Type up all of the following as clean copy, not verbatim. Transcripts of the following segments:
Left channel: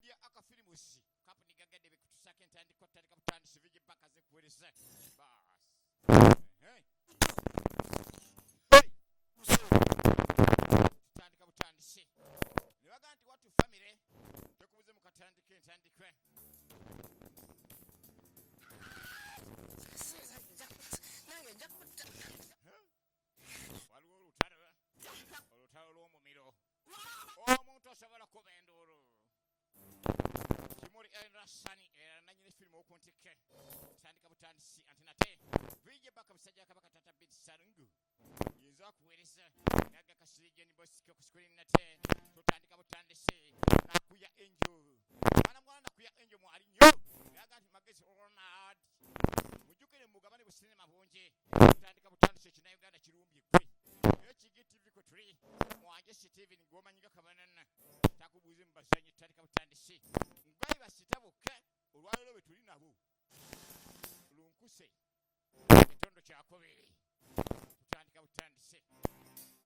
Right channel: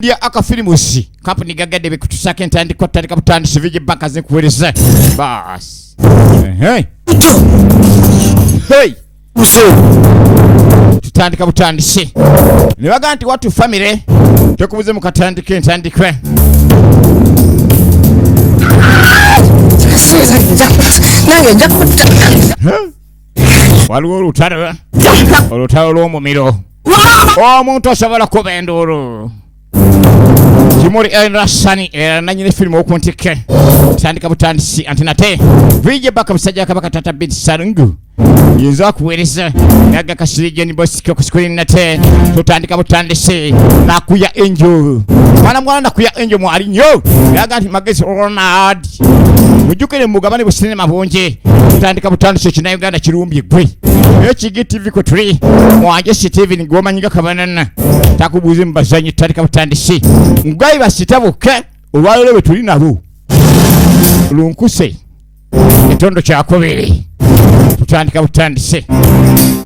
Dia akafilimusi company gagade bekutusaka entandiko tandika butandisi vije banka zinkuwereza bas hey hey use tutandika butandisi nibaga nti watu family tekubuze mukatandike entandikwe nange njakuta waliwo olutalo lw'omumiro omuntu asobola kuba enduru Kimuri Rasani nanyine film okuntike tandika butandisi antinate vije baka bisajja kabaka tata bid sarungu yinza kuwereza naga kasirije ni boss ko screen nate tutandika butandisi nakuya angel mwana nakuya angel mu alinyo naga nti magezi Ronald mujukire mugabane businema bonje tutandika butandisi kina Uganda kirumbye gwe HGTV ko 3 mwanje CTV ni goma nyinga kabanana takubuze mbazanyi tutandika butandisi ngai basitabuke olwalero betuli nabo lunkuse etondo kyakobere tutandika butandise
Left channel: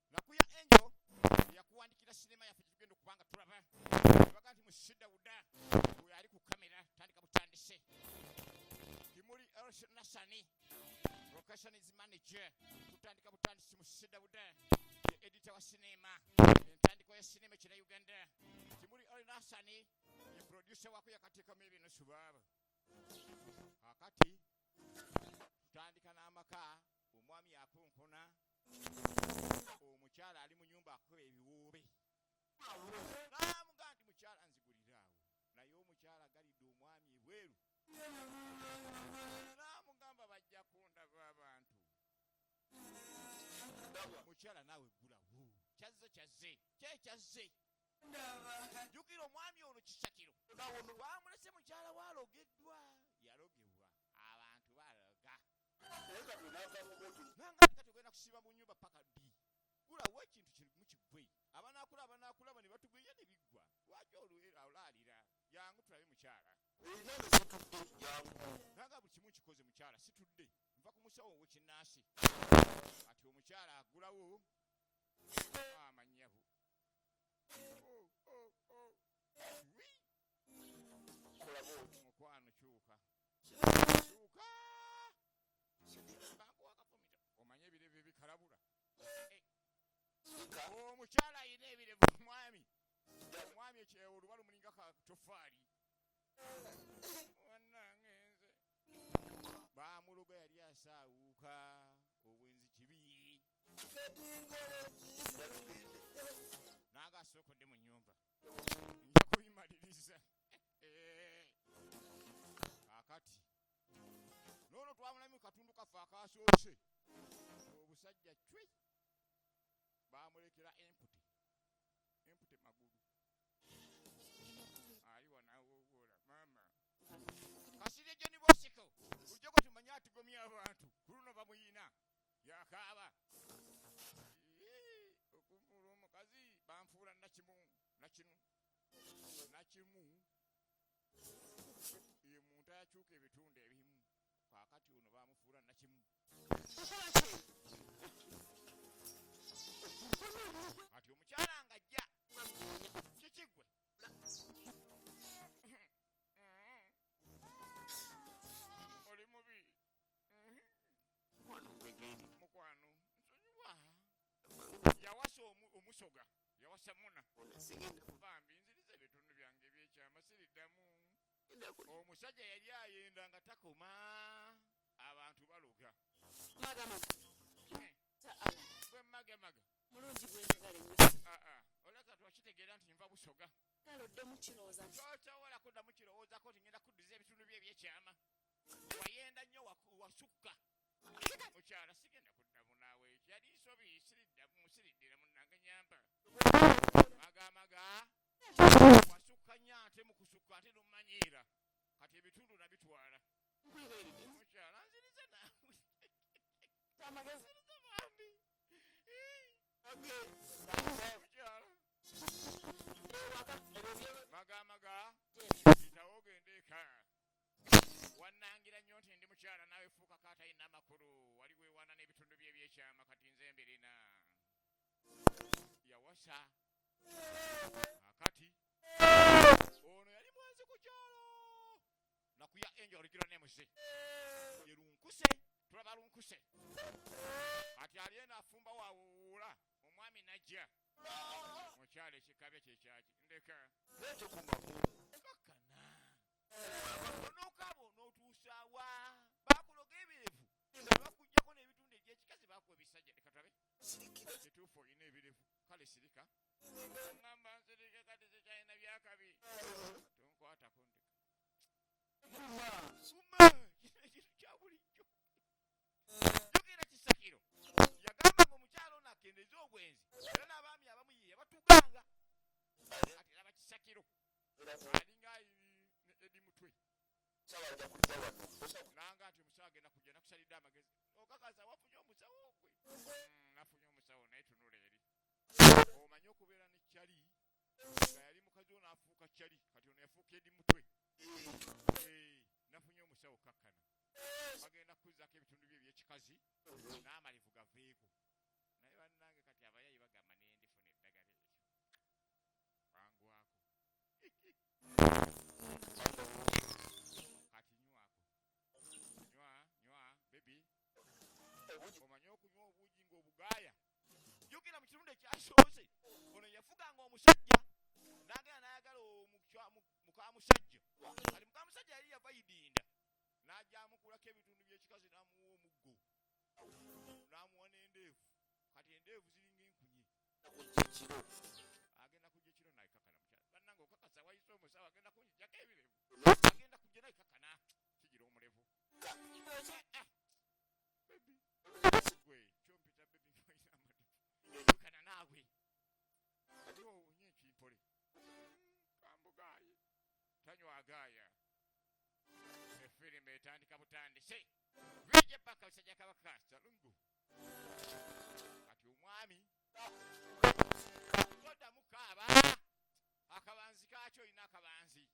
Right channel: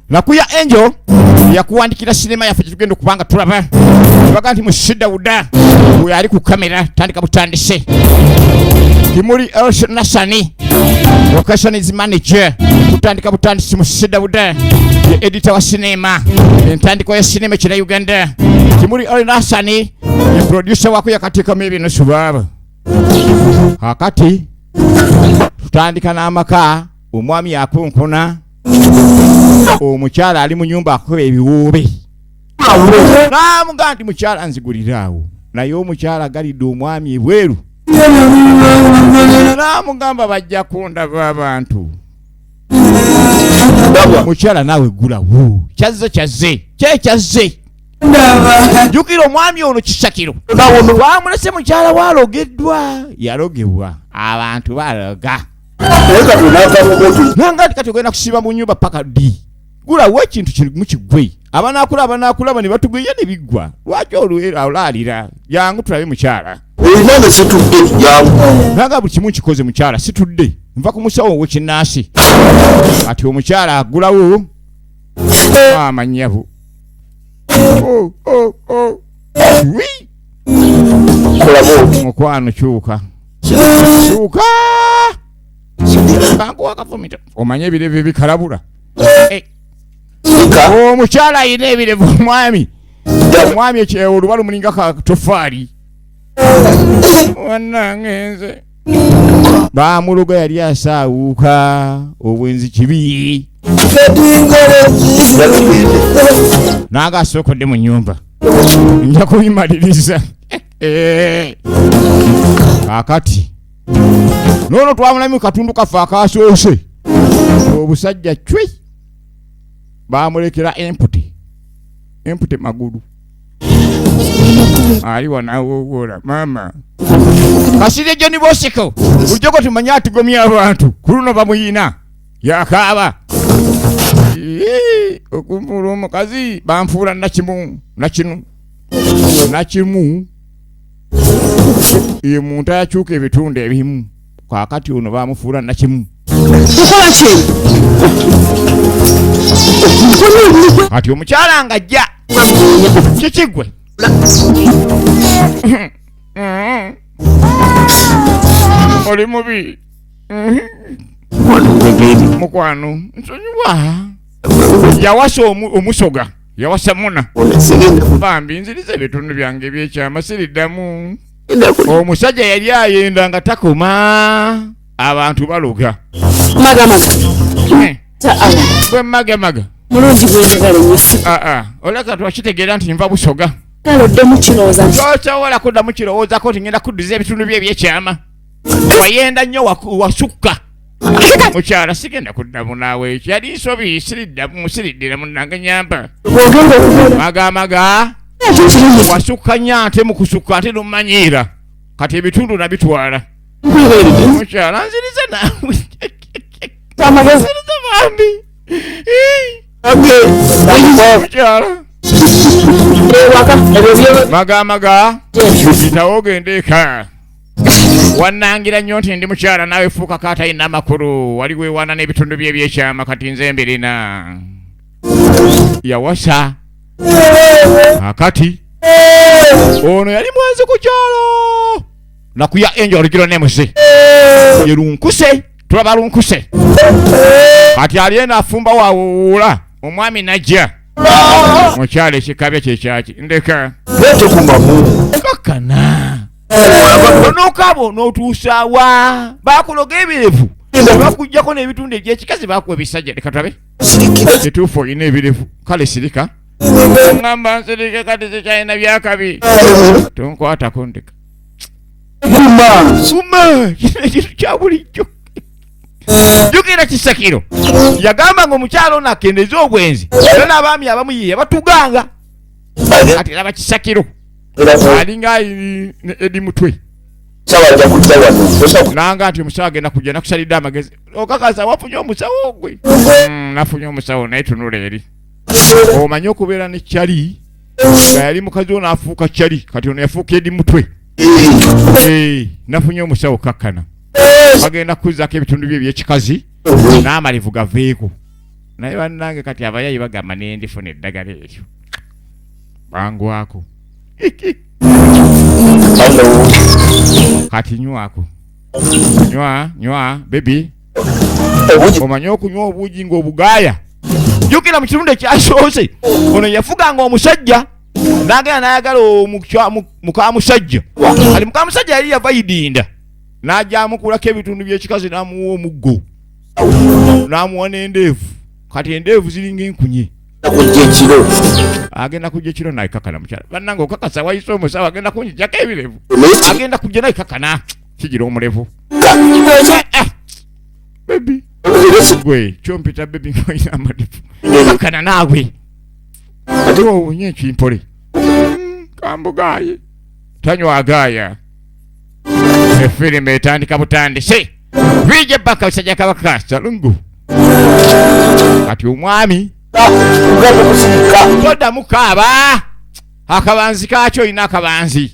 nakuya angel yakuwandikira sinema yafe tugenda kubanga tulaba baga nti mushida uda uyo ali ku kamera tandika butandise Kimuri Nasani location is manager tutandika butandise mushida uda editor wa sinema entandiko ya sinema kira Uganda Kimuri Nasani ni producer wako yakatika mebi nusubaba hakati tutandika n'amaka omwami yakunkuna omukyala ali mu nyumba akobe ebiwube namuga nti mukyala nziguliraawo naye omukyala galidde omwami ebweru namugamba bajja kundaba abantu mukyala naawe gulawo kyazze kyekyaze jukira omwami ono kisakiro wamulese mukyala walogeddwa yalogebwa abantu baloga nanga kati ogenda kusiba mu nyumba paka di gulawo ekintu kiri mu kigwe abanakula bani batugwiye ne bigwa lwaki olwalira yangu tulabe mukyala nanga buli kimu kikoze mukyala situdde nva ku musawo w'ekinnansi ati omukyala agulawo amanyabu mukwano kyuka bangu wakafumita omanye ebirevu bikalabula omukyala ayina ebirevu omwami olubalu mulinga katofaali wannangenze bamuluga yali asaawuuka obwenzi kibi nanga asookodde mu nyumba nja kubimaliriza kakati nono twamulamu katundu kafe akasoose obusajja cwi bamulekera empute magulu aliwa nawowola mama kasire John Bosiko bulijoko tumanya atugomya abantu kuluno bamuyina yakaaba okumvula omukazi banfuula nakimu ye muntu akyuka ebitundu ebimu kakati ono bamufuula nakimu ati omukyala ng'ajja kikigwe oli mubi mukwano nsonyiwa yawasa omusoga yawasa muna bambi nziriza ebitundu byange ebyekyama siriddamu omusajja yali ayenda nga takoma abantu baloga gwe maga mulungi gwendagala nyesi oleka twakitegeera nti nva busoga talodde mukirowooza tosobola kudda mukirowoozako nti ngenda kudduza ebitundu bye ebyekyama wayenda nnyo wasukka mukyala sigenda kuddamu naawe ekyo yali nsobi siriddira munnange nyamba maga wasukka nnyo ate mu kusukka ate nomanyiira kati ebitundu nabitwala mukyala nziriza naawe bambi maga bitawo ogende eka wannangira nnyo nti ndi mukyala naawe fuuka katalina amakulu wali weewaana n'ebitundu bye ebyekyama kati nze mbirina yawasa akati ono yali mwenzi ku kyalo nakuya enjo oligiro nemusi ye lunkuse tulaba lunkuse kati aliena afumba wawuula omwami najja mukyalo ekikabya kyekyaki ndeka kakana onokabo n'otuusaawa bakuloga ebirevu bakujjako n'ebitundu ebyekikazi bakuwa ebisajja leka tulabe kituufu olina ebirevu kale sirika ngamba nsirike kati tekyalina byakabi tonkwatako ndeka suma kino ekintu kya bulijjo jukira Kisakiro yagamba ng'omukyalo ono akendeze obwenzi era n'abaami abamu ye yabatuganga ati laba Kisakiro alinga edi mutwe nanga ati omusawo agenda kujja nakusalidde amagezi okakasa wafunye omusawo gwe nafunye omusawo naye tunula eri omanyi okubeera ne kyali nga yali mukazi ono afuuka kyali kati ono yafuuka edi mutwe nafunye omusawo kakkana bagenda kuzzako ebitundu bye ebyekikazi n'amalivu gaveeko naye bannange kati abayayi bagamba nendifuna eddagala eryo bangwako kati nywako nywa bebi omanyi okunywa obuugi ng'obugaaya jukira mu kitundu ekyasoose ono yafuganga omusajja n'agenda n'ayagala mukamusajja kati mukamusajja yali yava idinda n'ajja amukulako ebitundu by'ekikazi n'amuwa omuggo n'amuwa n'endeevu kati endeevu ziringa enkunye agenda kujja ekiro naikakana mukyala bannanga okakasa wayise omusawo agenda kunjijjako ebirevu agenda kujja naikakana kigira omulevu bebi gwe kyompita bebi ngoyina amadifu kakana naawe ati owunye ekimpole kambugaye tanywa agaaya efirimu etandika butandise vije baka usajja kabaka salungu kati omwami toda mukaba akabanzi kakyo ina akabanzi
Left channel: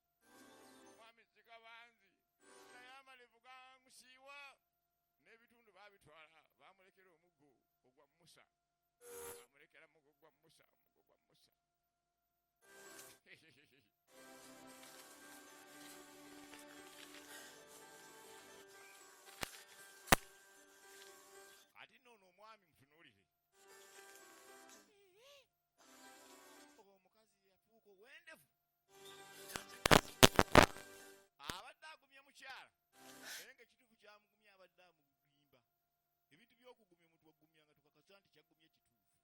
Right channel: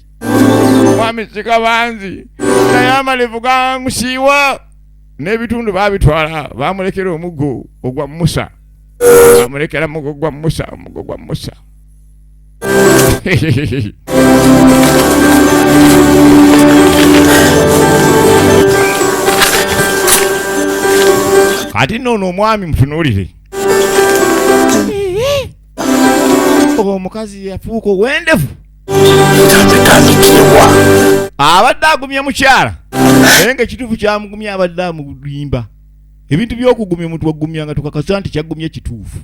omwami sikabanzi naye amalevu gamusiiwa n'ebitundu babitwala bamulekera omuggo ogwa Musa bamulekera omuggo gwa Musa kati nono omwami mutunuulire omukazi yafuuka ow'endevu abadde agumya mukyala naye ng'ekituufu kyamugumya abadde amulimba ebintu by'okugumya omuntu wagumya nga tukakasa nti kyagumya kituufu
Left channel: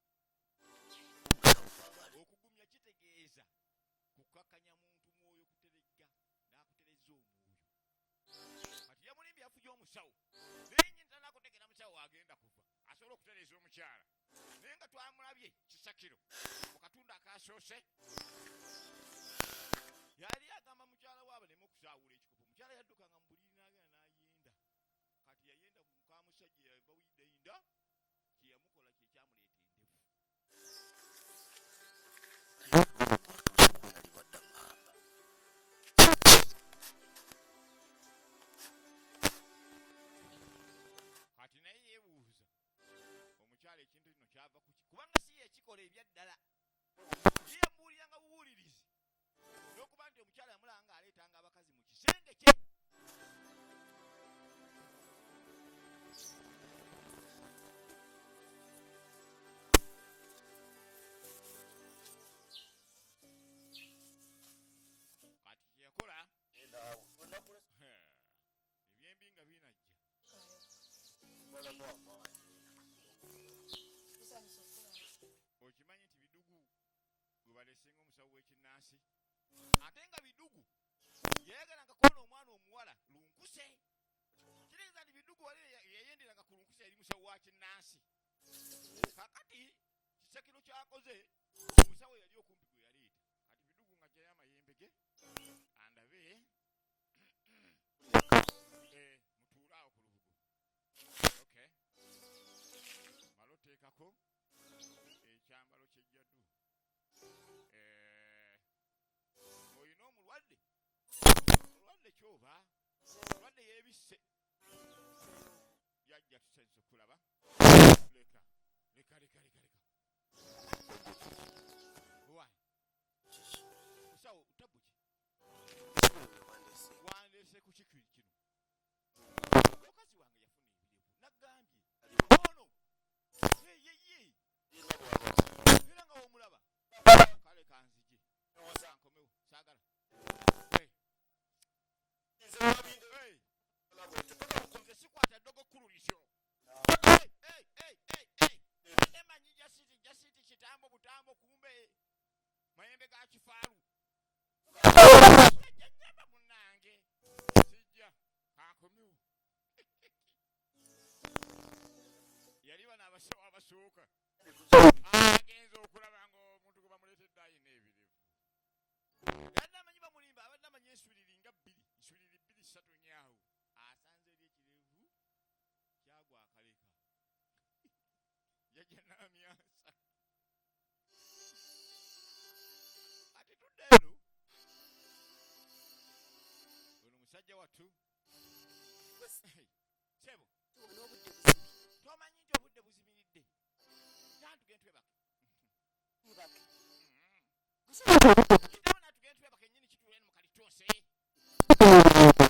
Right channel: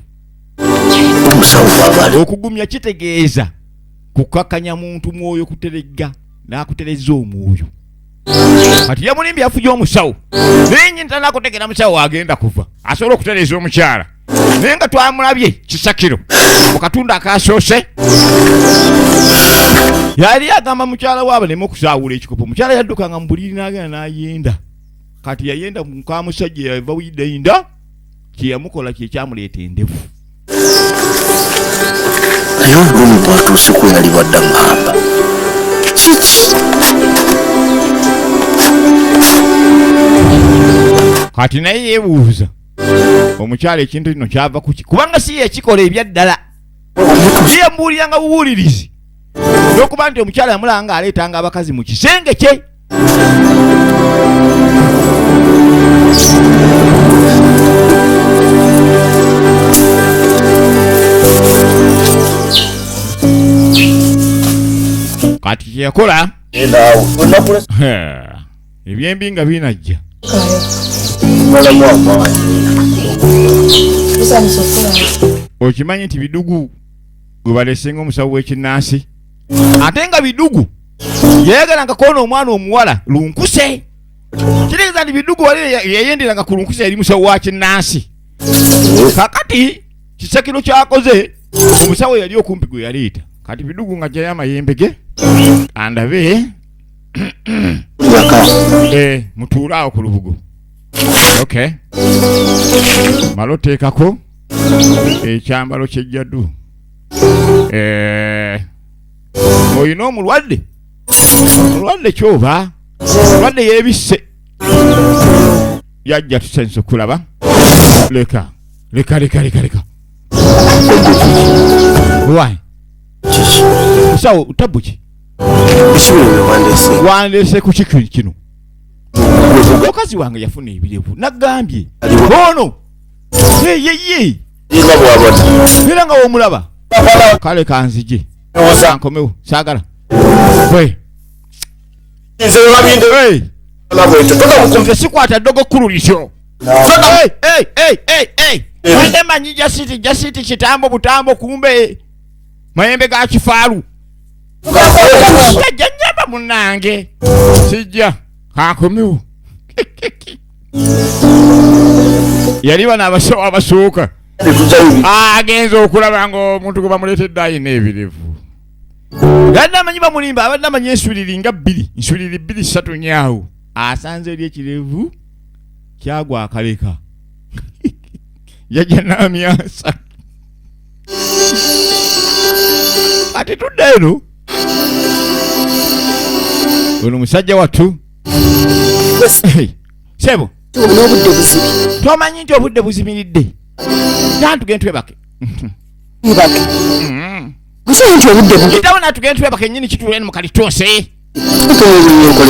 okugumya kitegeeza kukakanya muntu mwoyo kuteregga n'akutereza omwoyo kati yamulimbye afuje omusawo naye nyini tanakutegera musawo agenda kuva asobola okutereza omukyala naye nga twamulabye Kisakiro mu katundu akasoose yali agamba mukyala waaba neme okusaawula ekikopo mukyala yaddukanga mu buliri n'agenda n'ayenda kati yayenda mukamusajja yava wideinda kyeyamukola kyekyamuleeta endevu naye obulumi bwatuuse ku yali badda ngamba kiki kati naye yeebuuza omukyala ekintu kino kyava kuki kubanga si yekikola ebyaddala yeyambuuliranga bubuulirizi n'okuba nti omukyala yamulanga aleetanga abakazi mu kisenge kye kati kyeyakola ebyembi nga binajja okimanyi nti bidugu gwe balesenga omusawo w'ekinnansi ate nga bidugu yeyagalanga koona omwana omuwala lunkuse kitegeeza nti bidugu wali yeyenderanga ku lunkuse yali musawo wa kinnansi kakati Kisakiro kyakoze omusawo yali okumpi gwe yaleeta kati bidugu nga jayo amayembe ge andabe mutuulaawo ku lubugo okay malo teekako ekyambalo kyejjaddu oyina omulwadde kyoba mulwadde yeebisse yajja tusense okulaba leka why Sawo tabuki. Ekibino wandese. Wandese ku kino. Omukazi wange yafuna ebilevu. Nagambye. Ono. Ye. Inga bwabona. Era nga omulaba. Kale kanzije. Nkomewo. Saagala. We. Nze babinde. Hey. Toka mukumve sikwata dogo kululisho. Hey. Wende manyi jasiti kitambo butambo kumbe. Mayembe ga kifaru. Janyaba munange. Sijja. Hakomewo. Yali bana abasooka. Agenza okulaba nga omuntu gwe bamuleetedde ayina ebilevu. Yadde amanyi bamulimba abadde amanyi ensuliri nga 2 ensuliri 2-3 nyaawo. Asanze eri ekirevu kyagwa akaleka. Yajja n'amyasa. Ati tudda eno. Ono musajja wattu. Sebo. N'obudde buzibi. Tomanyi nti obudde buzimiridde. Tugende twebake. Mbake. Gusa nti obudde buzibi. Kitawona tugende twebake nnyini kituuleni mu kalitonse.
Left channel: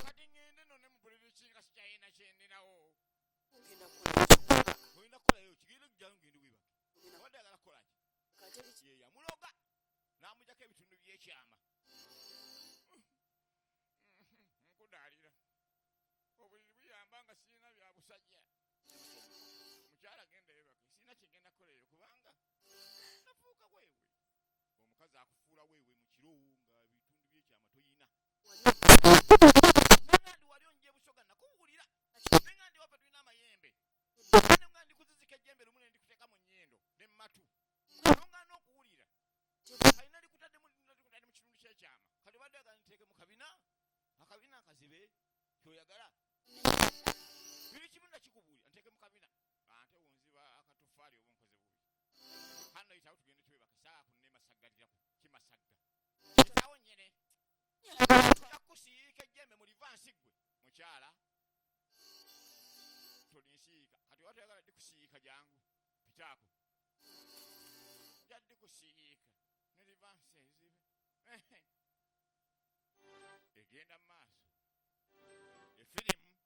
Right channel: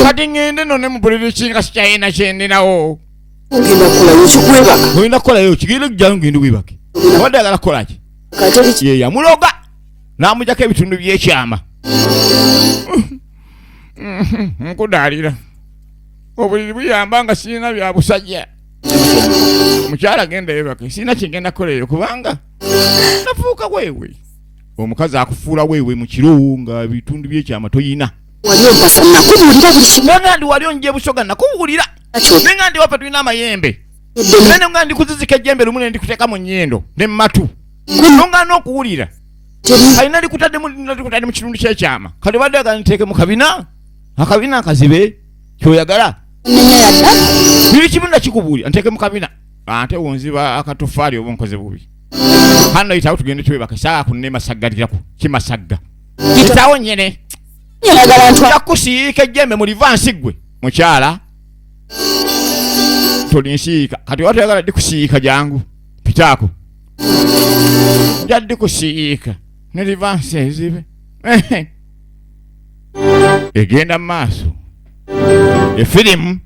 Kati ngende no ne mupulira ekinga sikyayina kyendinawo. Ngenda kukolayo kikwebaka. Olina kukolayo kigenda kujjayo ngende webake. Wadde agala kukola ki? Ye yamuloga. N'amujjako ebitundu by'ekyama. Nkudaalira. Obuliri buyamba nga sirina bya busajja. Omukyala genda yebake. Sirina kigenda kukoleyo kubanga nafuuka weewe. Omukazi akufuula weewe mu kiro nga ebitundu by'ekyama toyina. Wali ompasa nakubuulira buli kimu. Nangandi wali onje busoga nakubuulira. Nengandi wapa tulina amayembe. Nene ngandi kuzizika ejjembe lumu ne ndikuteeka mu nnyindo ne mmatu. Nonga n'okuwulira. Alina likutadde mu kitundu ky'ekyama. Kati badde agala nteeke mu kabina. Akabina akazibe kyoyagala. Nenya yadda. Biri kimu nakikubuulira nteeke mu kabina. Ate wonziba akatofaali oba nkoze bubi. Hano yitawo tugende twebaka saa kunne masaggalirako kimasagga. Yitawo nyene. Yagala ntwa. Yakusiika ejjembe mu livansi gwe. Mukyala. Tolinsiika. Kati watayagala dikusiika jangu. Pitaako. Jaddi kusiika. Ne livansi ezibe. Egenda maaso. Efirimu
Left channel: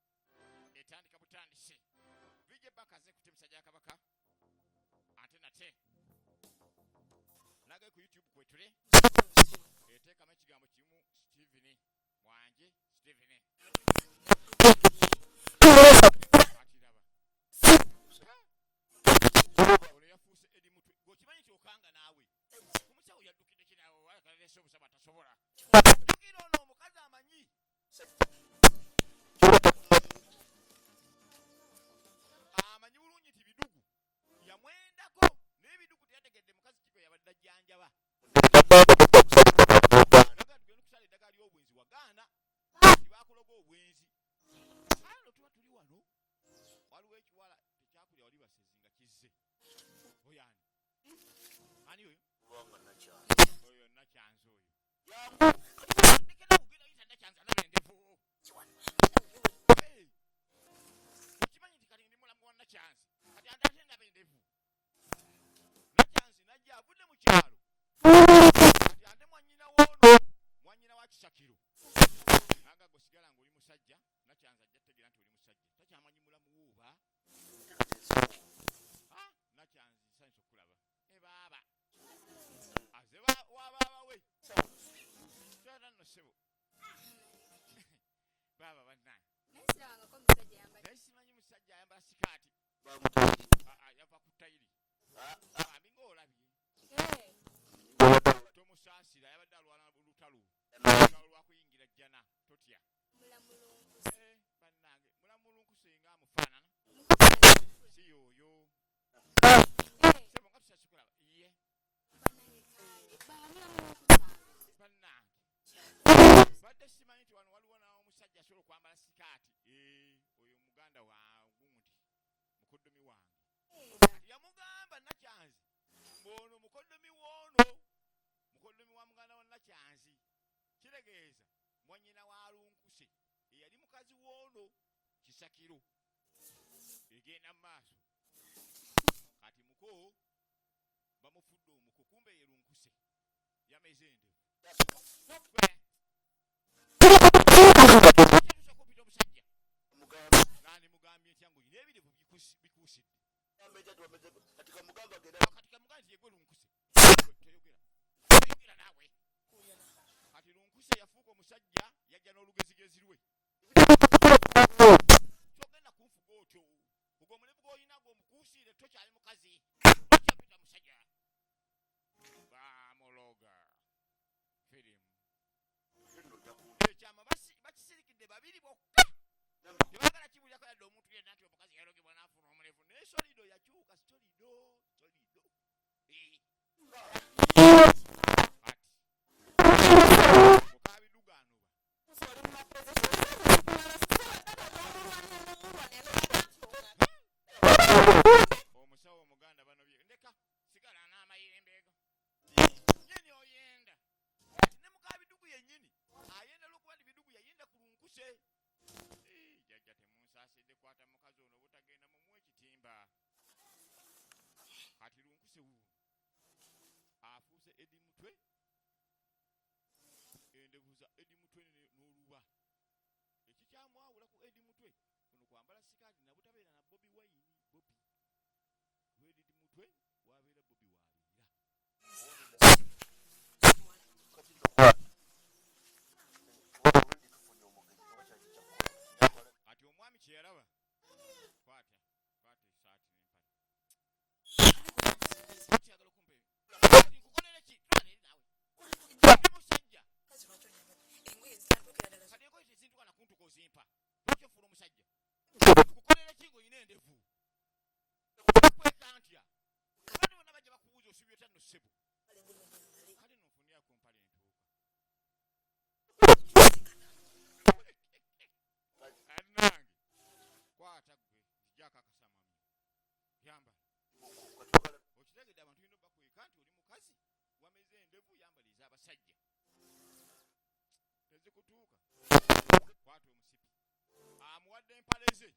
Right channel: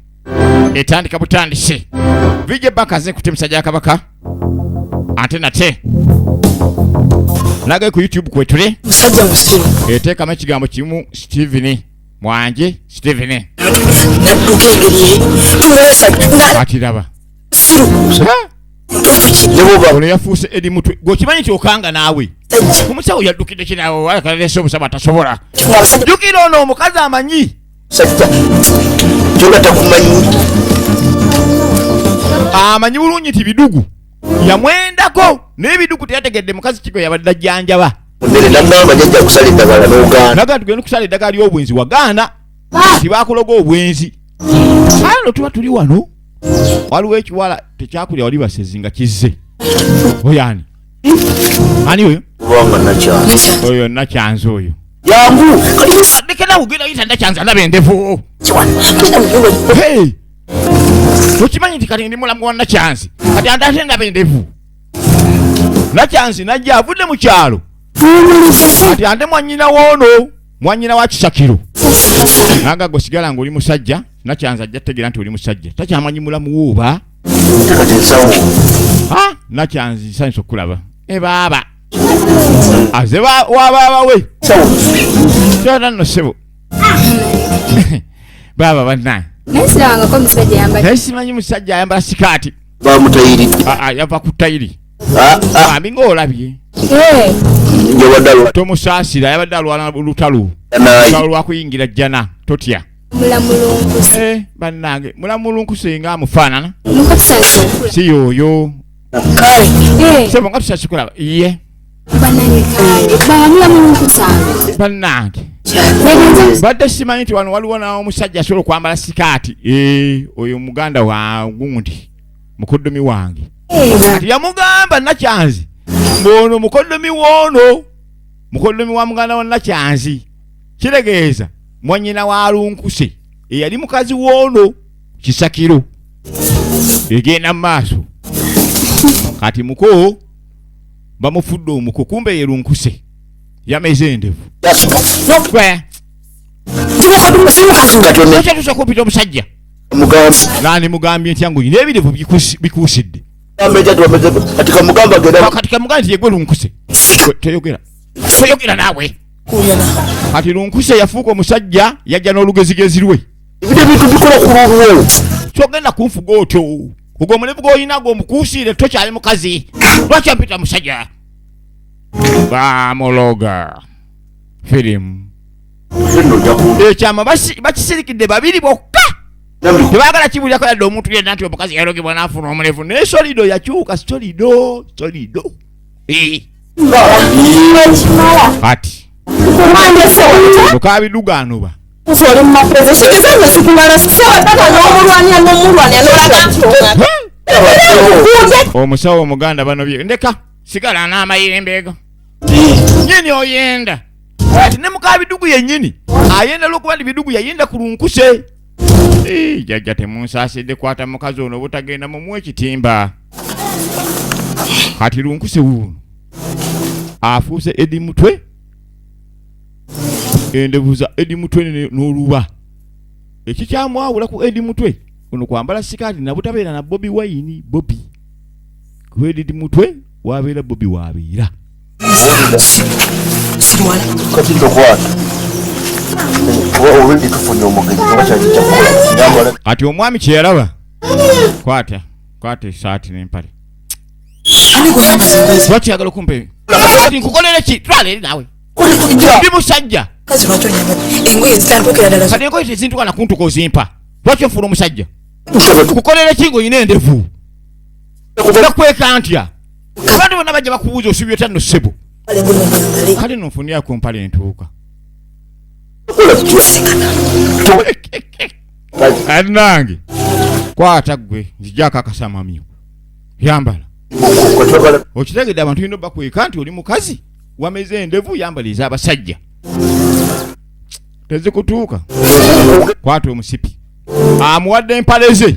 etandika butandise. Vije bakaze kutemsa ja kabaka. Ate nate. Naga ku YouTube kwetule. Musajja musiru. Eteeka amakigambo kimu Steven. Mwanje Steven. Nadduka engeri. Tumulesa. Atiraba. Siru. Tofuki. Ono yafuuse eri mutwe. Gokimanyi kyokanga naawe. Kumusawo yaddukidde kinawo wala kalese obusaba tasobola. Jukira ono omukazi amanyi. Sajja. Joga takumanyi. Amanyi bulungi ti bidugu. Yamwendako n'ebidugu teyategedde mukazi kigo yabadde ajjanjaba. Ndere namamba jajja kusala eddagala n'ogaana. Naga tugenda kusala eddagala ly'obwenzi wagaana. Tibakuloga obwenzi. Ano tuba tuli wano. Waliwo ekiwala tekyakulya wali basezi nga kizze. Oyani. Ani oyo? Wanga nakyanza. Oyo nakyanza oyo. Yangu. Adekena ugenda yita nakyanza ndaba endevu. Hey. Okimanyi nti kati ndi mulamu wa nakyanzi. Kati andate ndaba endevu. Nakyanzi najja avudde mu kyalo. Kati ande mwanyina woono. Mwanyina wa Kisakiro. Naga gosigala ng'oli musajja. Nakyanza ajja tegera nti oli musajja. Takyamanyi mulamu wooba. Takatensawo. Ha? Nakyanzi nsanyusa okulaba. Baaba. Aze wabaaba we. Sawo. Kyota nno ssebo. Baaba bannange. Nesiranga ko musajja yambala. Naye simanyi musajja ayambala sikaati. Bamutayiridde. Yava ku tayiri. Bambi ng'olabye. Njabaddalo. Tomusaasira yabadde alwana lutalo. Nayi. Lwakuyingira jjana totya. Mulamulunkuse. Bannange mulamulunkuse nga amufaanana. Mukatusanyusa okula. Si yoyo. Kale. Sebo nga tusanyusa okulaba. Iye. Bannange kale. Mulamulunkuse abe. Bannange. Negenza. Badde simanyi nti wano waliwo n'omusajja asobola okwambala sikaati. Oyo muganda wa gundi. Mukoddomi wange. Kati yamugamba nakyanzi. Mbono mukoddomi woono. Mukoddomi wa muganda wa nakyanzi. Kiregeeza mwanyina wa lunkuse. Eyali mukazi woono. Kisakiro. Egenda maaso. Kati muko bamufudde omuko kumbe ye lunkuse. yameze endevu. Gwe. Ocha tusakupita omusajja. Mugambi. Nani mugambye nti yangu ine ebilevu bikuusidde. Katika mugamba genda. Katika mugamba yegwe lunkuse. Toyogera. Toyogera nawe. Kati lunkuse yafuuka omusajja yajja n'olugezigezi lwe. Ebide bintu bikola ku lulwo. Kyogenda kunfuga otyo. Ogwo omulevu gw'oyinago omukuusiire tokyali mukazi. Lwaki ampita musajja? Bamologa. Firimu. Ekyama bakisirikidde babiri bokka. Tebagala kibulyako yadde omuntu yenna nti omukazi yalogibwa n'afuna omulevu. Naye solido yakyuka solido. Kati. Mukabiduganuba. Omusawo omuganda bano bye ndeka sigala n'amayembeego nyini oyenda ati ne mukabidugu yennyini ayenda lwokuba ndi bidugu yayenda ku lunkuse jajja temunsaasidde kwata mukazi ono butagenda mumuwa ekitimba kati lunkuse wuuno afuuse edi mutwe endevuza edi mutwe n'oluba ekikyamwawula ku edi mutwe ono kwambala sikaati nabutabeera na Bobi Wine Bobi ku edi mutwe wabeera Bobi wabeera Sirwala. Kati ndokwata. Owendi tufunye omugenyi wakyali kyakola. Kati omwami kye yalaba. Kwata esaati n'empale. Ani gwe yamaze. Lwaki yagala okumpe? Kati nkukolere ki? Twala eri nawe. Ndi musajja. Kazi lwaki onyama. Engoye zitandukira ddala. Kati engoye tezintuka na kuntuka ozimpa. Lwaki ofuna omusajja? Kukolere ki ng'oyina endevu? Nakweka ntya? Abantu bonna bajja bakubuuza osubye tanno ssebo. Kale nonfunira ku mpale entuuka. Nange kwata gwe nzijako akasamamyo yambala okitegedde abantu ino bakweka nti oli mukazi wameze endevu yambaliza abasajja tezikutuuka kwata omusipi amuwadde empale ze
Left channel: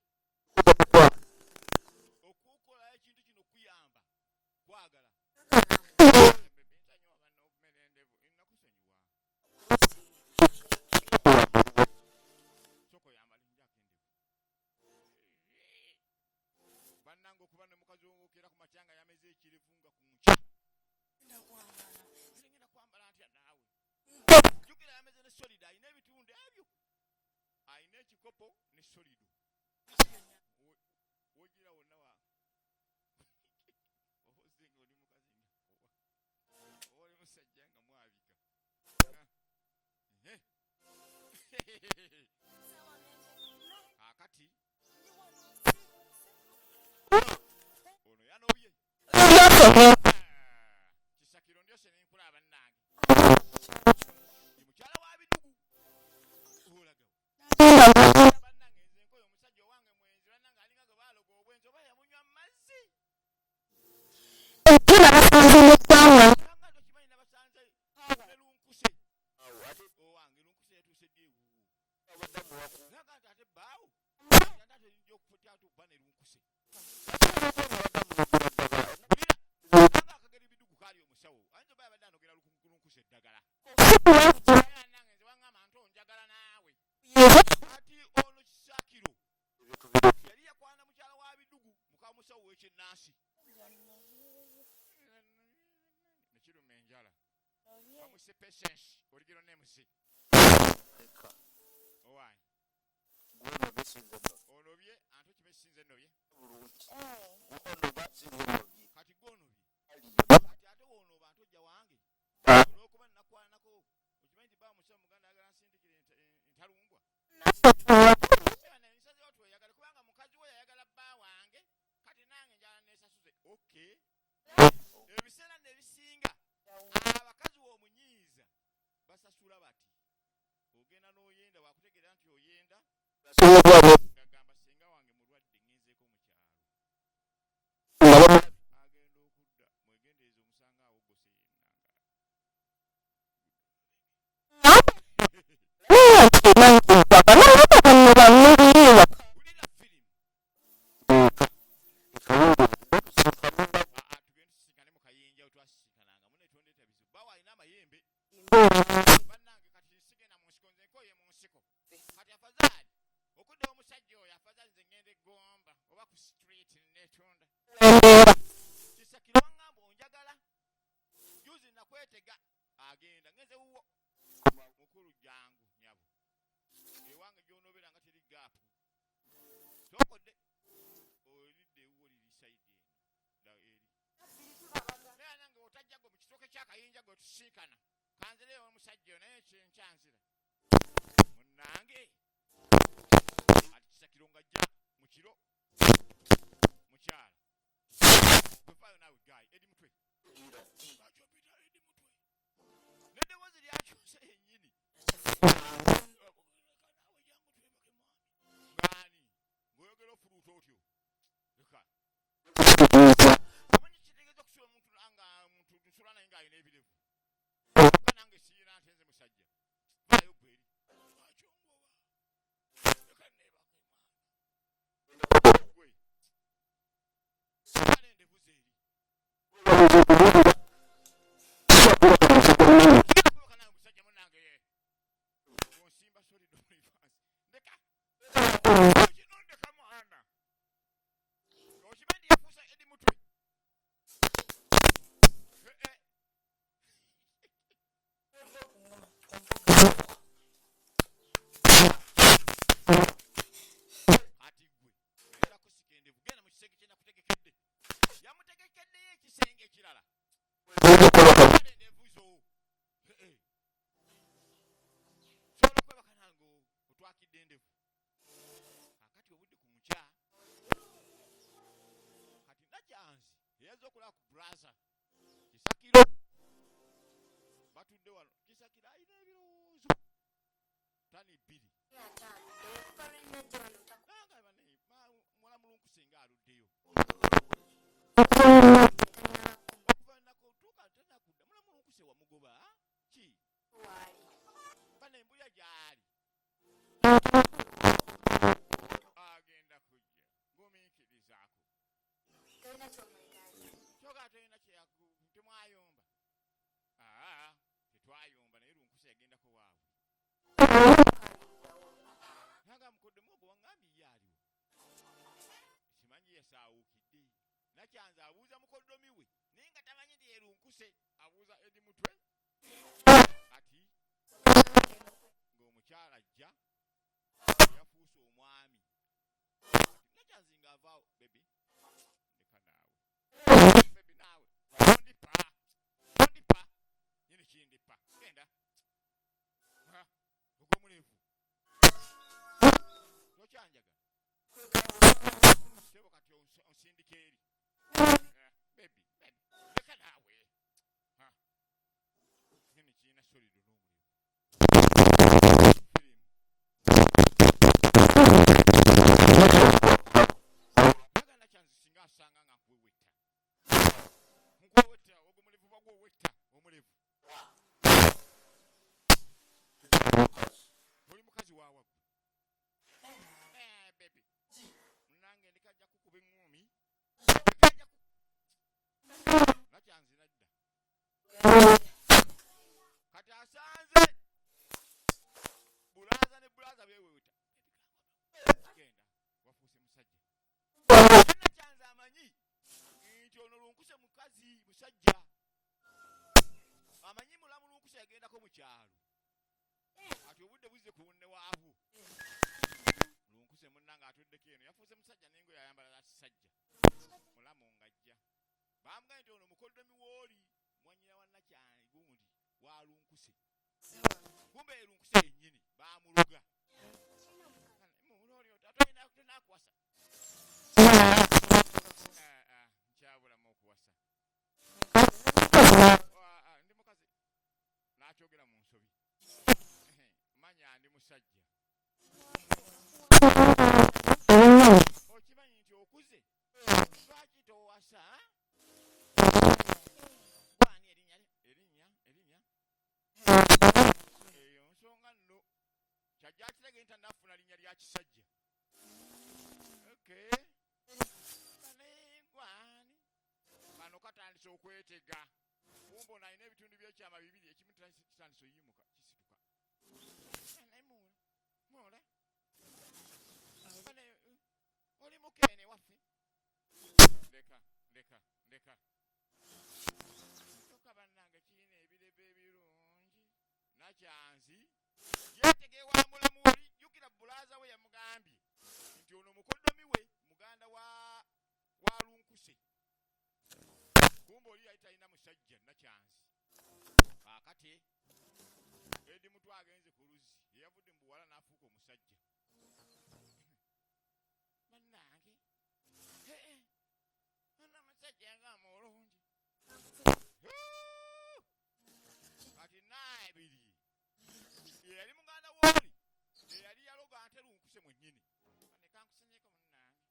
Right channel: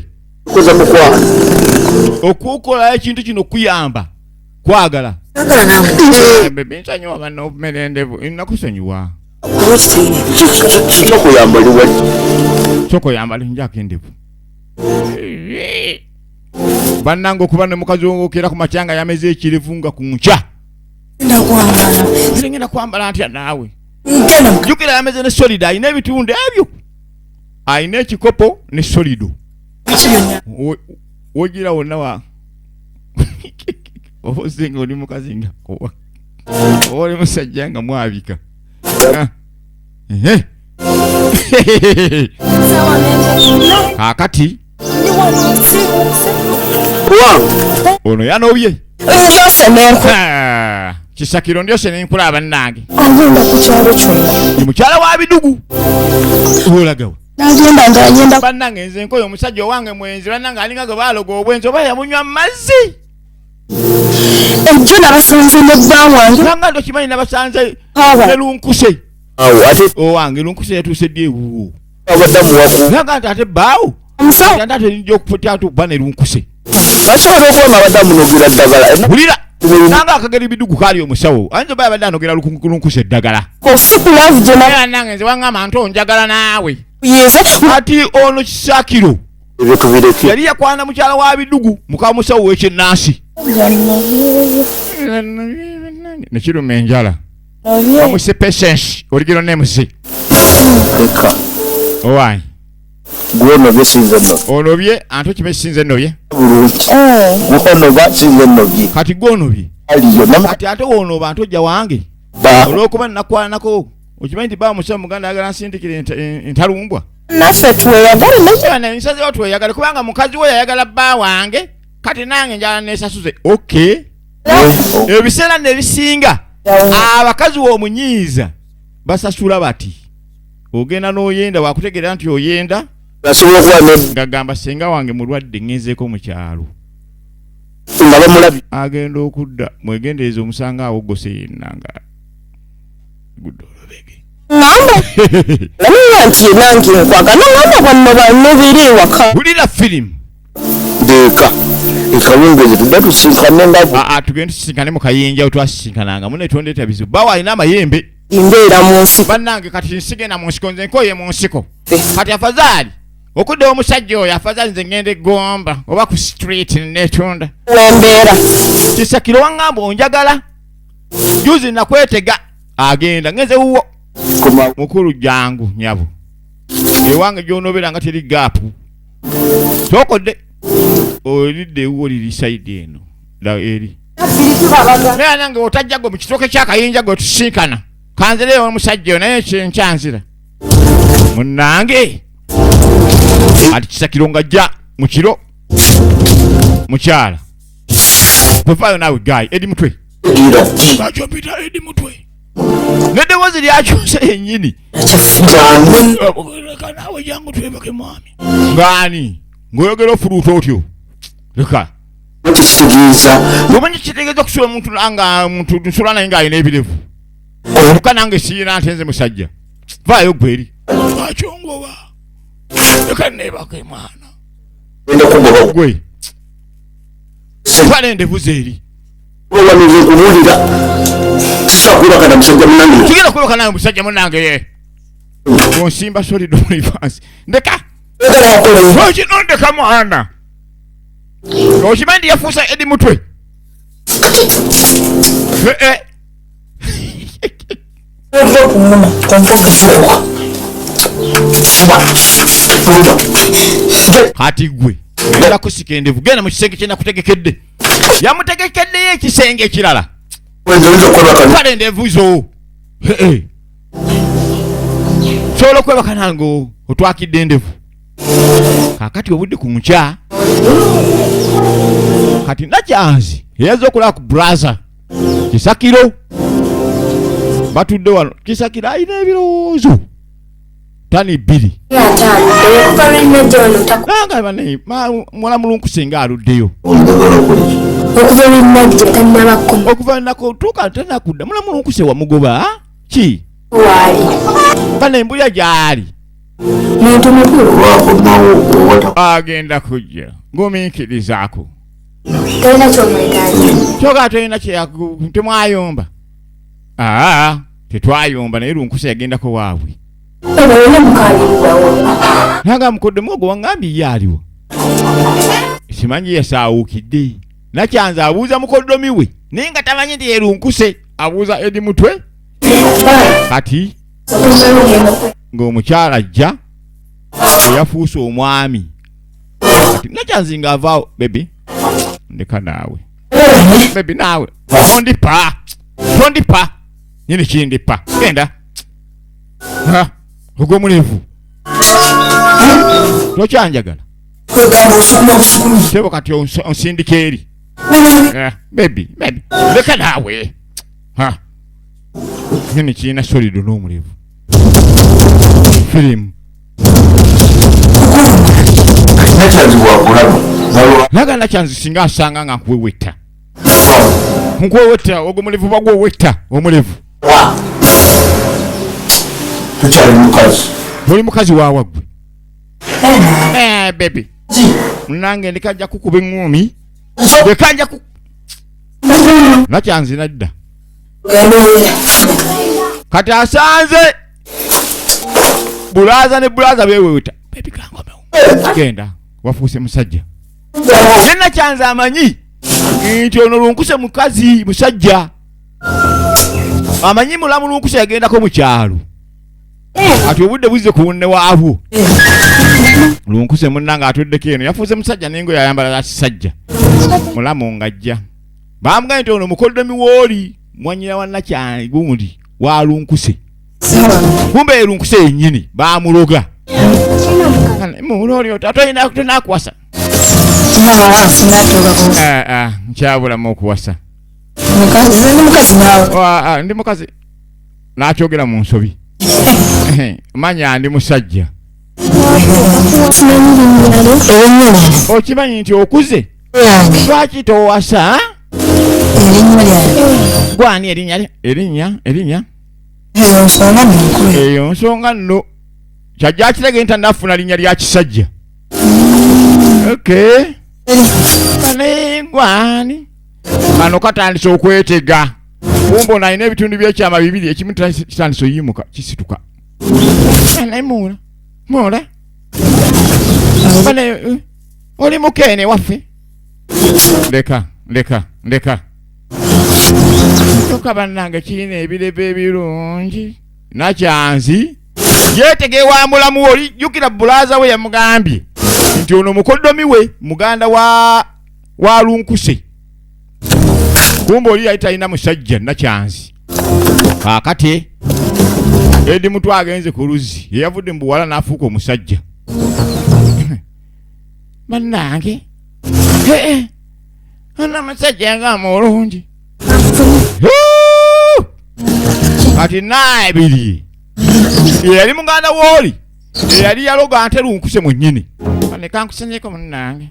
okukola ekintu kino kuyamba kwagala bebe nsonyiwa banno okumera endevu nakusonyiwa soko yambali njako endevu bannange okuba ne mukazi wongokera ku matyanga yameze ekirevu nga ku nkya ngenda kwambala ntya naawe jjukira yameze ne solido ayina ebitundu ebyo ayina ekikopo ne solido wogira wonna wa obuzinga oli mukazi nga kowa oli musajja nga mwabika kakati ono yanobye Ndyose nenku. Kisakiro ndyose nenkulaba nange. Agenda ku kyalo kyonna. Ni mukyala wa bidugu. Olagawa. Agenda. Bannange nze nkoyo omusajja wange mwenzi bannange alinga gwe baaloga obwenzi oba yamunywa mazzi. Ejjo nabasanze ne bba wange. Nanga ndo kimanyi nabasanze ne lunkuse. Awo ate owange lunkuse yatuuse ddi ewuwo. abaddamu waku. Nanga ate baawo. Musa. Ate nijja okufuta atuba ne lunkuse. Basobola okuba abaddamu nogira ddagala. Bulira. Nanga akageri bidugu kali omusawo. Anjo baba badano nogera lunkuse eddagala. Osiku love jena. Era nange nze wangamba nto njagala naawe. Yeze. Ati ono kisakiro. Ebyo tubireke. Yali yakwana mukyala wa bidugu muka musawo w'ekyennaasi. Nekiruma enjala. Bamwise patience oligero nemusi. Leka. Owai. Gwonobye sinze nno. Onobye anto kime sinze nobye. Bulungi. Gwonoba sinze nnobye. Kati gwonobye. Aliyo namu. Kati ate wonoba anto jja wange. Ba. Olwokuba nnakwanako. Okimanyi nti baba musawo muganda ayagala nsindikire entalumbwa. Naffe tweyagala ne nsaze watu oyagala kubanga mukazi we yayagala bba wange kati nange njala nesasuze. Okay. Ebiseera ne bisinga abakazi w'omunyiiza basasula bati. Ogenda n'oyenda wakutegeera nti oyenda. Basobola okuba ne ngagamba senga wange mulwadde ngenzeeko mu kyalo. nga bamulabi. Agenda okudda mwegendereza omusanga awo gose yennanga. Gudolobege. ngamba. Namiya nti nange nkwagala ngamba bano bannobere ewaka. Bulira firimu. Deeka. Kalunji tudatu sinkane ngabo. Tugende tusinkane mu kayinja otwasinkananga mune tondeta bizibu. Bawa ina mayembe. Imbeera mu nsiko. Bannange kati nsigenda mu nsiko nze nkoye mu nsiko. Kati afadhali okudde omusajja oyo afadhali nze ngende gomba oba ku street netunda. Wembeera. Kisakiro wangamba onjagala. Juzi nakwetega agenda ngeze uwo. Mukulu jangu nyabo. Ewange gyonobera nga teri gapu. Tokodde olidde uwo liri side eno. Da eri. Naye nange otajjago mu kitoke ky'akayinja gwe tusinkana. Kanzere omusajja naye kyenkyanzira. Munnange. Ati Kisakiro ngajja mu kiro. Mukyala. Kufayo nawe guy edi mutwe. Bacho pita edi mutwe. Nede wazi lyakyuse yennyini. Kanawe jangu twebake mwami. Ngani? Ngoyogera ofuruuta otyo. Leka. Kitegeeza. Omanyi kitegeeza kusula muntu anga muntu nsula naye nga alina ebilevu. Luka nange siina ntenze musajja. Vaayo gweri. Bakyongoba. Leka nebake mwana. Enda kugoba gwe. Sepale ndevu zeri. Walize kubulira. Sisa kuba kana musajja munange. Sigenda kuba kana musajja munange ye. Onsimba sorry do advance. Ndeka. Ochi nonde kama ana. Oshimandi yafusa edi mutwe. Hati gwe. Ngenda kusikendevu genda mu kisenge kyena kutegekedde. Yamutegekedde ye kisenge kirala. Wenzo kola kana. Pale ndevu zo. Solo kweba kanango otwakidde ndevu. Kakati obudde ku nkya. Kati nakyanzi yazo okola ku brother Kisakiro batudde wano Kisakiro ayina ebirowoozo tani bbiri nanga bane mwana mulunkusenga nga aluddeyo okuva nako tuuka tanakudda mwana mulunkuse wamugoba ki bane embulya gyali Muntu mukulu. Agenda kujja ngumiikirizaako. Tolina ky'omwetaaga. Kyoga tolina temwayomba. Tetwayomba naye lunkuse yagendako waabwe. Olina mukaalirwawo. Nanga mukodde mwogo wangambye ye aliwo. Simanyi yasaawukidde. Nakyanza abuuza mukoddomi we. Naye nga tamanyi nti ye lunkuse abuuza edi mutwe. Kati ng'omukyala ajja eyafuuse omwami. Kati nakyanzi ng'avaawo baby. Ndeka naawe. Baby naawe. Tondipa. Nyini kindipa. Genda. Ogwo mulevu. Tokyanjagala. Tebo kati onsindika eri. Baby. Leka naawe. Nyini kiina solido n'omulevu. Filimu. Nakyanzi wakulaba. Naga nakyanzi singa asanga nga nkuwewetta. Nkuwewetta ogwo mulevu bagwo wetta omulevu. Tukyali mukazi. Oli mukazi waawa gwe. Baby. Nange ndikajja kukuba eŋŋumi. Ndikajja ku. Nakyanzi nadda. Kati asanze. Bulaza beweweta. Baby kangomewo. Genda. Wafuuse musajja. Yenna kyanza amanyi. Nti ono lunkuse mukazi musajja. Amanyi mulamu lunkuse yagendako mu kyalo. Ati obudde buzze ku bunne waabwo. Lunkuse munnanga atuddeko eno yafuuse musajja n'engoye yayambala za kisajja. Mulamu ng'ajja. Bamugambye nti ono mukoddomi w'oli mwanyina wa Nakyanzi gundi wa lunkuse. Kumbe lunkuse yennyini baamuloga. Muloli atoyina kuwasa. Nkyabulamu okuwasa. Mukazi naawe. Ndi mukazi. N'akyogera mu nsobi. Manya ndi musajja. Okimanyi nti okuze? Lwaki towasa? Gwani erinnya? Eyo nsonga nno. Kyajja kirage nti nafuna linnya lya kisajja. Okay. Anegwani. Kano katandise okwetega. Kumbo na ine bitundu by'ekyama bibiri ekimu kitandise oyimuka kisituka. Anemula. Mula. Bane oli mukene waffe. Leka. Toka bannange kirina ebirebe ebirungi. Nakyanzi. Yetege wa mulamu oli jukira bulaza we yamugambye. Nti ono mukoddomi we muganda wa lunkuse. Kumbo oli yayita ina musajja nakyanzi. Kakati edi mutu agenze ku luzzi yavudde mbuwala n'afuuka omusajja. Bannange ana musajja nga mulungi. Kati naebiri yali muganda w'oli yali yaloga ante lunkuse mwennyini. Kanekusenyeko munnange.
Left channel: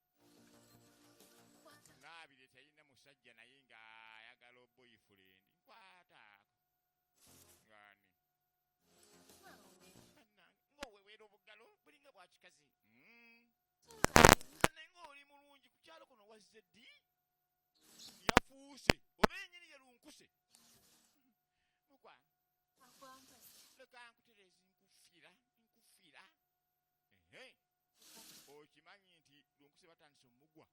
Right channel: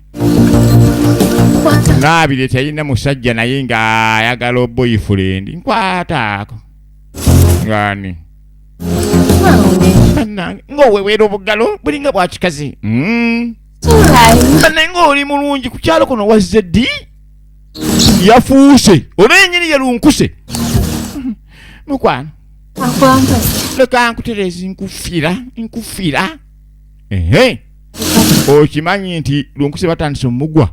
Naabiri teyina musajja naye nga ayagala boyfriend. Nkwataako. Ngani. Bannange ng'owewera obugalo bulinga bwa kikazi. Bannange ng'oli mulungi ku kyalo kuno wazze ddi? Yafuuse. Ono yennyini ye lunkuse. Mukwano. Leka nkuterezi nkufira. Okimanyi nti lunkuse batandise omugwa.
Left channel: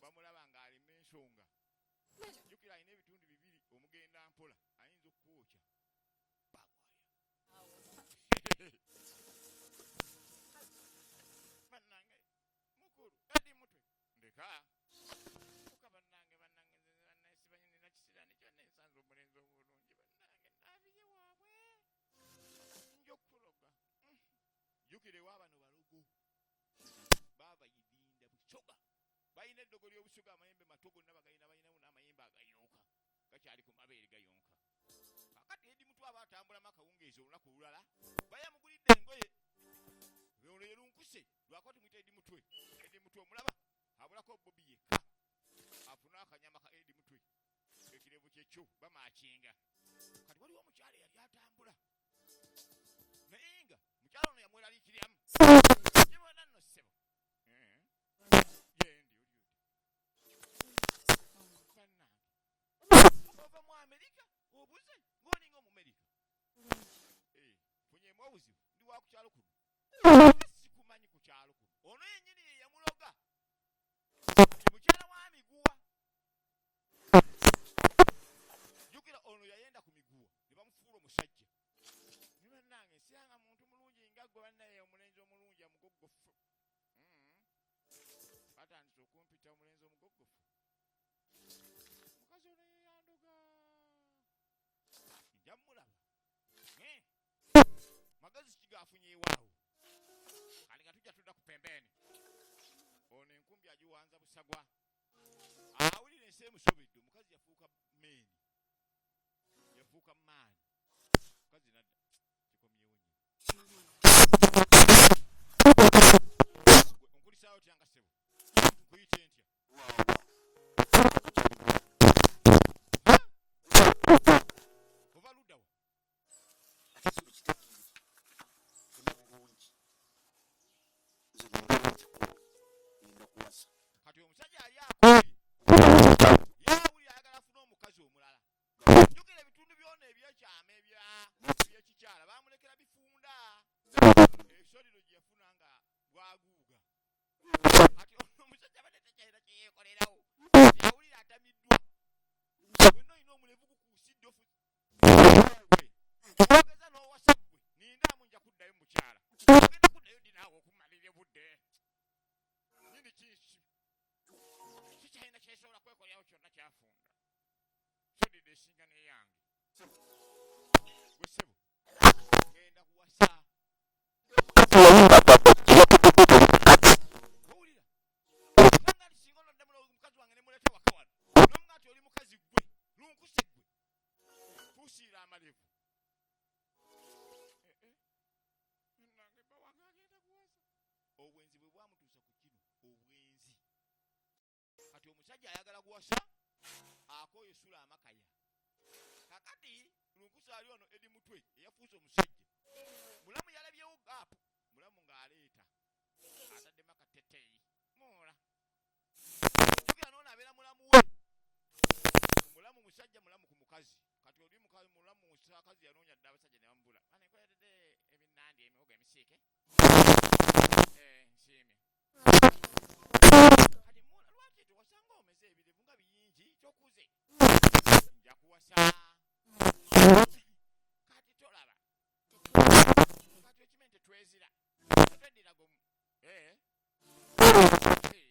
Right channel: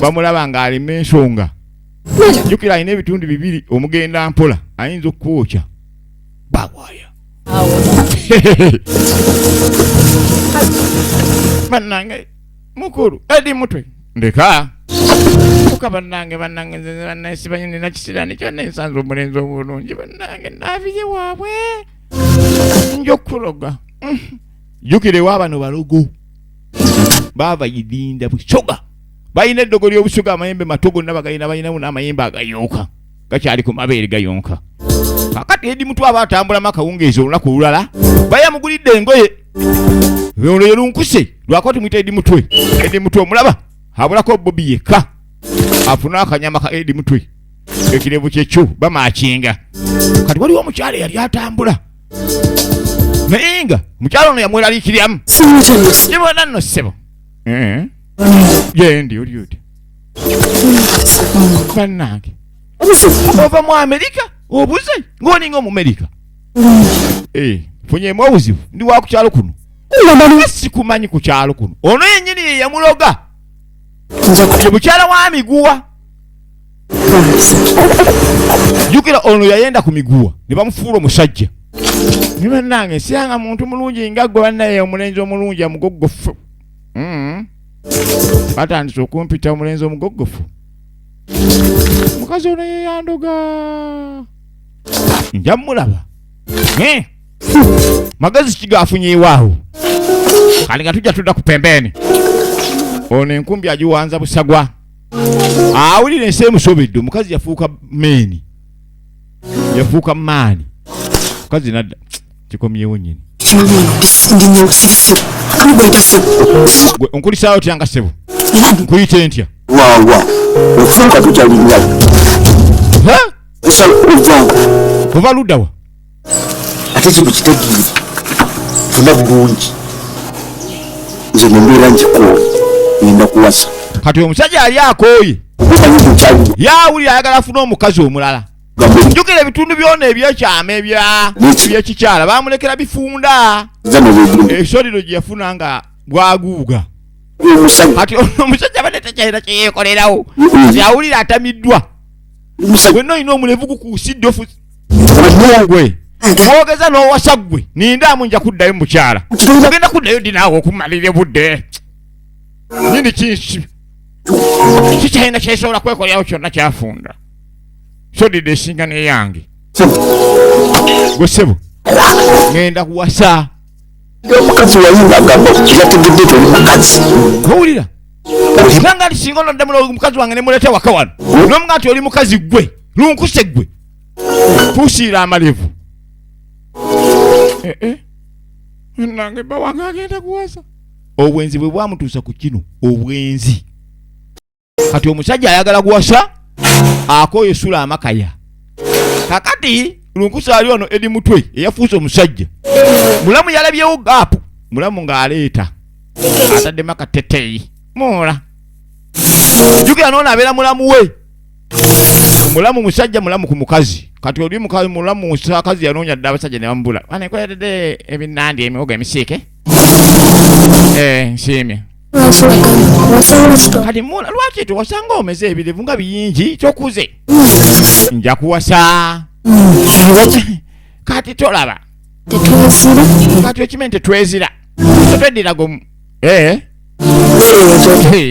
Bamulaba ng'alima ensonga. Jukira alina ebitundu bibiri omugenda mpola ayinza okwokya. Bagwaya. Bannange mukulu edi mutwe. Ndeka. Kuka bannange bannange nina kisirani kyonna ensanze omulenzi obulungi bannange naabiye waabwe. Njokuloga. Jukire wabano balogo. Baba yidinda busoga. Bayina eddogo ly'obusoga amayembe matogo nabagalina bayinamu n'amayembe agayonka. Gakyali ku mabeere gayonka. Kakati edi mutu abatambula makawungeezi olunaku olulala. Bayamugulidde engoye. Ono ye lunkuse. Lwakoti mwita edi mutwe. Edi mutwe omulaba. Habulako Bobi yekka. Afuna akanyama ka edi mutwe. Ekirevu kyekyo bamaakinga. Kati waliwo omukyala yali atambula. Nayenga mukyala ono yamweraliikiryamu. Kibona nno ssebo. Yendi oli oti. Bannange. Ova mu Amerika obuze ng'oninga Omumerika. Funyemu obuzibu ndi wa ku kyalo kuno. Sikumanyi ku kyalo kuno. Ono yennyini ye yamuloga. Ye mukyala wa miguwa. Jukira ono yayenda ku miguwa ne bamufuula omusajja. Ni bannange siyanga muntu mulungi nga gwe bannaye omulenzi omulungi amugoggofu. Batandise okumpita omulenzi omugoggofu. Mukazi ono ye yandoga. Nja mulaba. Magazi kigafunye iwaawo. Kali nga tujja tudda ku pembeni. Ono enkumbi agiwanza busagwa. Awulire ensi emusobedde omukazi yafuuka meeni. Yafuuka maani. Mukazi nadda. Kikomyewo nnyini. Nkulisaayo tyanga ssebo. Nkuyite ntya? Waawa. Ofunka tukyalinya. Ova ludda wa? Ate kino kitegeere. Funa bulungi. Nze nembeera njikooye. Ngenda kuwasa. Kati omusajja yali akooye. Yaawulira ayagala afuna omukazi omulala. Njukira ebitundu byonna ebyekyama ebyekikyala bamulekera bifunda. Ekisoliro gye yafuna nga bwaguuga. Kati omusajja badde takyalina kye yeekolerawo. Kati awulira atamiddwa. Gwenna olina omulevu gukuusidde ofu. Gwe mwogeza n'owasa gwe nindaamu nja kuddayo mukyala. Ogenda kuddayo ddi naawe okumalira budde. Nini kikyalina kyesobola kwekolerawo kyonna kyafunda. Sodide esinga neyange. Gwe ssebo ngenda kuwasa. Omukazi wayinga agamba yategedde toli mukazi. Owulira? Nanga singa onoddamu omukazi wange ne muleta waka wano. N'omuga nti oli mukazi gwe lunkuse gwe. Tusiira amalevu. Nange bba wange agenda kuwasa. Obwenzi bwe bwamutuusa ku kino obwenzi. Kati omusajja ayagala kuwasa akooye sula amakaya. Kakati lunkuse ali ono edi mutwe eyafuuse omusajja. Mulamu yalabyewo gaapu. Mulamu ng'aleeta. Ataddemu akateteeyi. Moola. Jukira nona abera mulamu we. Mulamu musajja mulamu ku mukazi. Kati oli mukazi mulamu musakazi yanonya dda abasajja ne bambula. Ane ko yadde ebinandi emihogo emisike. Nsimye. Kati mula lwaki tuwasanga omeze ebilevu nga biyingi kyokuze. Nja kuwasa. Kati tolaba. Tetwezira. Kati ekimente twezira. Tetweddira gomu.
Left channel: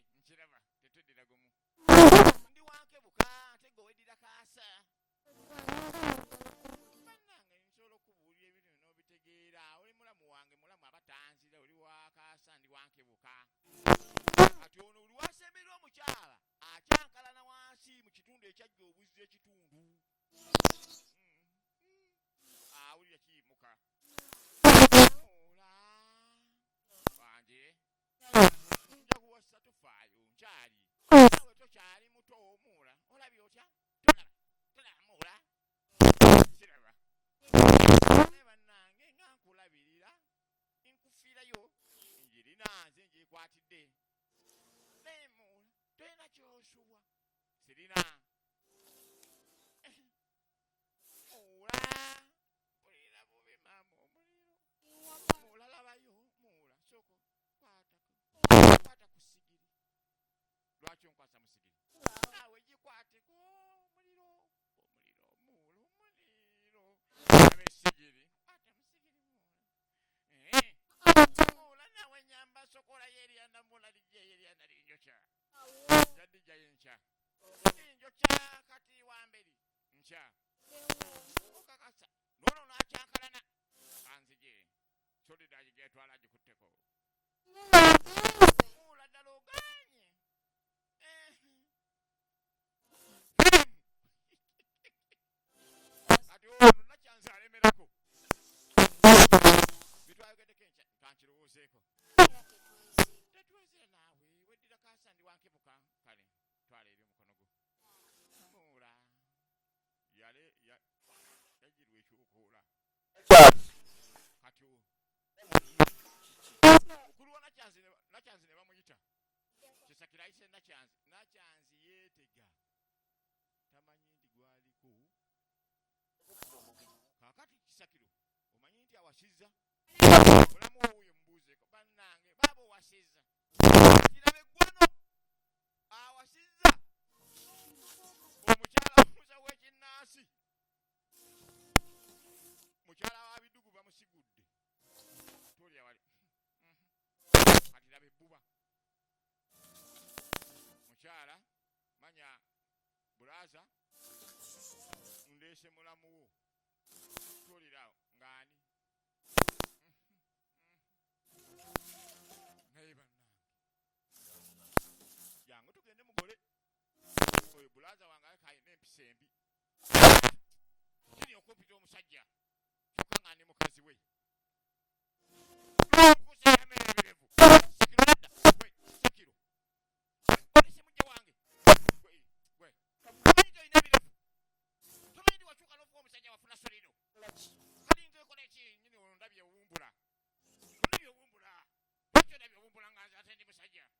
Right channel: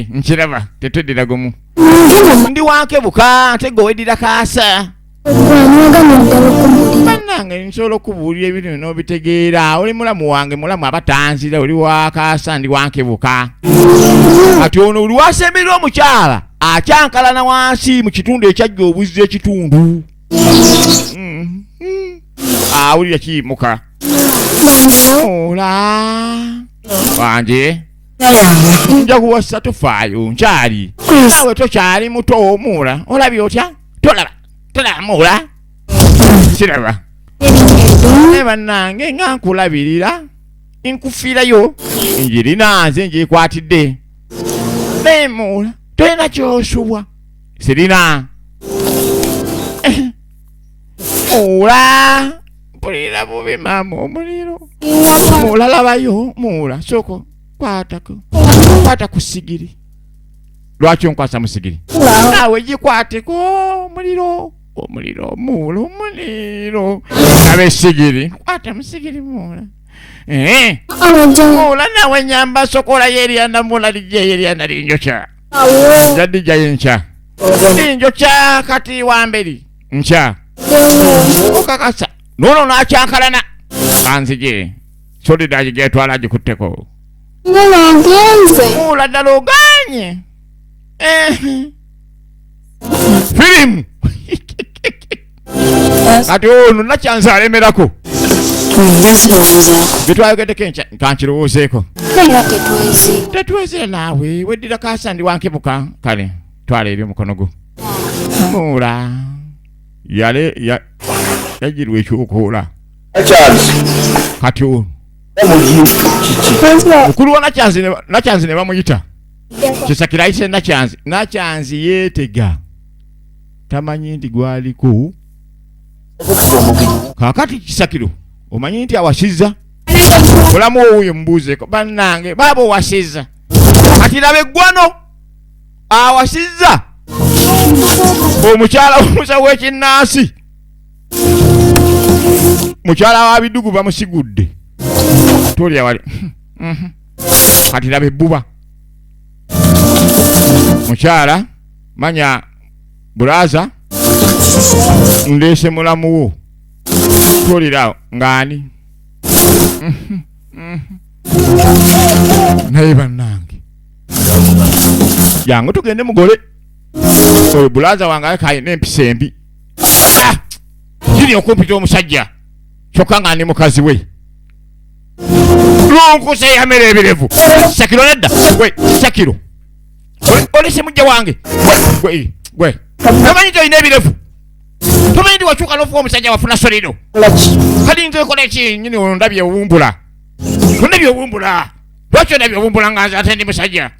Nkiraba tetweddira gomu. Ndi wanke buka tego weddira kaasa. Bannange nsobola okubuulira ebintu n'obitegeera. Oli mulamu wange mulamu abatanzira oli wakaasa ndi wanke buka. Kati ono oli wasemberera omukyala akyankalana wansi mu kitundu ekyajja obuzzi ekitundu. Awulira kiyimuka. Ola wanje nja kuwasa tofaayo nkyali nawe tokyali muto omuula olabye otya tolaba muula kiraba bannange nga nkulabirira nkufiirayo njirina nze njekwatidde nemuula tolina kyosubwa sirina muula mpulira bubi maama omuliro muula labayo muula soko kwata ku sigiri lwaki onkwasa mu sigiri nawe gikwateko omuliro muula omuliro nabe sigiri kwata mu sigiri muula muula nawe nyamba sokola yeryanda muula lijja yeryanda linjokya jadija yenkya linjokya kati wamberi nkya okakasa nono nakyankalana kanzije solidaji getwala agikutteko muula ddala oganye firimu kati ono nakyanze alemerako getwayogedeko kankirowoozeeko tetwezire naawe weddira kaasa ndi wankebuka kale twala eri omukono gwo muula yagirwa ekyokoola kati ono mukulu wa nakyanzi ne bamuyita kisakira ayise nakyanzi yeetega tamanyi nti gwaliko kakati kisakiro omanyi nti awasizza olamu owuyo mubuuzeeko bannange baaba owasizza kati laba eggwano awasizza omukyala omusa w'ekinnaasi mukyala wa bidugu bamusigudde tolya wali kati laba ebbuba mukyala manya bulaza ndeese mulamu wo tolirawo ng'ani naye bannange jangu tugende mugole oyo bulaza wange alekayina empisa embi giri okumpita omusajja kyokka nga ndi mukazi we lunkuse yamera ebirevu sakiro nedda gwe sakiro olese mujja wange gwe tomanyi nti olina ebirevu tomanyi nti wakyuka n'ofuwa omusajja wafuna solino kati nze kola eki nyini ono ndabye owumbula ondabye owumbula lwaki ondabye owumbula nga nze ate ndi musajja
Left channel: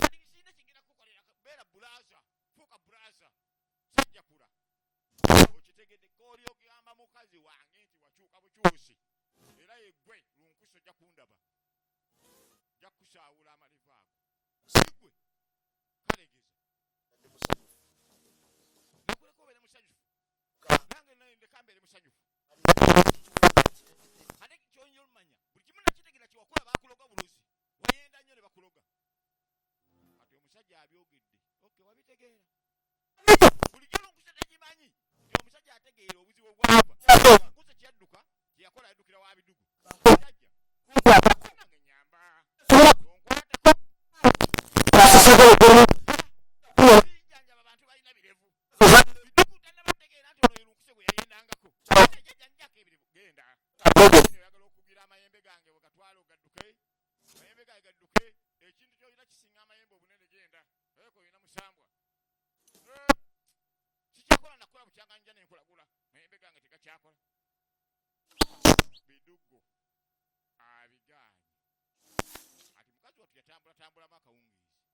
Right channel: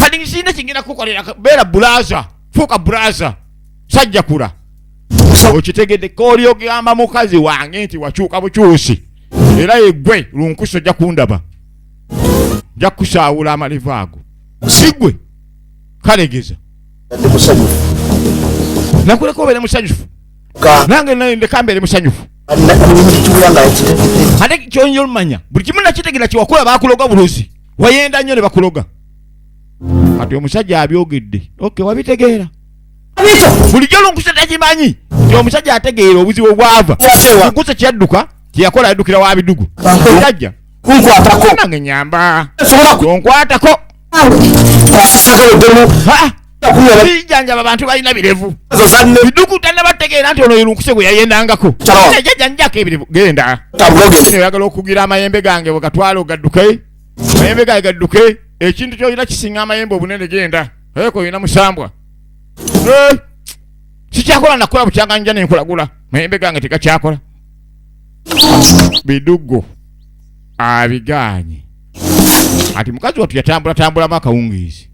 kati sirina kingenda kukolera beera bulaza fuuka bulaza sajja kula okitegedde kooli ogamba mukazi wange nti wakyuka bukyusi era yeggwe lunkuso ojja kundaba nja kusaawula amalivu ago sigwe kalegeza nakuleka obeere musanyufu nange ndeka mbeere musanyufu ate kyonyo olumanya buli kimu nakitegeera kyewakola bakuloga buluzi wayenda nnyo ne bakuloga kati omusajja abyogedde wabitegeera bulijjo lunkusa takimanyi nti omusajja ategeera obuzibu obwava lunkusa kyadduka kyeyakola yaddukira wa bidugu ajja nange nyamba onkwatako bijanjaba abantu balina birevu bidugu tannabategeera nti ono lunkuse gwe yayendangako jajjanjako ebirevu genda oyagala okugira amayembe gange bwegatwala ogadduke amayembe gange gadduke ekintu kyolina kisinga amayembe obunene genda eko olina musambwa sikyakola nakola bukyanga nja nenkulagula mayembe gange tegakyakola bidugo abiganye ati mukazi watu yatambula akawungizi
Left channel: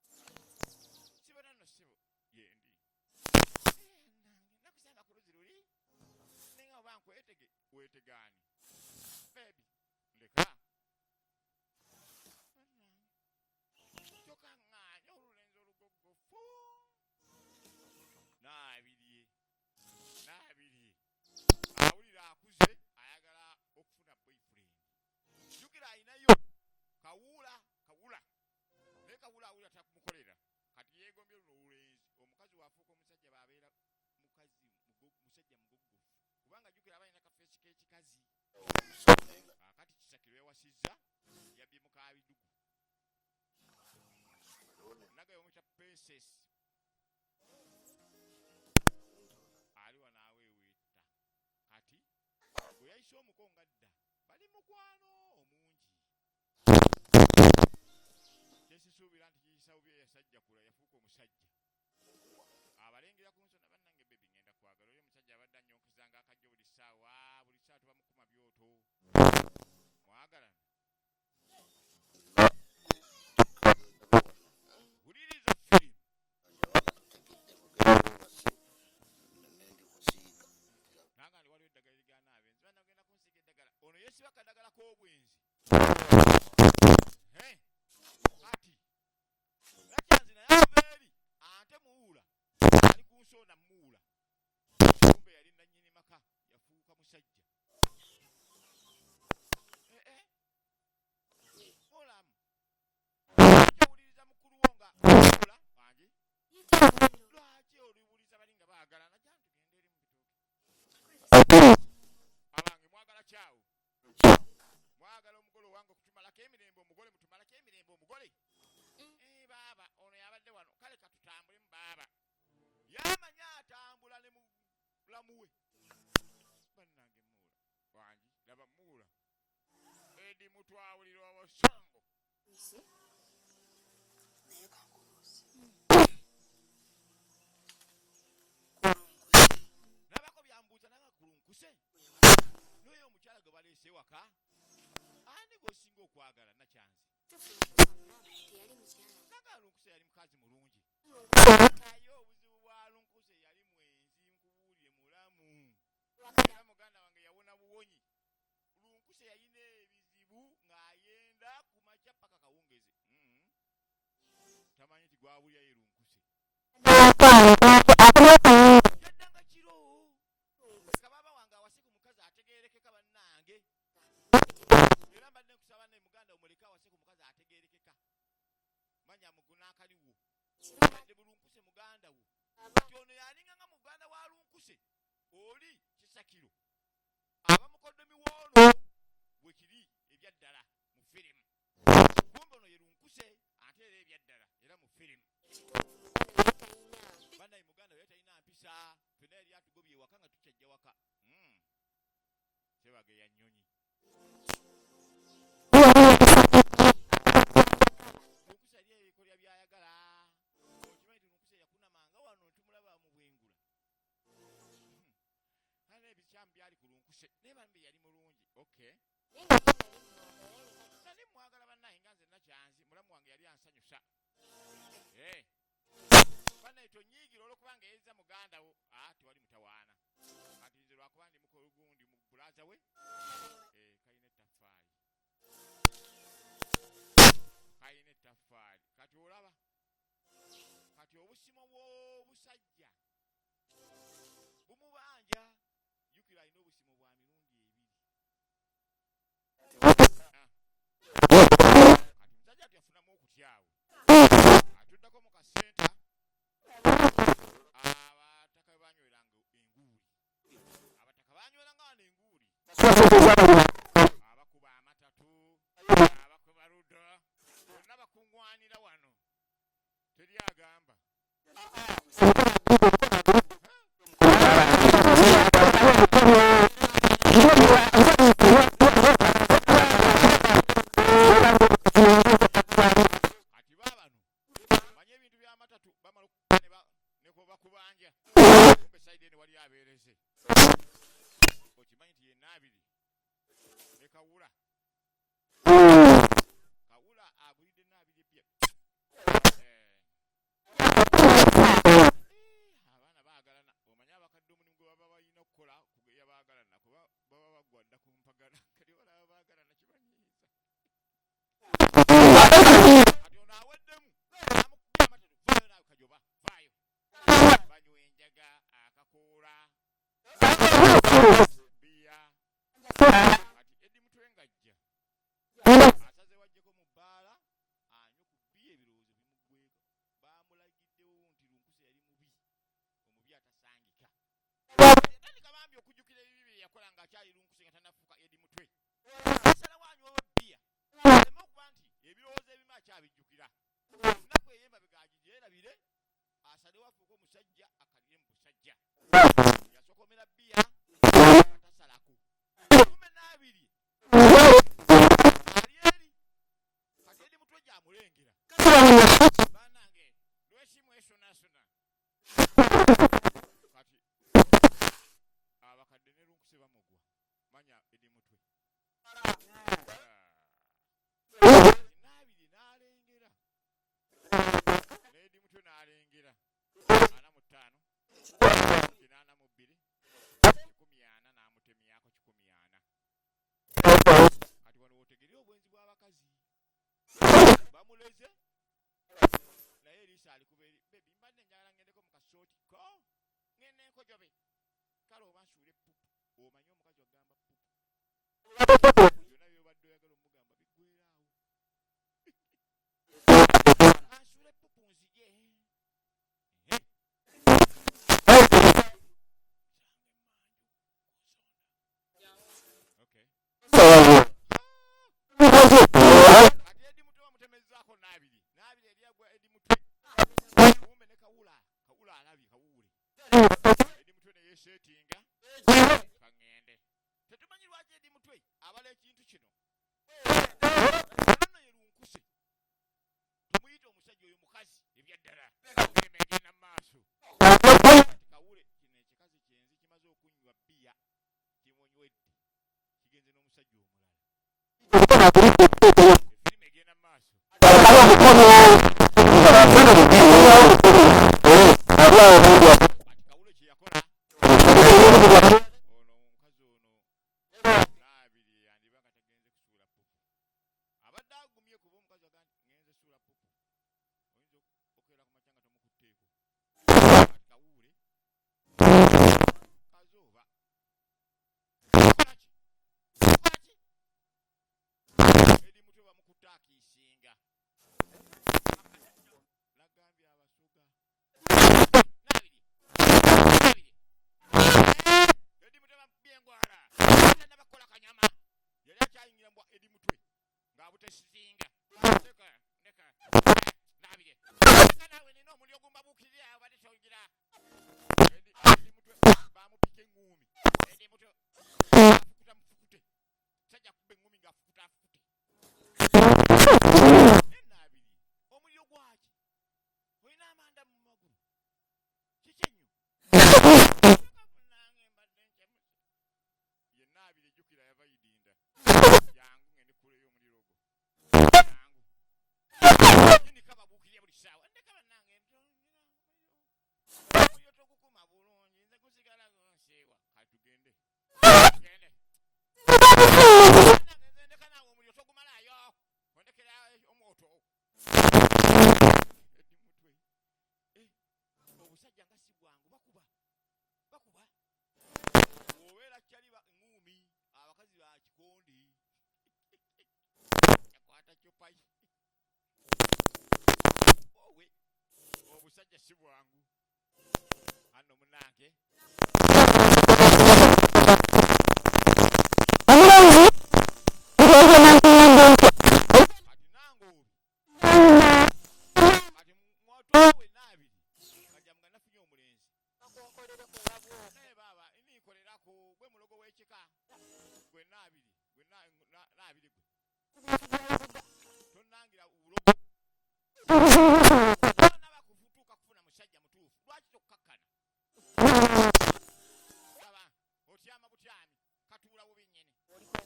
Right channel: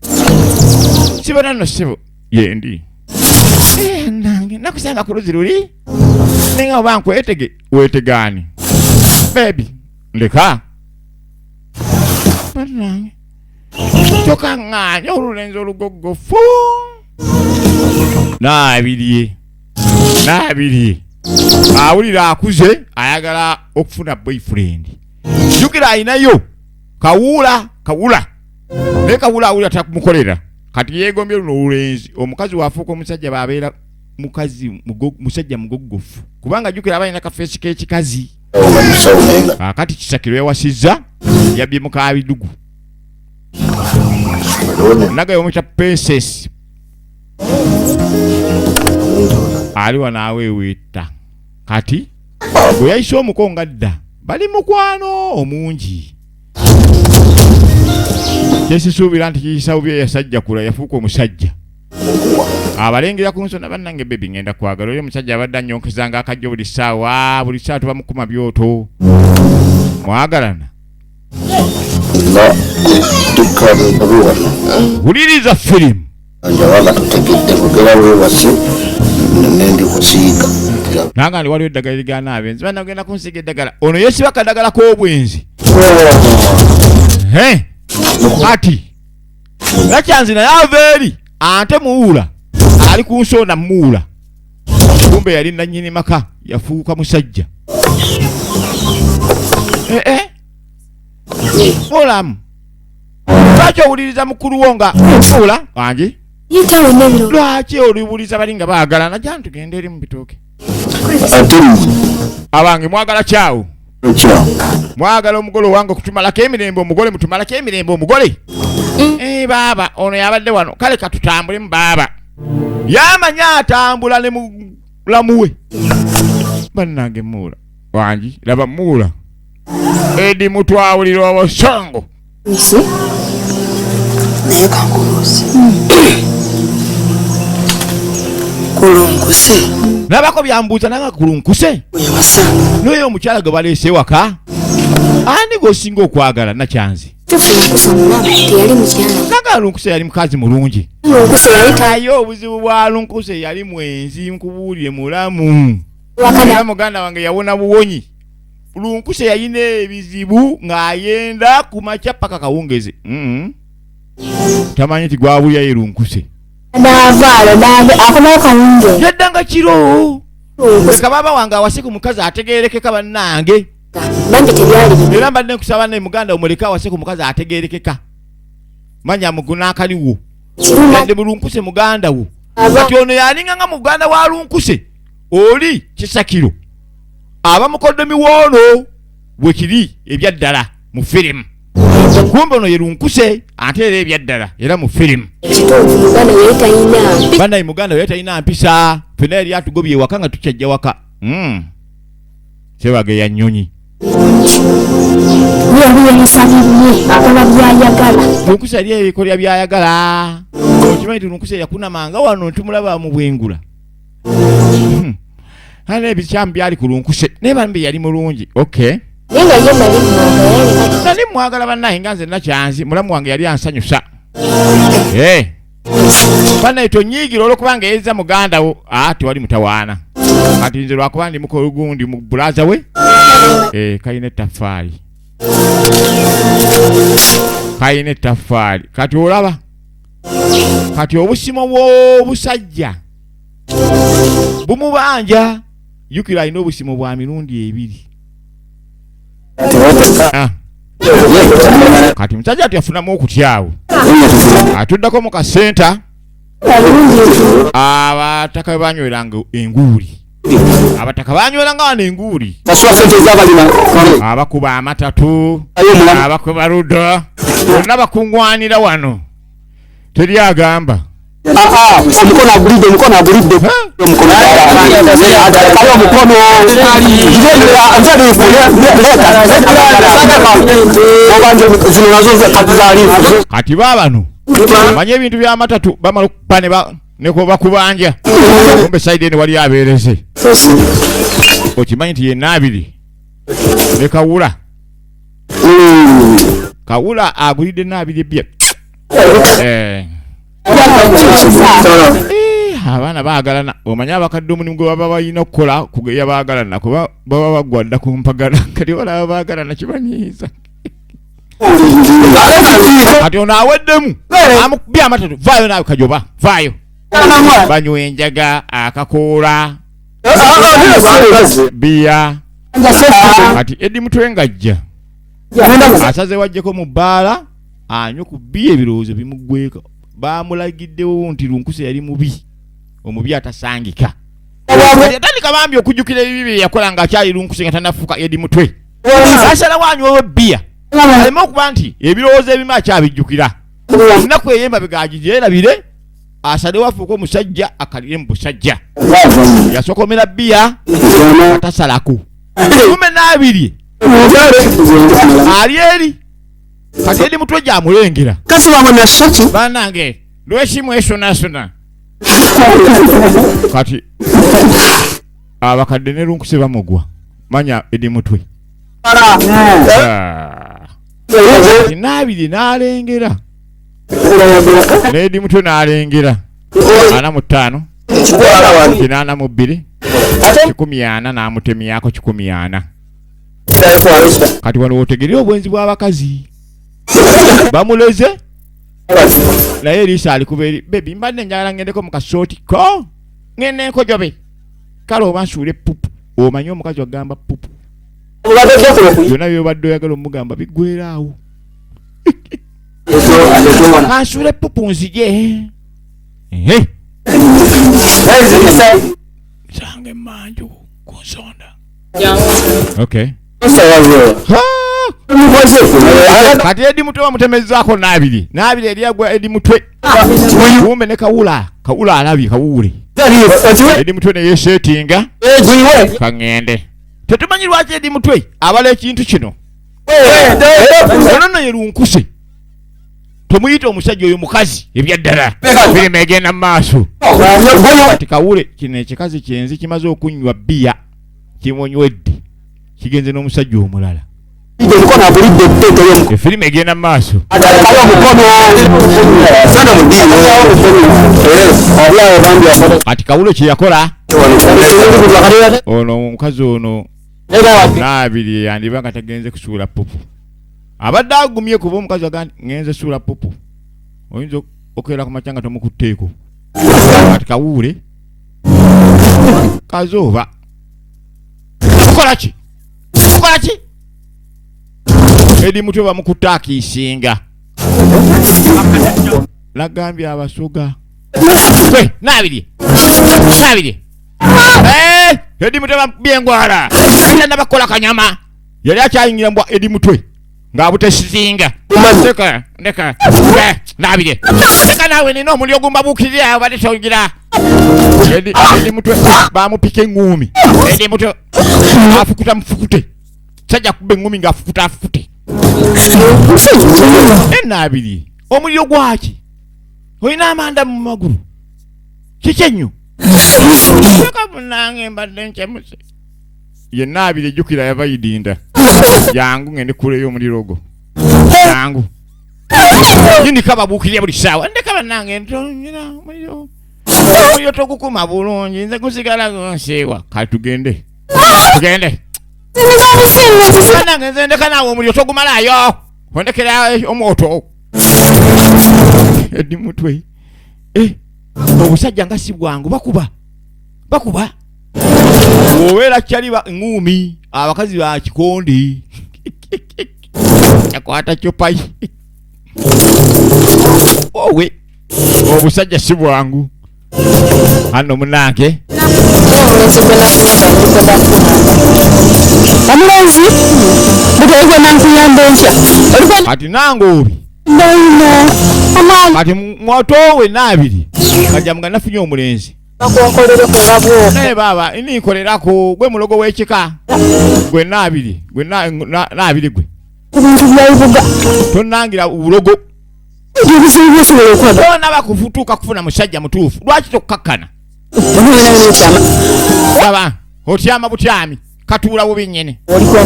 Sibona no sibo yendi nange nakusanga ku luzi luli nenga obanku wetegani baby ndeka nange choka nganya olulenzi olugogofu nabirie awulira akuze ayagala okufuna boyfriend jukira ayinayo kawula ne kawula awulira takumukolera kati yegombye luno olulenzi omukazi wafuuka omusajja babeera musajja mugogofu kubanga jukira abalina kafeesi k'ekikazi kati kisakiro yawasizza yabbye mukabidugu naga yomukya princess aliwa naawe weta kati bwe yayise omukonga dda bali mukwano omungi kyesisuubira nti kiyisawubye yasajja kula yafuuka omusajja abalengera ku nsona bannange bebi ngenda kwagala oyo omusajja abadde annyonkezanga akajjo buli ssaawa tuba mukuma byoto mwagalana wuliriza firimu njawala tutegedde kugera wewasi nendi kusiiga nanga ndi waliwo eddagala ligana abenzi bana ogenda kunsiiga eddagala ono yesiba akadagala k'obwenzi ati nakyanzi naye ava eri ate muwula ali ku nsonda muwula kumbe yali nannyini maka yafuuka musajja mulamu lwaki owuliriza mukulu wo nga muwula wange lwaki oliwuliza bali nga baagalana jani tugende eri mu bitooke abange mwagala kyawo mwagala omugole owange okutumalako emirembe omugole mutumalako emirembe omugole baaba ono yabadde wano kale katutambulemu baaba yamanya atambula ne mulamuwe bannange muula wangi laba muula edi mutwawulira obosongo naye kankulusi kulunkuse nabako byambuuza nanga kulunkuse noyo omukyala gwe baleese waka ani gwosinga okwagala nakyanzi nanga lunkuse yali mukazi mulungi aye obuzibu bwa lunkuse yali mwenzi nkubuulire mulamu era muganda wange yawona buwonyi lunkuse yalina ebizibu ng'ayenda ku makya paka kawungezi tamanyi nti gwabulya ye lunkuse yaddanga kiro leka baba wange awase ku mukazi ategeerekeka bannange era mbadde nkusaba naye muganda omuleka awase ku mukazi ategeerekeka manya mugunaakaliwo yadde mulunkuse muganda wo kati ono yalinga nga muganda wa lunkuse oli kisakiro aba mukoddomi woono bwe kiri ebyaddala mu firimu kumbe ono ye lunkuse ate era ebyaddala era mu firimu bannaye muganda we talina mpisa fena yali atugobye ewaka nga tukyajja waka sebage ya nnyonyi lunkuse yali ebikolya byayagala okimanyi ti lunkuse yakunamanga wano tumulaba mu bwengula hana ebikyamu byali ku lunkuse naye bambi yali mulungi okay nali mwagala bannaye nga nze nakyanzi mulamu wange yali ansanyusa bannaye tonyiigira olwokubanga yezza muganda wo tewali mutawaana kati nze lwakuba ndi mukogundi mu bulaza we kayina ettaffaali kati olaba kati obusimo bw'obusajja bumubanja yukira alina obusimo bwa mirundi 2 kati musajja tuyafunamu okutyawo atuddako mu kasenta abataka banyweranga enguuli abataka banyweranga wano enguuli abakuba amatatu abakuba ludo bonna bakuŋŋwanira wano teri agamba omukono agulidde omukono kati baabano manye ebintu by'amatatu bamala okukuba neko bakubanja kumbe saidi ene wali abeereze okimanyi nti yenna abiri ne kawula agulidde naabiri ebya Abaana baagalana omanya abakadde omulimu gwe baba balina okukola kugeya baagalana kuba baba bagwadda ku mpagala kati balaba baagalana kibanyiiza kati ono aweddemu amukubye amatatu vaayo naawe kajoba vaayo banywa enjaga akakoola biya kati Edi Mutwe ng'ajja asaze wajjeko mu bbaala anywa ku biya ebirowoozo bimuggweko baamulagiddewo nti lunkuse yali mubi omubi atasangika atandika bambi okujjukira ebibi bye yakola ng'akyali lunkuse nga tanafuuka Edi Mutwe asalawo anywewo bbiya aleme okuba nti ebirowoozo ebimu akyabijjukira ennaku eyemba bigagigyerabire asalewo afuuka omusajja akalire mu busajja yasokomera bbiya atasalako kume n'abiri ali eri kati Edi Mutwe gy'amulengera kasi bamwe na shaki banange lwesimu esonasona kati abakadde ne lunkuse bamugwa manya Edi Mutwe n'abiri n'alengera Edi Mutwe n'alengera 45 82 140 n'amutemyako 140 kati wano otegerera obwenzi bw'abakazi bamuleze naye Elisa ali kubeeri bebi mbadde njagala ngendeko mu kasooti ko ngende nkojobe kale oba nsuule pupu omanyi omukazi wagamba pupu byonna byobadde oyagala omugamba biggweraawo kansuule pupu nzije sange manju ku nsonda okay kati Edi Mutwe bamutemezaako n'abiri eri agwa Edi Mutwe kumbe ne kawula alabye kawuule Edi Mutwe ne yeesetinga kaŋŋende tetumanyi lwaki Edi Mutwe abala ekintu kino ono ye lunkuse tomuyita omusajja oyo mukazi ebyaddala birime egenda mu maaso kati kawule kino ekikazi kyenzi kimaze okunywa bbiya kimunywedde kigenze n'omusajja omulala efirimu egenda mu maaso kati kawule kye yakola ono omukazi ono n'abiri yandiba nga tagenze kusuula pupu abadde agumye kuba omukazi aga ngenze suula pupu oyinza okeera ku makya nga tomukutteeko kati kawuule kazooba kukola ki Edi Mutwe bamukutte akiisinga nagambye abasoga gwe n'abiri Edi Mutwe bamukubye engwala ayina bakola kanyama yali akyayingira mbwa Edi Mutwe ng'abutesizinga ndeka n'abiri ndeka naawe nina omuli ogumbabuukirira awo badde tongira Edi Mutwe bamupika eŋŋuumi Edi Mutwe afukuta mufukute sajja kuba eŋŋuumi ng'afukuta afukute n'abiri omuliro gwaki olina amanda mu magulu kiki ennyo munange mbadde nkyemuse ye n'abiri ejjukira yava yidinda jangu ngende kuleyo omuliro gwo jangu yindika babuukirya buli ssaawa ndeka bannange ntonyera omuliro togukuma bulungi nze gusigala gonseewa kati tugende bannange nze ndeka naawe omuliro togumalayo ondekera omwoto Edi Mutwe obusajja nga si bwangu bakuba obeera kyali eŋŋuumi abakazi ba kikondi yakwata kyopayi owe obusajja si bwangu hano munange omulenzi butwege nankuyamba enkya kati nange obi kati mwotowe n'abiri kajja nga nafunye omulenzi naye baba ninkolerako gwe mulogo w'ekika gwe n'abiri gwe ebintu byayibuga tonangira ubulogo ebizibu byosobola okwaba bona bakufutuuka kufuna musajja mutuufu lwaki tokkakkana baba otyama butyami katuula bubi nnyene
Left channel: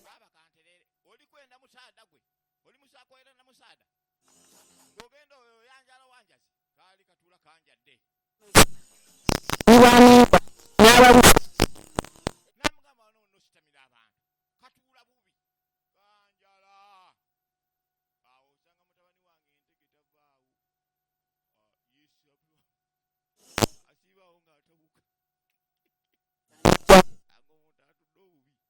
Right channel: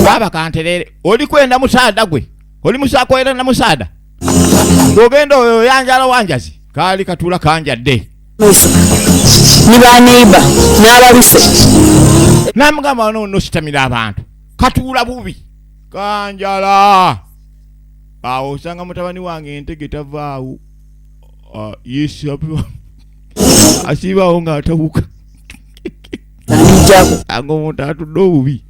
baba kanterere oli kwenda musaada gwe oli musakoera na musaada ng'ogenda oyo yanjala wanjazi kaali katula kanjadde ni ba neighbor n'abaluse namugamba no sitamira abantu katuula bubi kanjala awo osanga mutabani wange entege tavaawo asiibaawo ng'atawuka ango omuntu atudde obubi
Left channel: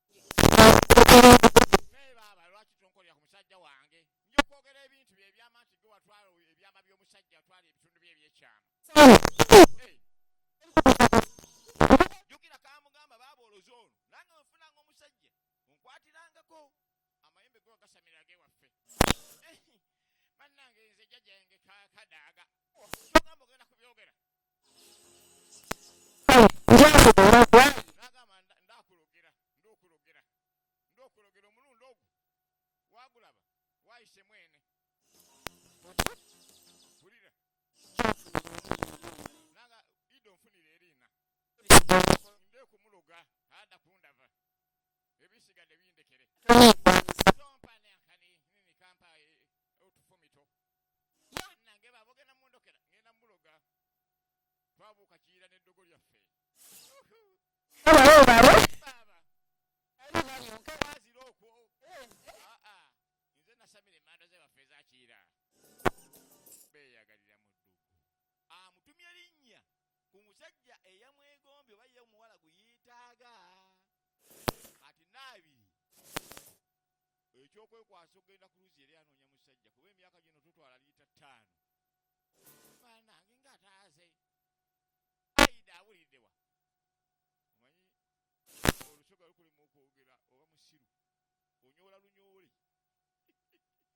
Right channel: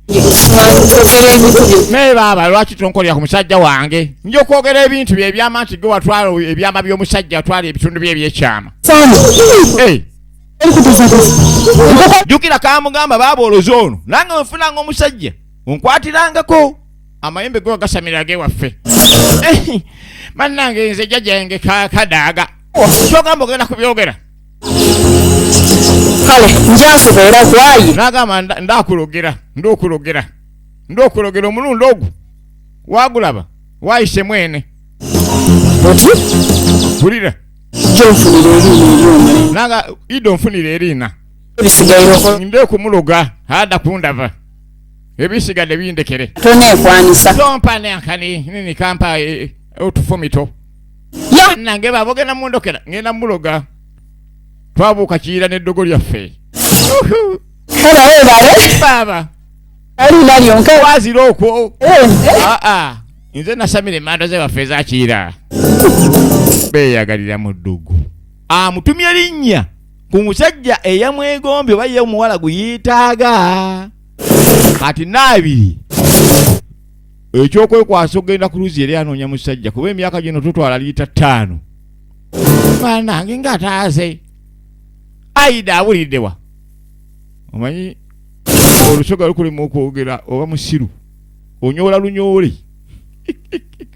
naye baaba lwaki tonkolera ku musajja wange nja okwogera ebintu bye ebyama nti ge watwala ebyama by'omusajja watwala ebitundu bye ebyekyama jjukira kamugamba baaba olozoono nange wenfunanga omusajja onkwatirangako amayembe ge wagasamira gewaffe mannange nze jjajjange kadaaga kyogamba ogenda kubyogera kale njasobola kwayi nagamba ndokulogera omulundi ogwo wagulaba wayise mwene oti tulira jonfunira erina naga ido nfunira erina ebisigairoko nde kumuloga hada kundava ebisigadde bindekere toneekwanisa tompane ankani nini kampa otufumito nange babogenda mundokera ngenda muloga twabuuka kiyira n'eddogo lyaffe kale webale baba alina lyonka wazira okwo nze nasamira emando ze waffe ezakiyira beeyagalira mu ddugu amutumye linnya ku musajja eyamwegombye oba ye omuwala guyitaaga kati naabiri ekyokwekwasa okgenda ku luzi eri anoonya musajja kuba emyaka gino tutwala liita 5 banange ngaataaze aida awuliddewa omanyi olusoga lukulimu okwogera oba musiru onyoola lunyoole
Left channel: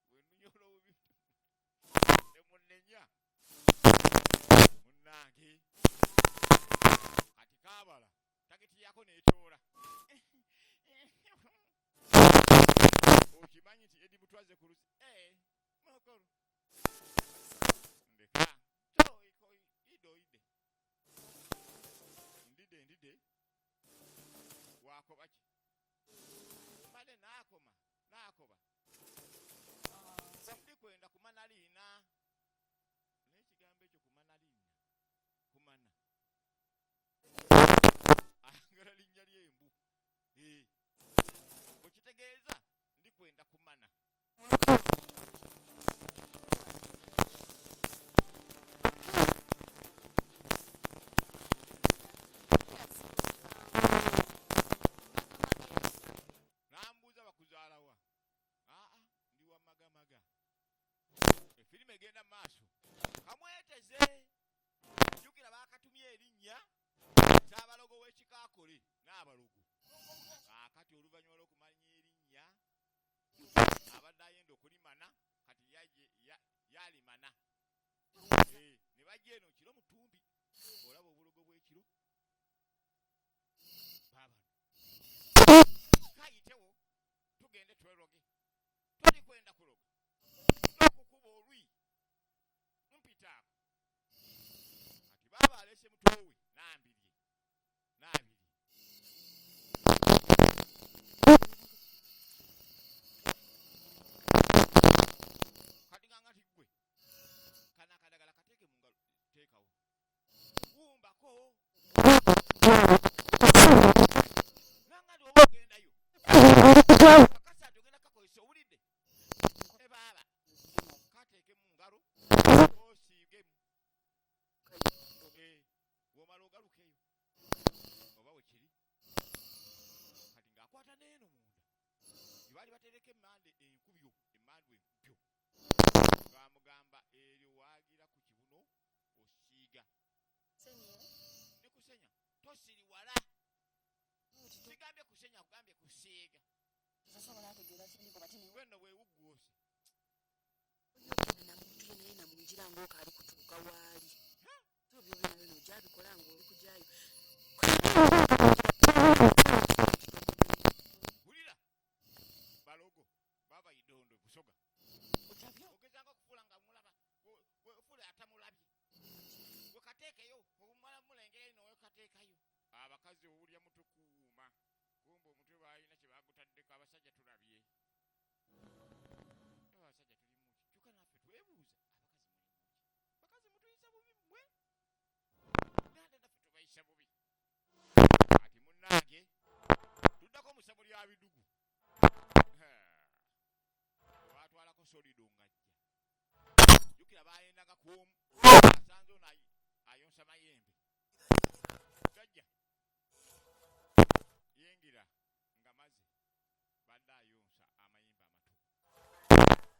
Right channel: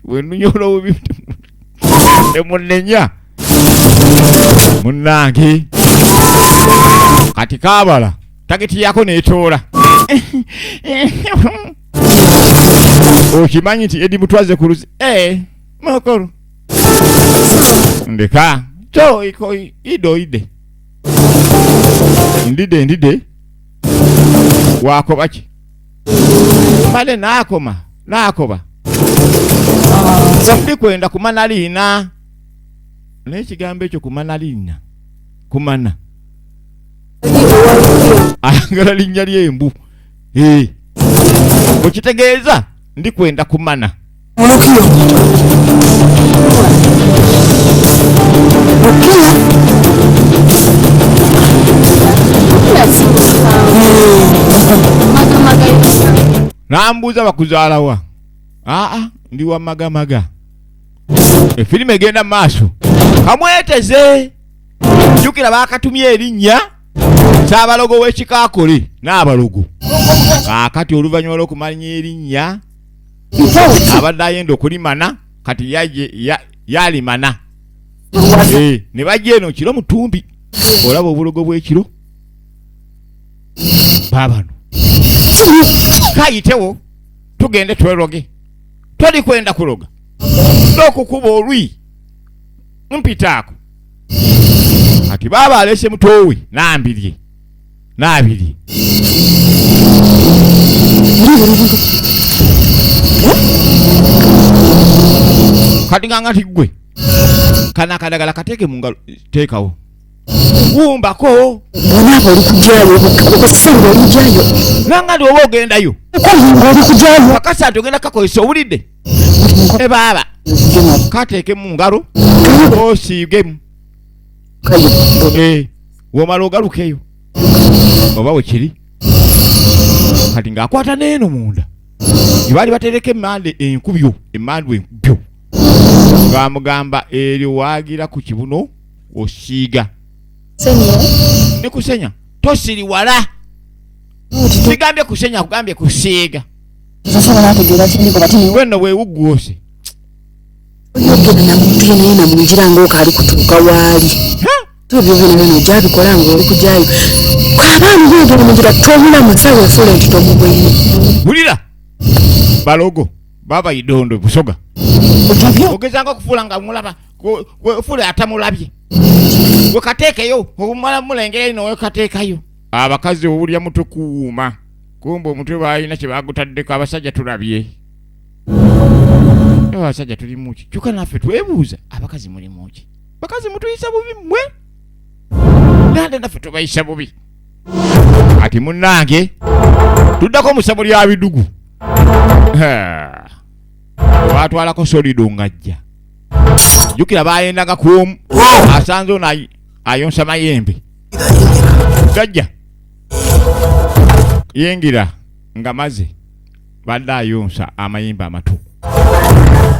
wenunyola obubi emunenya munnange kati kaabala tageti yako neetoola okimanyi nti edi mutwaze ku luzi mukulu ndeka kyo idoide ndide wakoba ki bale nakoba ndikwenda kumana liina n'ekigambo ekyo kumana liina kumana ayagala linnya ly'embu okitegeeza ndikwenda kumana mukilo nambuuza bakuzaalawa ndi wa magamaga efirimu egenda mu maaso kamweteze jjukira bakatumye erinnya kyabalogo w'ekikaakole n'abalogo kaakati oluvannyuma lw'okumanya erinnya abadde ayenda okulimana kati yalimana ne bajja eno kiro mutumbi olaba obulogo bw'ekiro baabano kayitewo tugende tweroge toli kwenda kuloga n'okukuba olwi mpitaako kati baaba alese mutowe n'abirye kati nganga tigwe kana kadagala kateke mu ngalo teekawo wumbako bonaaba oli kujyayo okasanga oli kujyayo nanga ndi oba ogendayo oli kujyayo akasatu ogenda kakozesa owulidde baaba kateeke mu ngalo osiigemu womala ogalukeyo oba wekiri kati ng'akwata n'eno munda ebaali batereka enkubyo emmandu enkubyo ng'amugamba eryo waagira ku kibuno osiiga ne kusenya tosiriwala sigambye kusenya kugambye kusiiga wenno weewuggwose oyogera na muntu yenaye namunjira ng'okaali kutuuka waali ebyo byonna ojabikola ng'oli kujyayo kw'abaana boogera munjira tomulamusa weefuula nti tomubwene bulira balogo baba idondo busoga ogezanga okufuula nga mulaba weefuula atamulabye wekateekeyo obumala mulengera ino wekateekayo abakazi owulya mutwe kuwuuma kumba omutwe baalina kye bagutaddeko abasajja tulabye abasajja tulimuki kyokka naffe twebuuza abakazi mulimuki bakazi mutuyisa bubi mwe nande naffe tubayisa bubi ati munnange tuddako mu ssabo lya bidugu batwalako solido ngajja jukira bayendanga kuomu asanze ono ayonsa mayembe gajja yengira nga maze badde ayonsa amayembe amato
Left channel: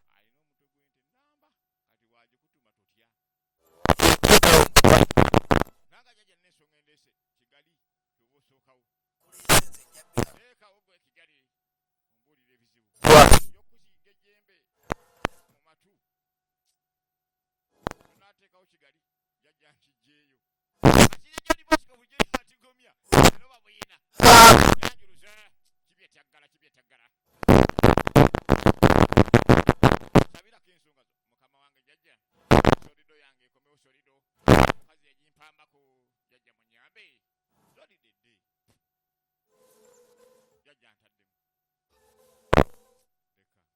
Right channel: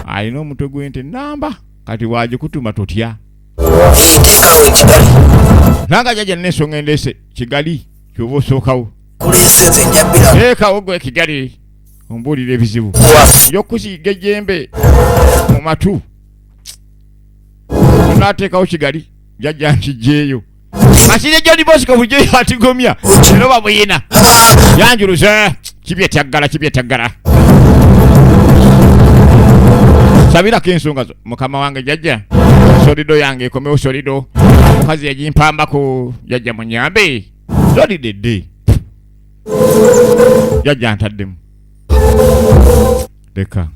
alina omutwe gw'ente namba kati wagikutuma totya teekawo ekigali nanga jajja n'ensonga endeese kigali kyoba osookawo kuleeseze njabira teekawo gwe kigali ombuulira ebizibu yokusiiga ejjembe mu matu onaateekawo kigali jajja nkijjeeyo masire John Bosco bujeyo atigomya era babuyina yanjuluze kibyettaggala sabira kensonga mukama wange jajja solido yange ekomewo solido mukazi yagimpambako jajja munyambe solidedde jajja ntaddemu leka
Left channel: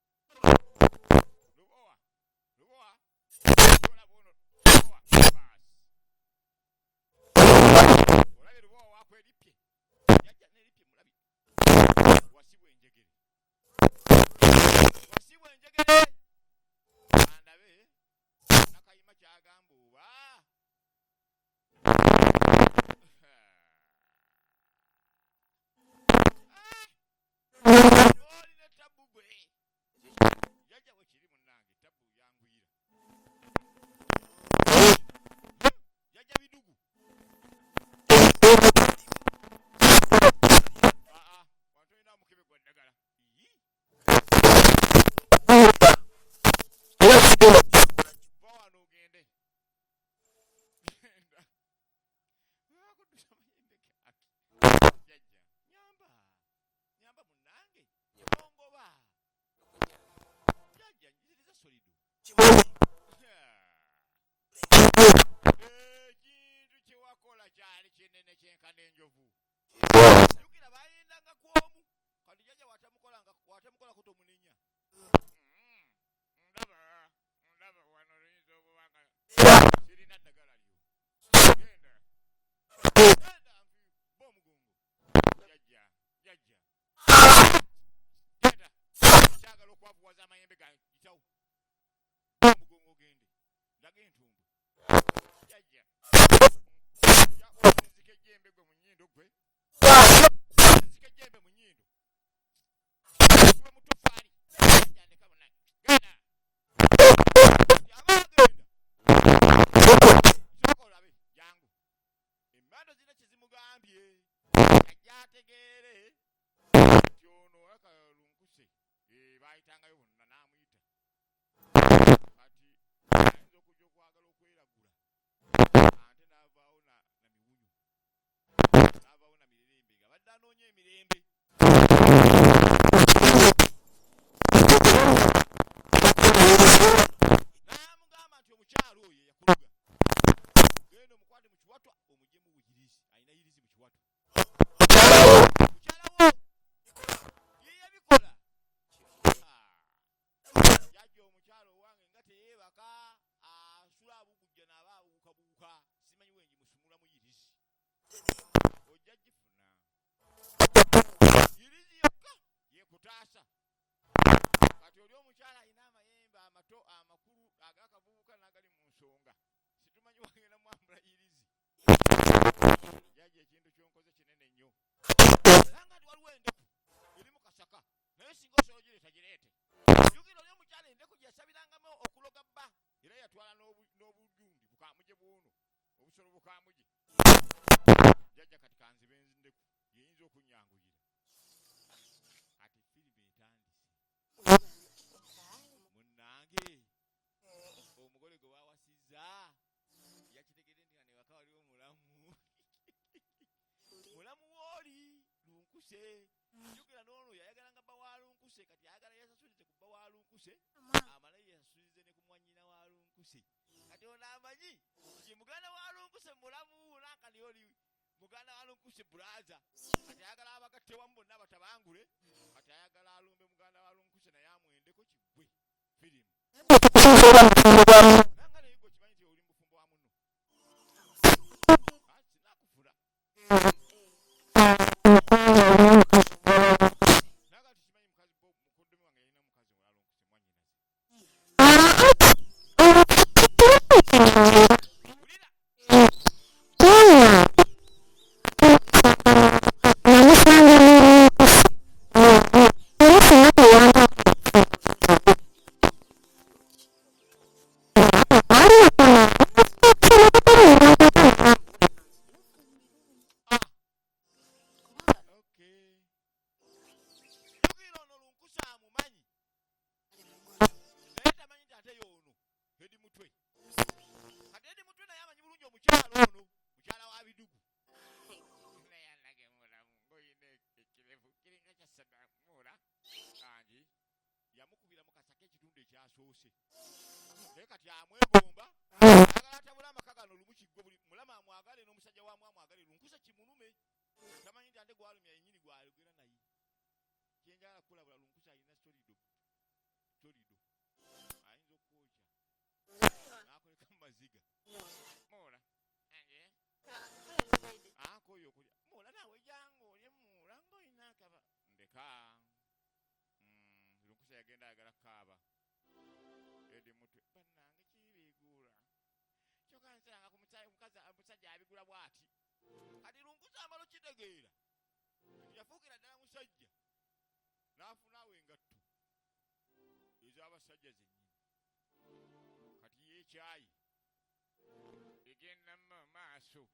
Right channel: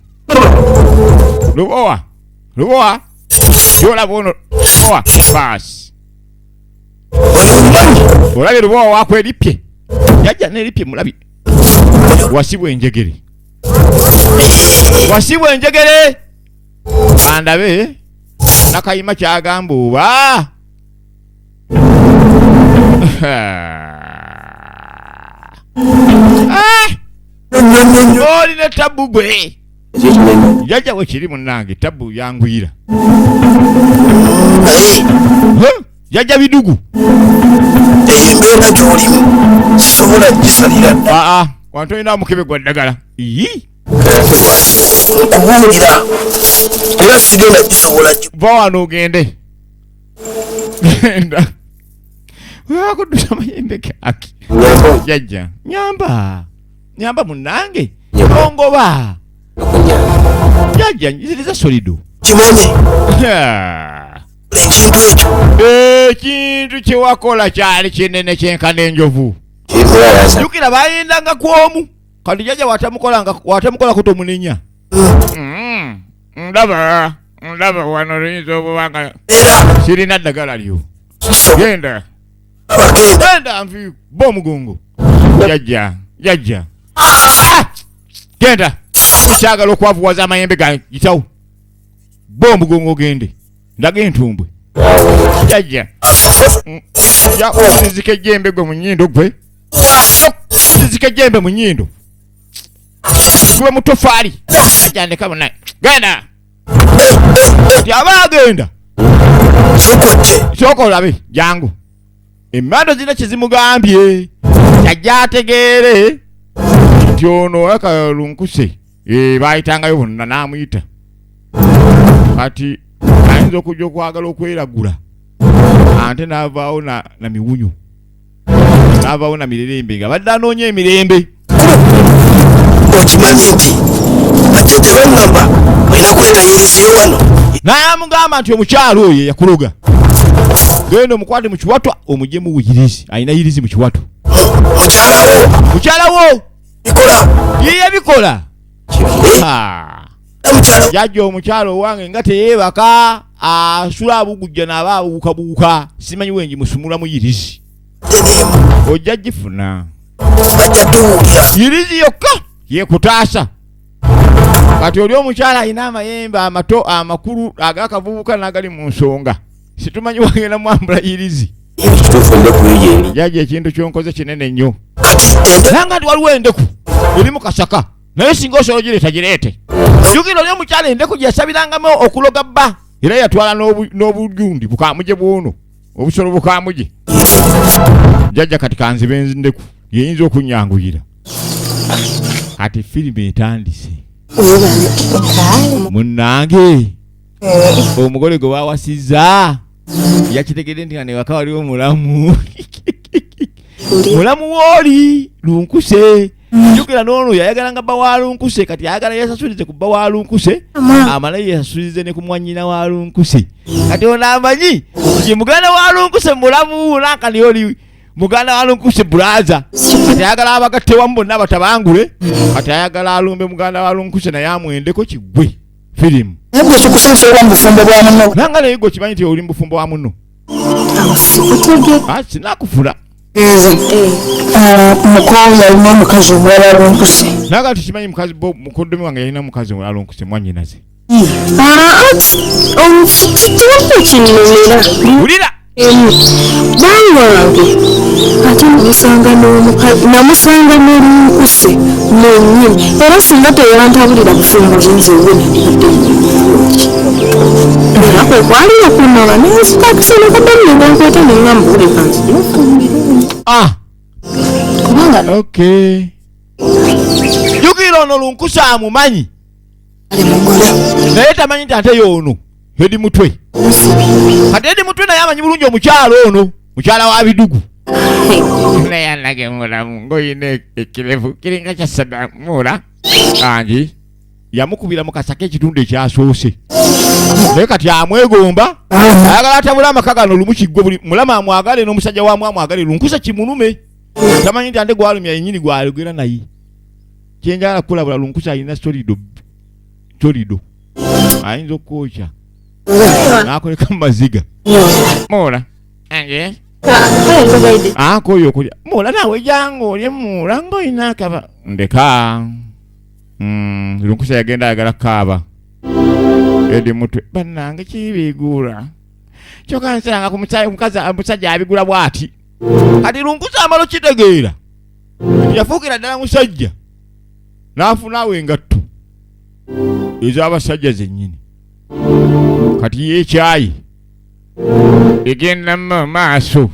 lubowa kyolaba ono lubowa baasi olabye lubowa waako eripye jajja n'eripye mulabye wasibwa enjegere bandabe nakayima kyagamba oba olina tabbu gwe jajja we kiri munnange tabbu yangwira jajja bidugu embeera gy'olimu sisobola gisalira wantu olina mukebe gwa ddagala nkubuulira era sigenda gisobola va wano ogende genda wakuddusa mayembe gaki jajja nyamba munnange ongoba jajja njiziriza solido kimanye ekintu ekyo ekintu kyewakola kyali kinene kyenkana enjovu jukira bayindanga kwomu kati jajja watamukola kutomunenya ndaba wano luyinza obubanga sirina ddagala lyo genda nvi bomugongo jajja genda tukyagala okwavuwaza amayembe gayitawo bomugongo ogende ndaga entumbwe jajja okuzizika ejjembe gwe mu nnyindo gwe okuzizika ejjembe mu nnyindo gwe mutofaali ajandeka munaye genda ti aba agenda sooka olabe jangu emmando zirina kyezimugambye jajja ategeere nti ono akalunkuse bayitangayo bonna n'amuyita kati ayinza okujja okwagala okweragula ate n'avaawo na miwunyo n'avaawo na mirembe nga badde anoonya emirembe okimanyi nti bajja tebaŋŋamba olina kwetayiriziyo wano n'amugamba nti omukyalo oyo yakuloga genda omukwate mu kiwatwa omujjemu yirizi alina yirizi mu kiwatwa mukyalawo yiye bikola jajja omukyalo owange nga teyeebaka asula abugujja naaba abuukabuuka simanyi wengi musumulamu yirizi ojja gifuna yirizi yokka yekutaasa kati oli omukyala alina amayembe amato amakulu agakavubuka n'agali mu nsonga situmanyi wagenda mwambula yirizi jajja ekintu kyonkoze kinene nnyo nanga nti waliwo endeku eri mu kasaka naye singa osobola gireeta gireete jukira oli omukyala endeku gyeyasabirangamu okuloga bba era yatwala n'obugundi bukamuje bwono obusolo bukamuje jajja kati kanzibe endeku yeyinza okunyanguyira kati firimu etandise munnange omugole gwe bawasizza yakitegedde nti nga newaka waliwo mulamu wooli lunkuse jukira n'ono yayagalanga bba wa lunkuse kati ayagala yesasulize ku bba wa lunkuse amala yesasulize ne ku mwannyina wa lunkuse kati ono amanyi nti muganda wa lunkuse mulamu nankani oli muganda wa lunkuse bulaza kati ayagala abagatte wamu bonna batabangule kati ayagala alumbe muganda wa lunkuse naye amwendeko kigwe firimu Nabwe sukusanso wa mbufumbo bwa muno. Nanga naye gwe kimanyi nti oli mbufumbo wa muno. Sikutege. Sinakufula. Mukoya alina omukazi omulala alonkuse. Nanga tukimanyi mukazi mukoddomi wange yalina mukazi omulala alonkuse mwannyinaze. Tiwali kinnumira. Wulira! Banwange ate namusanga n'olunkuse nennyini era singa teyantabulira bufumbo zinze wenenibadde era kwe kwaliwo kunoba nensuka akisene kaddamulinga nkweta neŋŋambule kansi kubanga Okay. Jukira ono lunkuse amumanyi. ali mugole Naye tamanyi nti ate y'ono Edi Mutwe. Kati Edi Mutwe naye amanyi bulungi omukyalo ono, mukyala wa Bidugu. Naye alage mulamu ng'oyina ekirevu kiringa kya Saddamula. Angi yamukubira mu kasaka ekitundu ekyasoose. Naye kati amwegomba ayagala atabula amaka gano lumu kiggwe buli mulama amwagale n'omusajja waamu amwagale lunkuse kimulume. Tamanyi nti ate gwalumya yennyini gwalugera naye. Kyenjala kulabula lunkuse alina solido. Ayinza okwokya. Nakoleka mu maziga. Mola. Ange. Koyo okulya. Mola naawe jangu olye Mola ng'olina akaba. Ndeka. Lunkuse yagenda ayagala kaaba. Edi Mutwe. Bannange kibigula. Kyokka nsanga ku omusajja abigula bw'ati. Kati lunkuse amalo kitegeera. Yafuukira ddala musajja. N'afunaawo engatto. Ez'abasajja zennyini. Kati y'ekyayi egenda mu maaso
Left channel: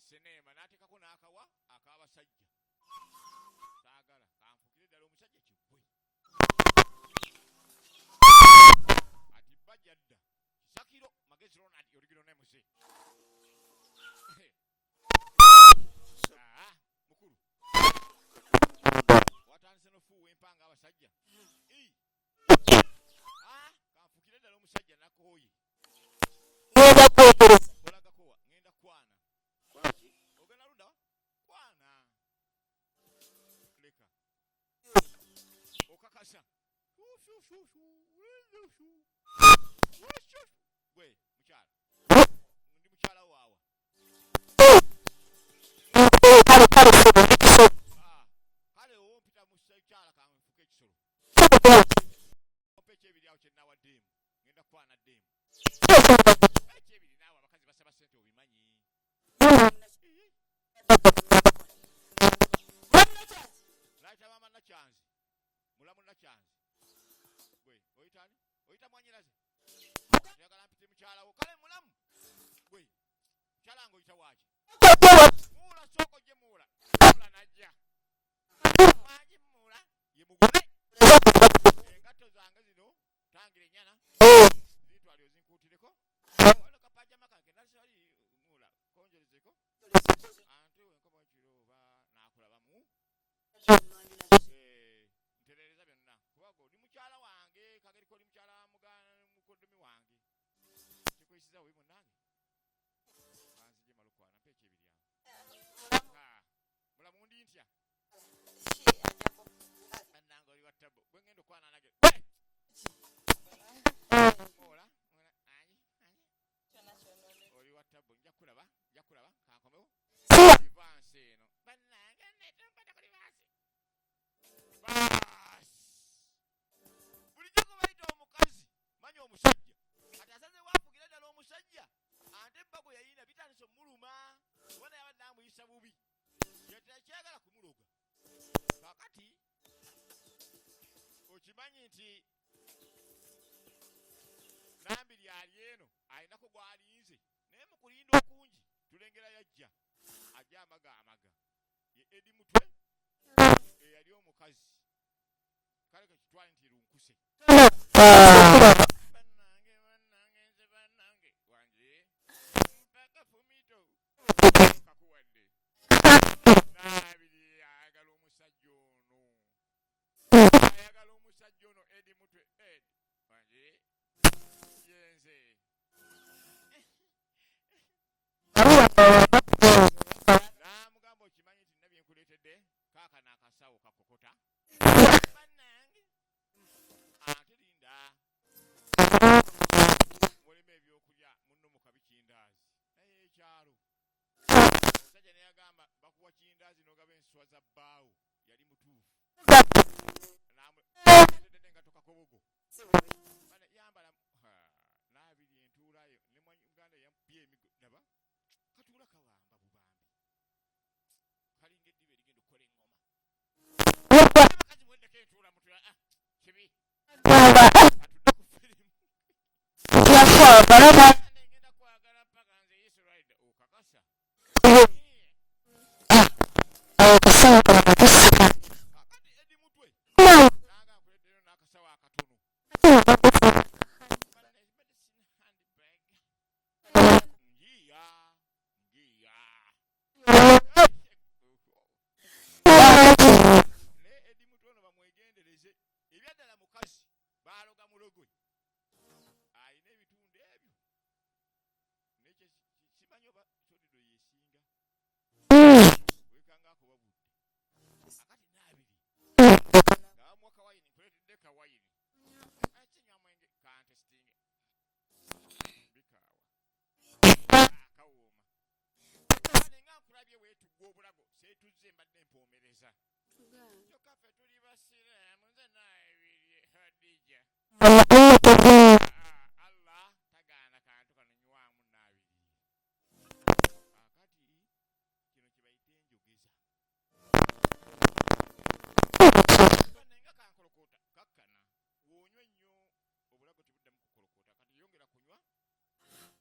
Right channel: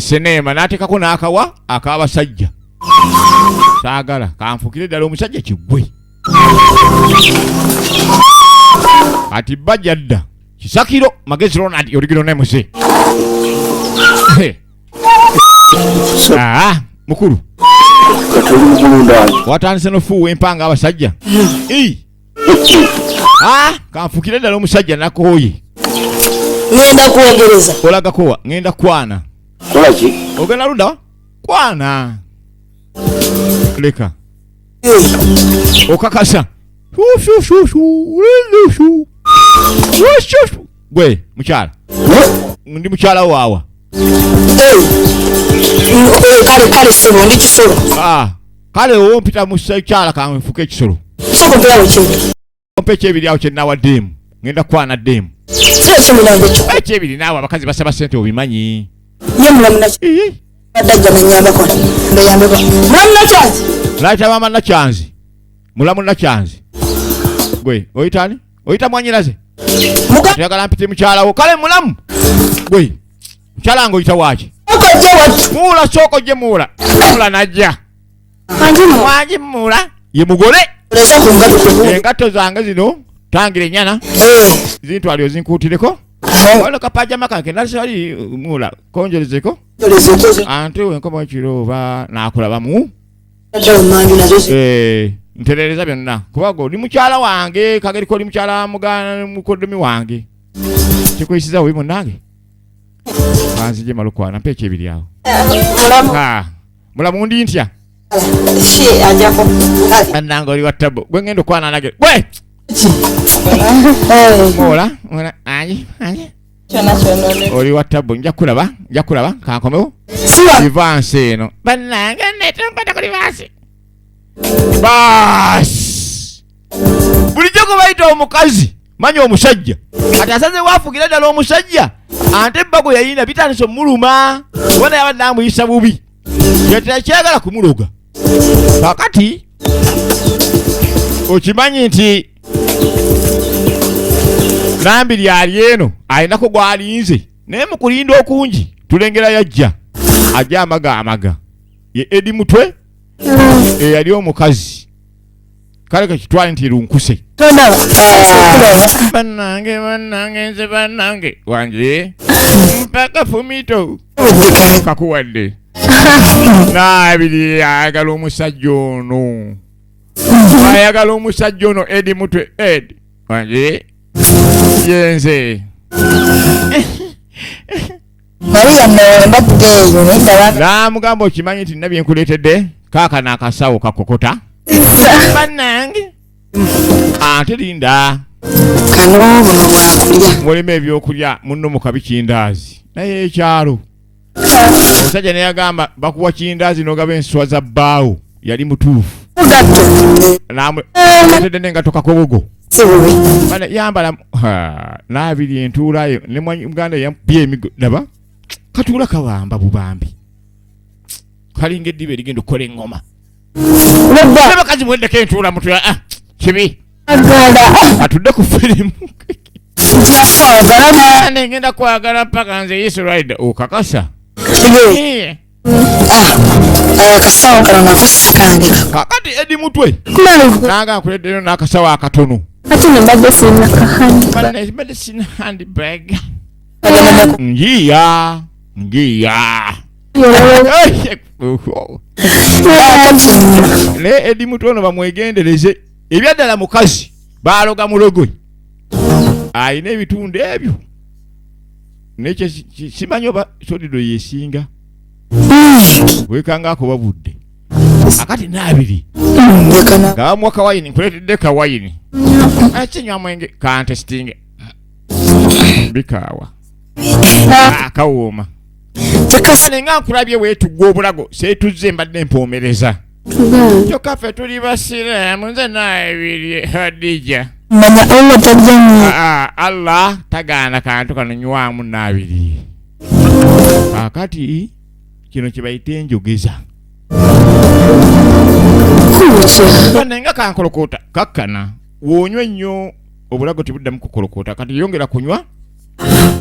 sinema n'ateekako n'akawa ak'abasajja. Saagala kanfukire ddala omusajja kiggwe. Kati bajja dda Kisakiro Magezi Ronald original MUBWENZI. Mukulu. Katoli mukulu ndani. Watandise n'ofuuwa empanga abasajja. Kanfukire ddala omusajja nakooye. ngenda kwogereza. Olaga kowa ngenda kwana. Kola ki? Ogenda luda? Kwana. Leka. Okakasa. Gwe mukyala. Ndi mukyala waawa. Kale sebo ndi kisolo. Kale ompita mukyala kanfuka ekisolo. Soko pyawo kindi. Ompeche ebiri awo kyennawa demu. Ngenda kwana demu. Sire kimulango kyo. Ekibiri naawe abakazi basaba ssente obimanyi. Ye mulamu nakyo. Badajja nanyamba kola. Ndayambe ko. Mulamu nakyanzi. Laita mama nakyanzi. Mulamu nakyanzi. Gwe, oyitani? Oyita mwanyiraze. Tuyagala mpite mukyala wo. Kale mulamu. Gwe. Mukyala ngo oyita waaki. Okojje watu. Muula soko je muula. Muula najja. Wanji muula. Ye mugole. Leza kungato kubu. Engato zange zino tangire nyana. Zintu alio zinkutireko. Wano kapajama kange nalisali muula konjerezeko. Ante wenkoma ekirooba nakulabamu. Nterereza byonna kubaga oli mukyala wange kageriko oli mukyala mukoddomi wange kikuyisiza we munnange kanzije malukwana mpa ekyebiri awo mulamu ndi ntya annange oli wattabo gwe ngenda okwana nage gwe mola anyi oli wattabo nja kulaba kankomewo livansi eno bannange netonkwata ku livansi Baas. Bulijjo gwe bayita omukazi manya omusajja kati asaze waafugira ddala omusajja ate ebbago yayina bitandise omuluma bona yabadde amuyisa bubi yetekyagala kumuloga kakati okimanyi nti nambiri ali eno alinako gwalinze naye mu kulinda okungi tulengera yajja ajja amaga ye Edi Mutwe yali omukazi kale kakitwale nti lunkuse bannange nze bannange wanje mpaka fumito kakuwadde naabiri ayagala omusajja ono Edi Mutwe Edi wanje yenze Maria mbadde eyo nedda namugamba okimanyi nti nina byenkuleetedde kaaka n'akasawo kakokota bannange ate linda kano buno bwakulya. Mulimu ebyokulya munno mu kabikindaazi. Naye ekyalo. Omusajja ne yagamba bakuwa kindaazi n'ogaba enswa za bbaawo. Yali mutuufu. Mugatto. Katedde nengato kakogogo. Sibubi. Bana yambala n'abiri entuulayo ne Muganda yampye emigo daba. Katuula kabamba bubambi. Kalinga eddiba erigenda okukola eŋŋoma. Ne bakazi mweddeko entuula mutwe kibi. Atudde ku firimu. Njakwagala. Ngenda kwagala mpaka nze Yesu Rider okakasa. Akasawo kano nako sikange. Kakati edi mutwe. Nanga nkuleddeko n'akasawo akatono. Ati mbadde sina kahandi. Bana mbadde sina handbag. Ngiya. Ne edi mutwe ono bamwegendereze. Ebyaddala mukazi baaloga mulogo. Ayina ebitundu ebyo. Nekyo simanyi oba sodido yesinga. Wekanga ko babudde. Akati naabiri. Nga mwaka wayini nkuletedde kawayini. Akinywa mwenge contesting. Bikawa. Akawooma. Tekasane nga nkulabye weetugwa obulago seetuzze mbadde empoomereza. Kyokka ffe tuli basiraamu nze naabiri Hadija. Manya Allah tajjanyo. Allah tagaana kantu kano nywamu naabiri. Akati kino kye bayita enjogeza. Nga kankolokoota kakkana woonywe nnyo obulago tebuddamu kukolokoota kati yongera kunywa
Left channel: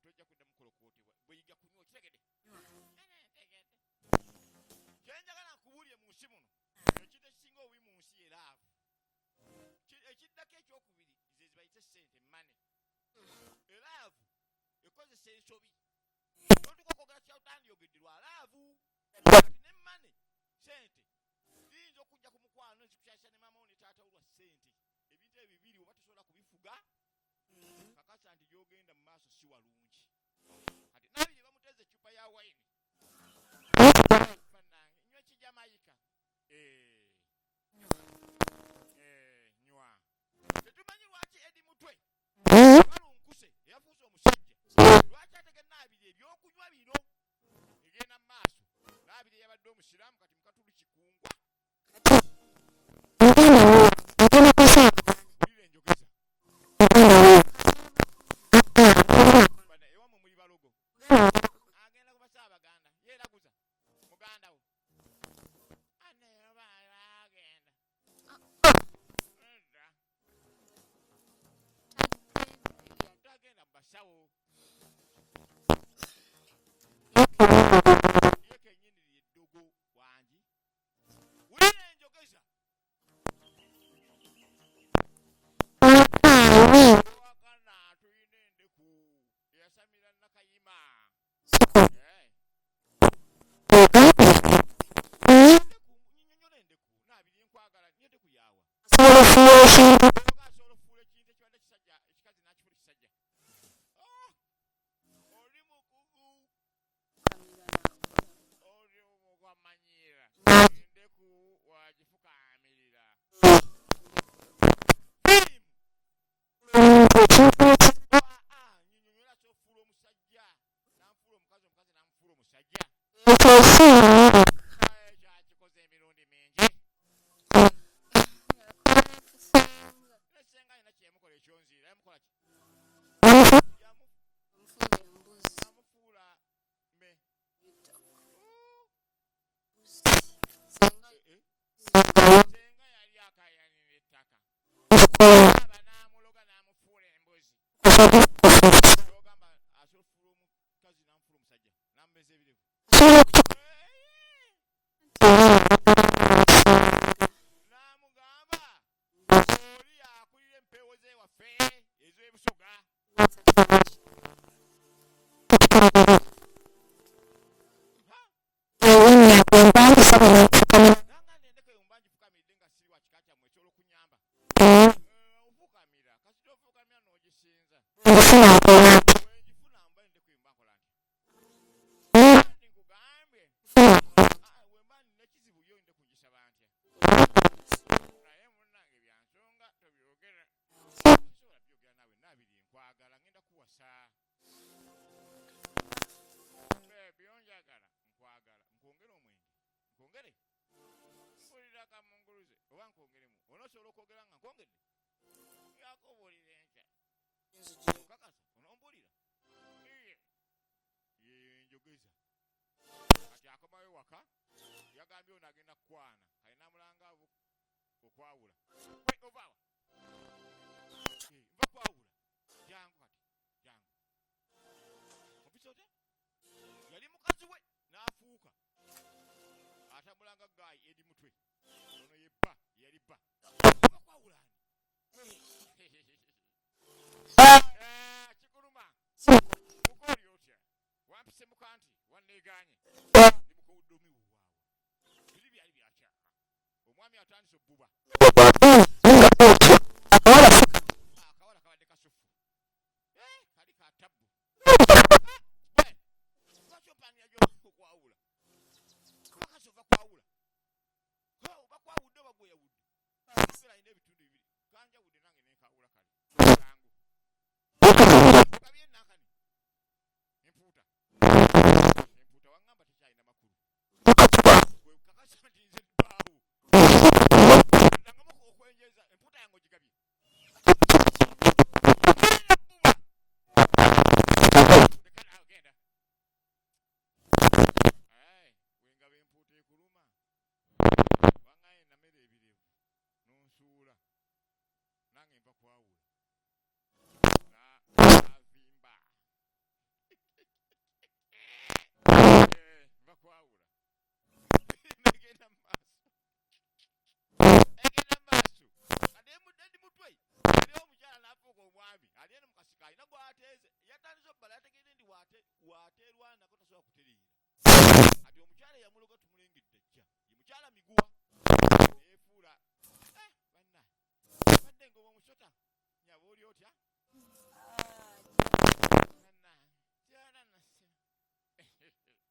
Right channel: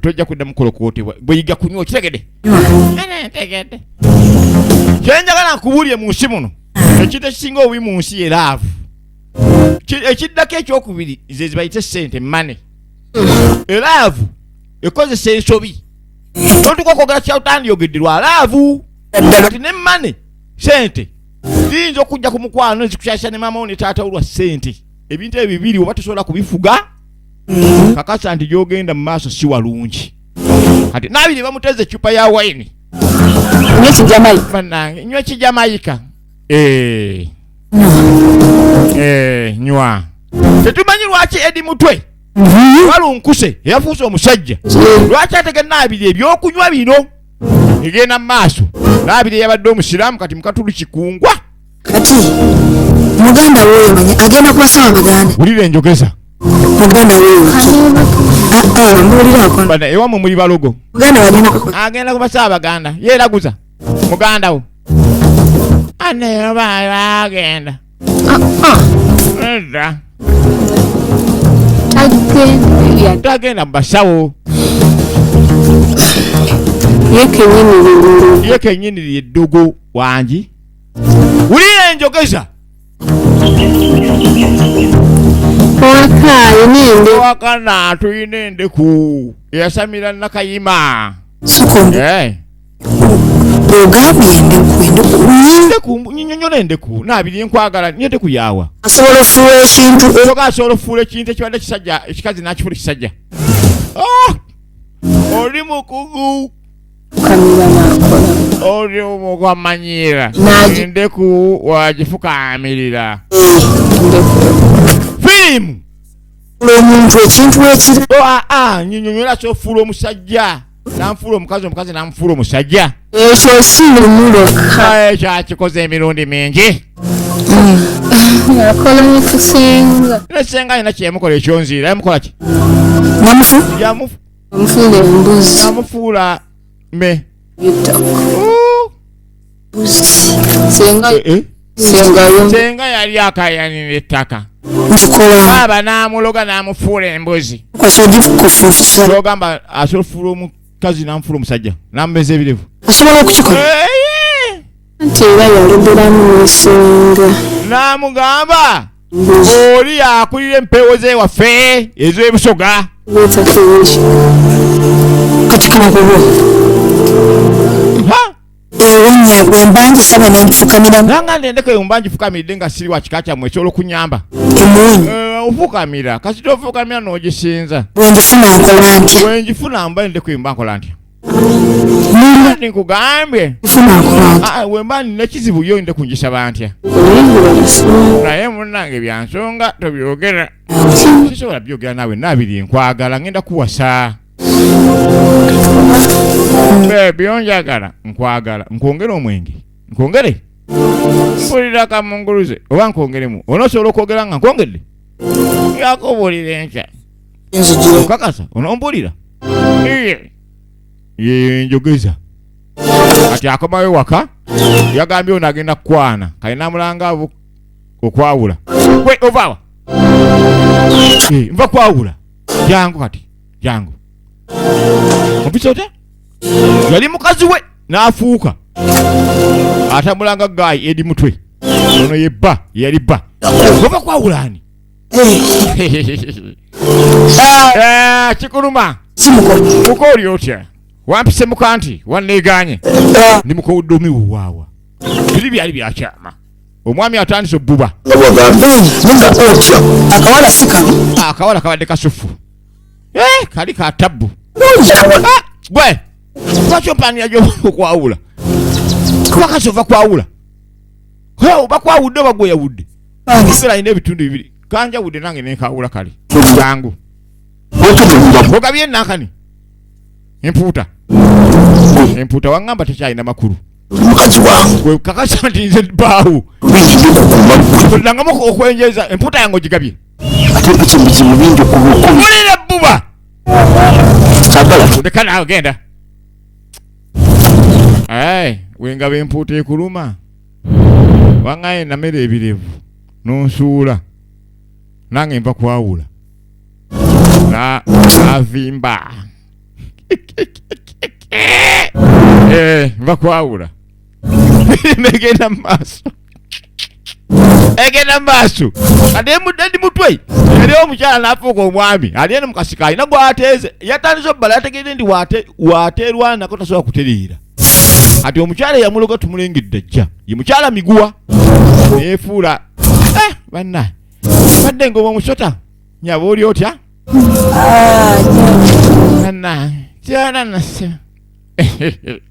tojja kuddamu kukolokootebwa bweyiga kunywa okitegedde. Ntegedde. Kyenjagala nkubuulire mu nsi muno ekintu ekisinga obubi mu nsi ye laavu. Ekiddako ekyokubiri ze zibayite ssente mane. Elaavu ekozesa ensobi. Tontuka okwogera kyawutandiyogedde lwa laavu. Kati ne mane ssente ziyinza okujja ku mukwano zikukyasa ne maama wo ne taata wo lwa ssente. Ebintu ebyo bibiri oba tosobola kubifuga kakasa nti gy'ogenda mu maaso si walungi. Kati naabiri bamuteze eccupa ya wayini. Nywa kijamayika. Nywa. Tetumanyi lwaki edi mutwe walunkuse yafuuse omusajja. Lwaki atege naabiri ebyokunywa bino egenda mu maaso. Naabiri yabadde omusiraamu kati mukatulu kikungwa. Kati Muganda wewe manya agenda kubasaba Baganda. Wulira enjogeza. Muganda wewe. Mbulira akona. Bana ewamu muli balogo. Agenda kubasaba Baganda. Yeeraguza. Muganda wo. Ane bagenda. Nda. Tagenda basawo. Yeke nyini lyedogo wangi. Wulira enjogeza. Wakana tuyina endeku yasamira nakayima. Sukombe. Ogabi endeku. Nyonyola endeku naabiri nkwagala nyete kuyawa. Asobola ofuula ekintu. Asobola ofuula ekintu ekibadde kisajja ekikazi n'akifuula kisajja. Oli mukugu. Kamira nakola. Oli omugwamanyira. Endeku wagifukaamirira. Firimu. Omuntu ekintu ekiri. Nyonyola ky'ofuula omusajja. Namfuula omukazi omukazi namufuula omusajja. Ekyo si lumulo. Ekyo akikoze emirundi mingi. Yakola mukusenga. Nesenga alina kyemukola ekyonziira yamukola ki? Namufuula embuzi. Namufuula me. Senga yali akayanira ettaka. Baba n'amuloga n'amufuula embuzi. Ogamba asobola okufuula omukazi n'amufuula omusajja n'amumeza ebirevu. Asobola okukikola. Nti era yaloberamu n'ensenga. N'amugamba oli akulira empeewo z'ewaffe ez'ebusoga. Kati kamakubo. Ewunya bwe mbanjisaba n'enfukamira. Nanga ndendeko eyo mbanjifukamiridde nga siri wa kika kyammwe esobola okunyamba. Ofukamira kasita ofukamira n'ogisinza. Bwe njifuna nkola ntya? Bwe njifuna mba ndeko eyo mba nkola ntya? Nikugambye. Wemba nina kizibu yo nde kunjisaba ntya. Naye munnange byansonga tobyogera. Sisobola byogera nawe nabiri nkwagala ngenda kuwasa. Baby onjagala nkwagala nkwongera omwenge. Nkwongere? Mpulira kamunguluze oba nkwongeremu. Onosobola okwogera nga nkwongedde? Yakubulira enkya. Kakasa onompulira? Ye njogeza. Ati akomawe waka yagambye onagenda kwana kalina mulanga okwawula. Gwe ovawa. Mva kwawula. Jangu kati. Jangu. Obisote? Yali mukazi we n'afuuka. Atamulanga gayi edi mutwe. Ono yebba yali bba. Ova kwawulani. Chikuluma. Uko oli otya? Wampise mukanti wanneeganye. Ndi mukowuddomi wuwaawa. Biri byali byakyama. Omwami atandise obbuba. Nga otya. Akawala sikano. Akawala kabadde kasufu. Kali ka tabbu. Gwe. Lwaki ompanira gy'okwawula? Kuba kasova kwawula. Oba kwawudde oba gwe yawudde. Kusera ine ebitundu bibiri. Kanja wudde nange nenkawula kale. Jangu. Ogabye nakani. Empuuta. Empuuta wangamba tekyalina makulu. Mukazi wange. Gwe kakasa nti nze bbaawo. Nangamu okwenjeza empuuta yange ogigabye. Ate mpise bizibu bingi okubukumi. Mulire bbuba. Sagala. Ndeka naawe genda. Wengaba empuuta ekuluma. Wangaye namere ebirevu. Nonsuula. Nange nva kwawula. Avimba. Nva kwawula. Egenda maaso. Egenda maaso. Ade mutwe. Eri omukyala n'afuuka omwami. Ali eno mukasika alina gw'ateeze. Yatandise obbala yategeere ndi waateerwa nako tasobola kutereera. Ati omukyala yamuloga tumulengedde ajja. Ye mukyala miguwa. Neefuula. Banna. Badde ngoma omusota. Nyaba oli otya? Banna. Kyana nase.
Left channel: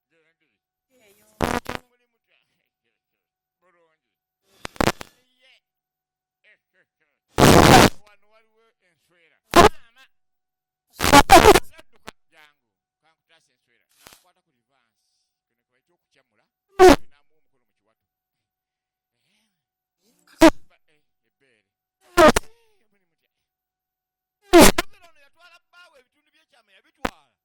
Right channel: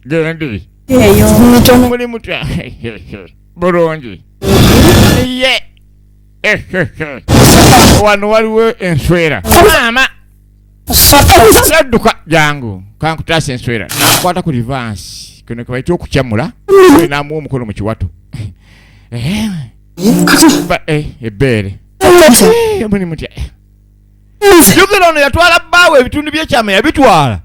Gendi. Muli mutya. Bulungi. Ye. Wano waliwo enswera. Maama. Sadduka jangu. Kankutaasa enswera. Nakwata ku rivansi. Kino kwe bayita okukyamula. Namuwa omukono mu kiwato. Ebbeere. Muli mutya. Jukira ono yatwala bbaawe ebitundu by'ekyama yabitwala.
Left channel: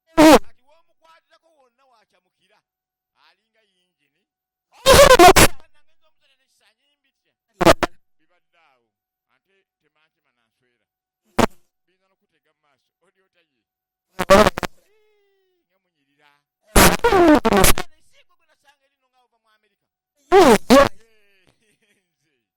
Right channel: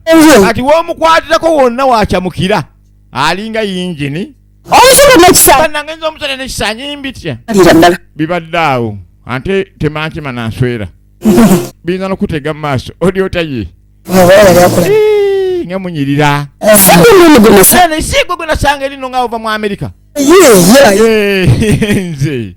Ati w'omukwatirako wonna wakyamukira. Alinga yingini. Omusolo n'ekisa. Bannangenza omusolo n'ekisa nyimbitya. Bibadde awo. Ante temankima nanswera. Biyinza n'okutega mu maaso. Oli otaye. Nga munyirira. Sigwe gwe nasanga erino nga ova mu Amerika. Nze.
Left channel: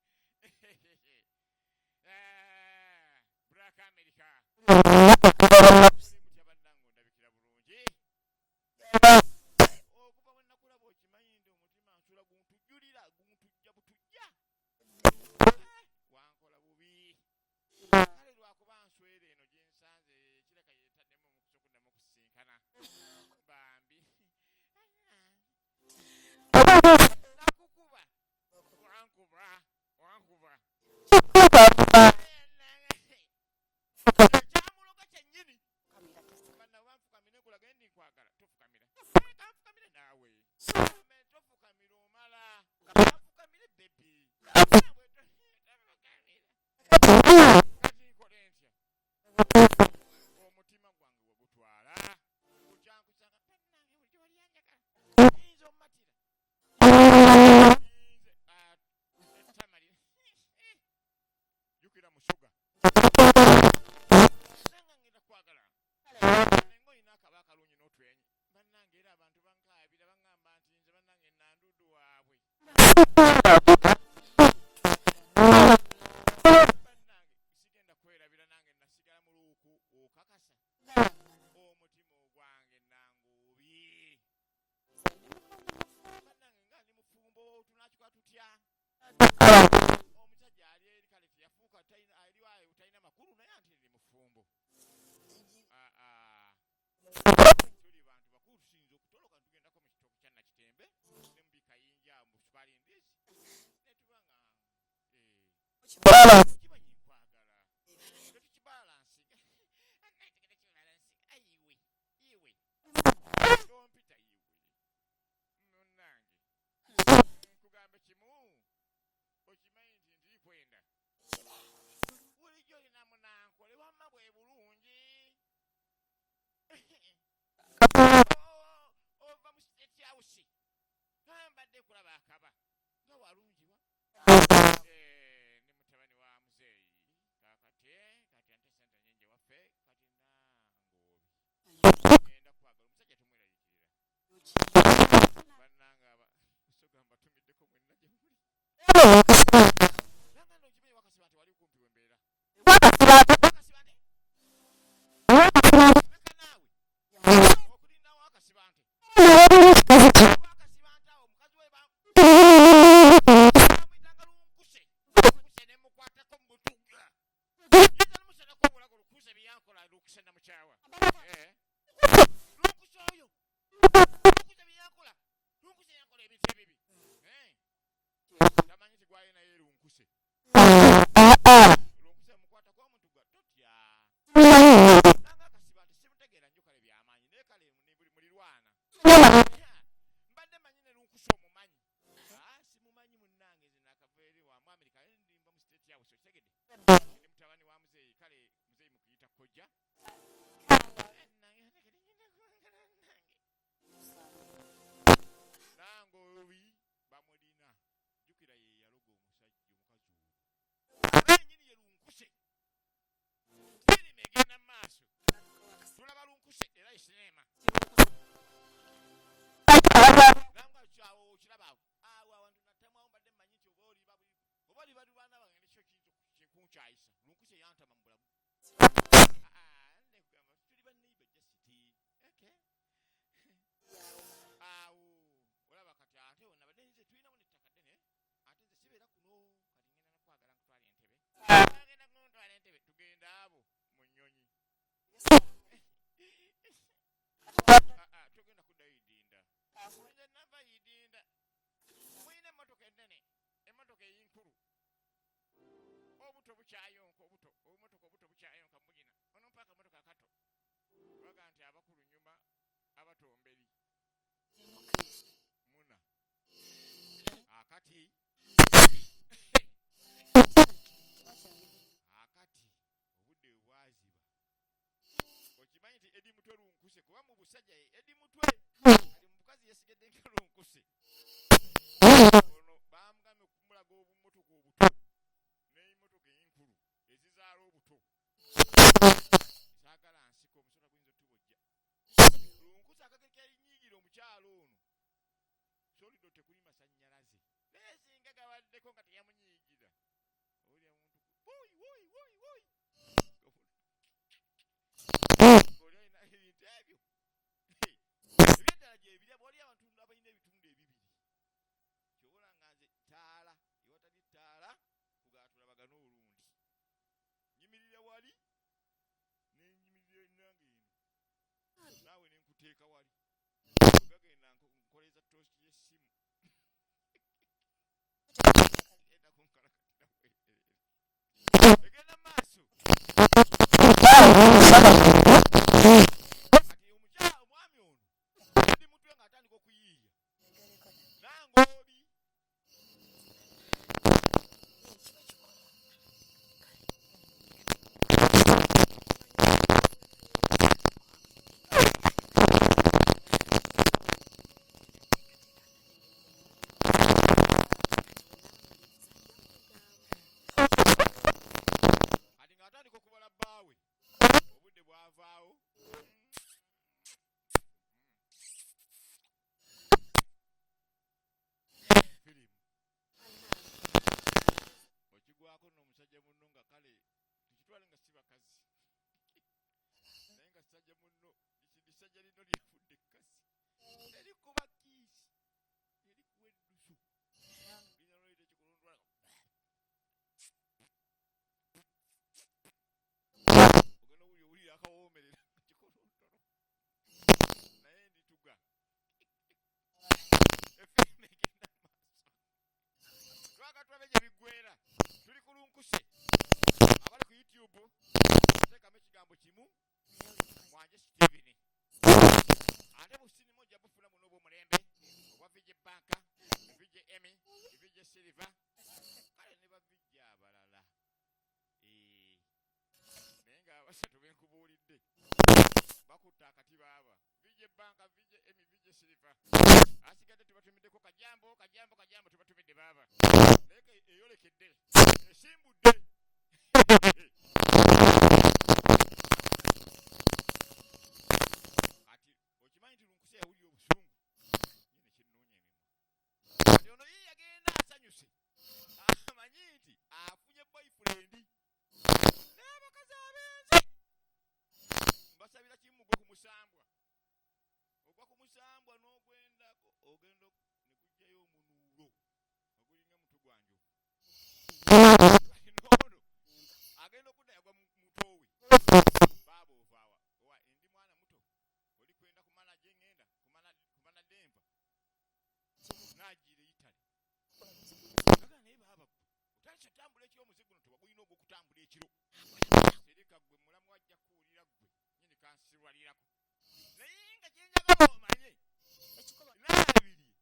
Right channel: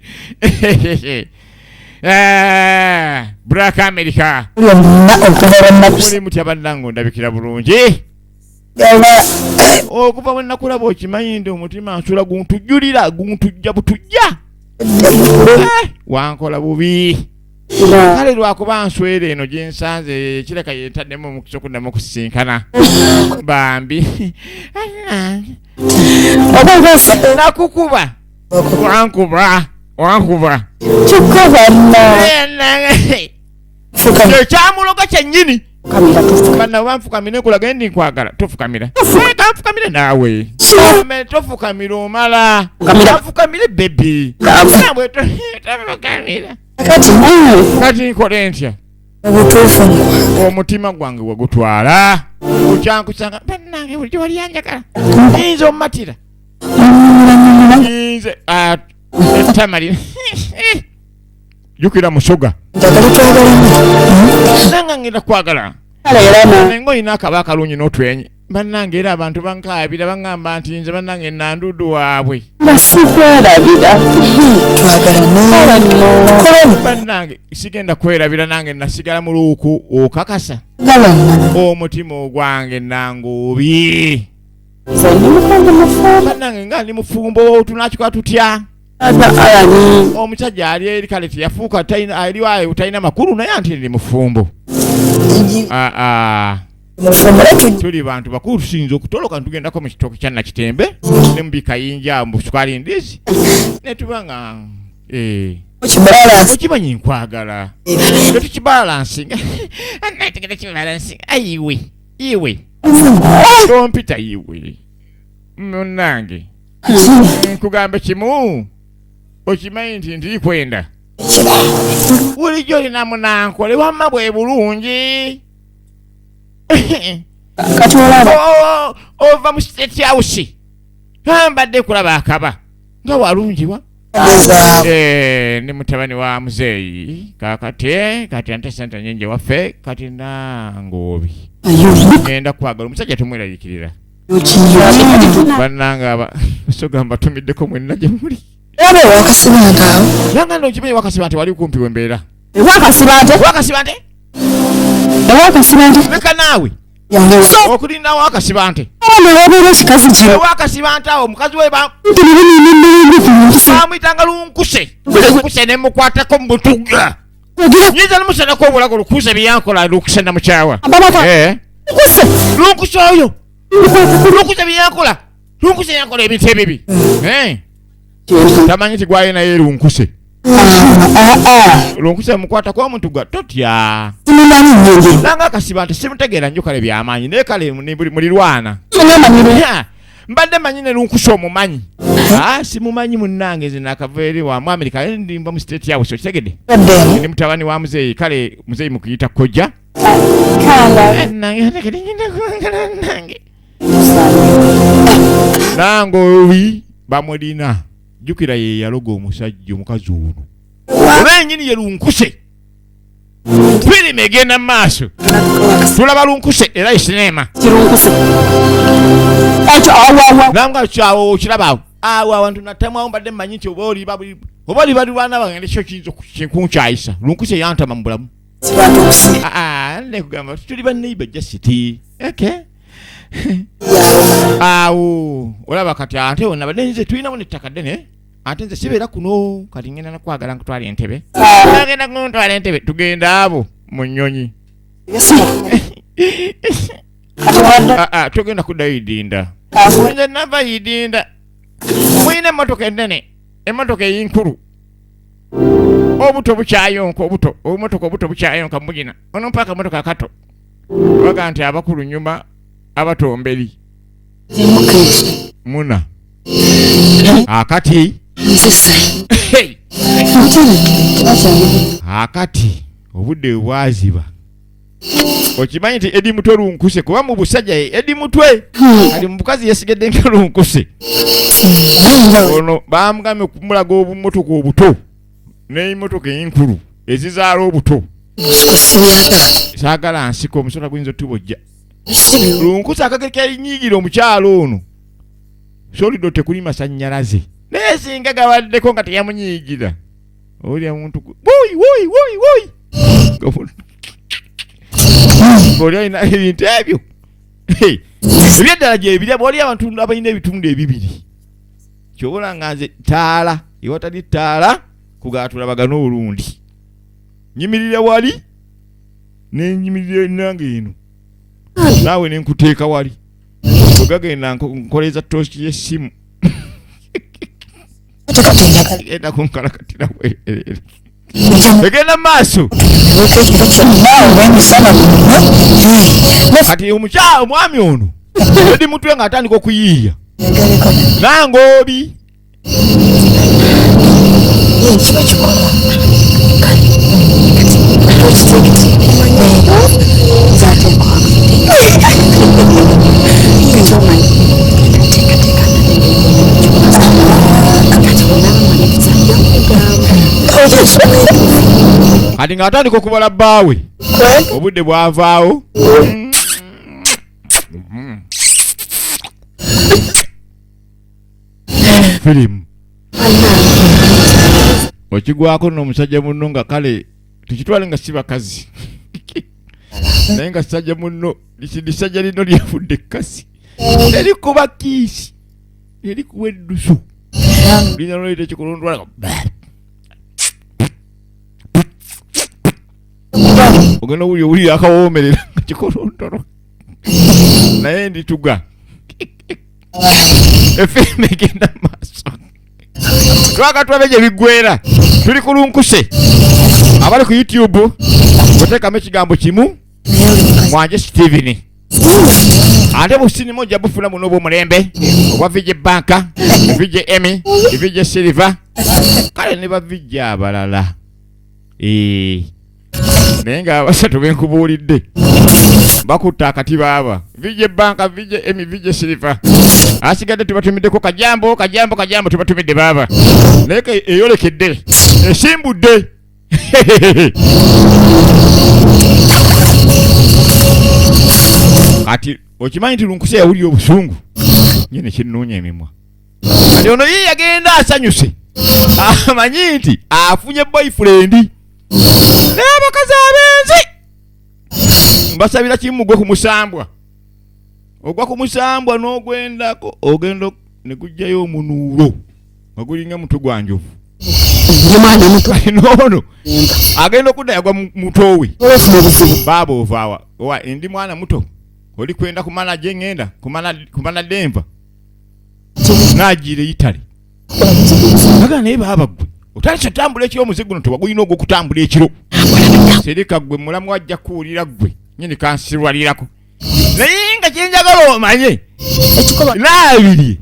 Black America. Muli mutya bannange ndabikira bulungi. Okuva bwe nakulaba okimanyi ndi omutima nsula guntujjulira guntujja butujja. Wankola bubi. Kale lwakuba nswera eno gye nsanze kireka yentaddemu omukisa okuddamu okusisinkana. Bambi. Nakukuba. Wankuba. Ekyamuloga kyennyini. Banna banfukamire kulaga ndi nkwagala tofukamira. Kanfukamire naawe. Tofukamira omala. Kanfukamire bebi. Nabwe tofukamira. Kati nkole ntya? Omutima gwange wagutwala. Okyankusanga bannange buli gye wali yanjagala. Nze omumatira. Nze Tamali. Jukira musoga. Nanga ngenda kwagala. Nengo ina akaba kalungi n'otwenye. Bannange era abantu bankaabira bangamba nti nze bannange nandudu waabwe. Basikwelabira. Bannange sigenda kwerabira nange nasigala mu luuku okakasa. Omutima ogwange nangubi. Bannange nga ndi mufumbo tunakikola tutya. Omusajja ali eri kale teyafuuka aliwayo talina makulu naye anti ndi mufumbo. tuli bantu bakulu tusinza okutoloka ntugenda mu kitooke kya Nakitembe ne mu bikayinja mu sukali ndizi ne tubanga okimanyi nkwagala tetukibalansinga anategera kibalansinga iwe tompita iwe munnange nkugambe kimu okimanyi nti ndikwenda bulijjo olina munankole wamma bwe bulungi kati olaba ova mu state house mbadde kulaba akaba nga walungiwa ne mutabani wa muzeeyi kati ante sente nyingi waffe kati nangobi ngenda kwagala omusajja tumweraliikirira bannanga aba sogamba tumiddeko mwenna gye muli aba wakasibanta awo nanga ndokimanyi wakasibante wali kumpi wembeera wakasibante leka naawe okulinda wakasibante wabeera ekikazi kino wakasibante awo omukazi we bamwyitanga lunkuse nemukwatako mu butuga nyinza nemusanako obulago lukuse byeyankola lunkuse namukyawa lunkuse oyo lunkuse byeyankola lunkuse yankola ebintu ebibi tamanyi ti gwaye naye lunkuse lunkuse mukwatako omutuga totya nanga akasiba nti simutegeera nnyo kale byamaanyi naye kale mulirwana mbadde manyi ne lunkuse omumanyi simumanyi munnange nze nakava eri wa mu Amerika ndimba mu state yawe sokitegedde ndi mutabani wa muzeeyi kale muzeeyi mukuyita kojja nange owi bamulina jjukira ye yaloga omusajja omukazi ono olwenyini ye lunkuse firimu egenda mu maaso tulaba lunkuse era esinema nanga kyawo okiraba awo awantu natamwawo mbadde mmanyi nti oba oli balirwana bagende kyo kiyinza kunkyayisa lunkuse yantama mu bulamu nekugamba tuli banneiba jasiti awo olaba kati ate wonna badde nze tulinawo nettaka ddene ate nze sibeera kuno kati ngenda nakwagala nkutwala entebe agenda kuntwala entebe tugenda abo mu nnyonyi tugenda kuddayo idinda nze nava idinda muyina emmotoka ennene emmotoka eyinkulu obuto bukyayonka obumotoka bukyayonka mugina ono mpaka motoka akato baga nti abakulu nyuma abatomberi muna akati akati obudde bwaziba okimanyi nti edi mutwe lunkuse kuba mu busajja edi mutwe kali mu bukazi yesigedde nga lunkuse ono bamugambye okumulaga obumotoka obuto n'emmotoka enkulu ezizaala obuto saagala nsiko omusola guyinza otubojja lunkuse akageka erinyiigira omukyalo ono solido tekuli masannyalaze naye singa gabaddeko nga teyamunyiigira olya muntu oli alina ebintu ebyo ebyeddala gyebirya bwoli abantu abalina ebitundu ebibiri kyobola nga nze taala ewatali taala kugatulabagana olundi nyimirira wali nenyimirira nange eno naawe nenkuteeka wali ogagenda nkoleza toosi y'essimu genda kunkalakatira bwerere egenda maaso kati omukyalo omwami ono edi mutwe ng'atandika okuyiiya nange obi kati ng'atandika okubala bbaawe obudde bwavaawo firimu okigwako n'omusajja munno nga kale tukitwale nga si bakazi naye nga sajja munno lisajja lino lyafudde ekkasi erikuba kiisi erikuwa eddusu lina noleta ekikulundwala ogenda owulira akawoomerera nga kikolondolo naye ndituga efilime egenda maaso twakatwabe gye biggwera tuli kulunkuse abali ku YouTube oteekamu ekigambo kimu mwanje Steven ate businimo ojja bufuna muno obw'omulembe obwa vije banka vije emi vije silver kale ne bavijja abalala naye nga abasatu benkubuulidde bakutta akati baaba vije banka vije emi vije silver asigadde tubatumiddeko kajambo tubatumidde baaba naye eyolekedde esimbudde kati okimanyi nti lunkuse yawulira obusungu nyine kinnuunya emimwa kati ono ye yagenda asanyuse amanyi nti afunye boyfriend n'abakazi abenzi mbasabira kimu gwe kumusambwa ogwa kumusambwa n'ogwendako ogenda ne gujjayo omunuulo nga gulinga mutwe gwa njovu mwana muto nono agenda okudda yagwa mutowe baba ovaawa owa ndi mwana muto oli kwenda kumala jengenda kumala Denver najire Italy aga naye baba gwe otali tambula ekiro muzigo no tewagulina ogwo kutambula ekiro serika gwe mulamu wajja kuwulira gwe nyini kansirwalirako naye nga kyenjagala omanye naabirye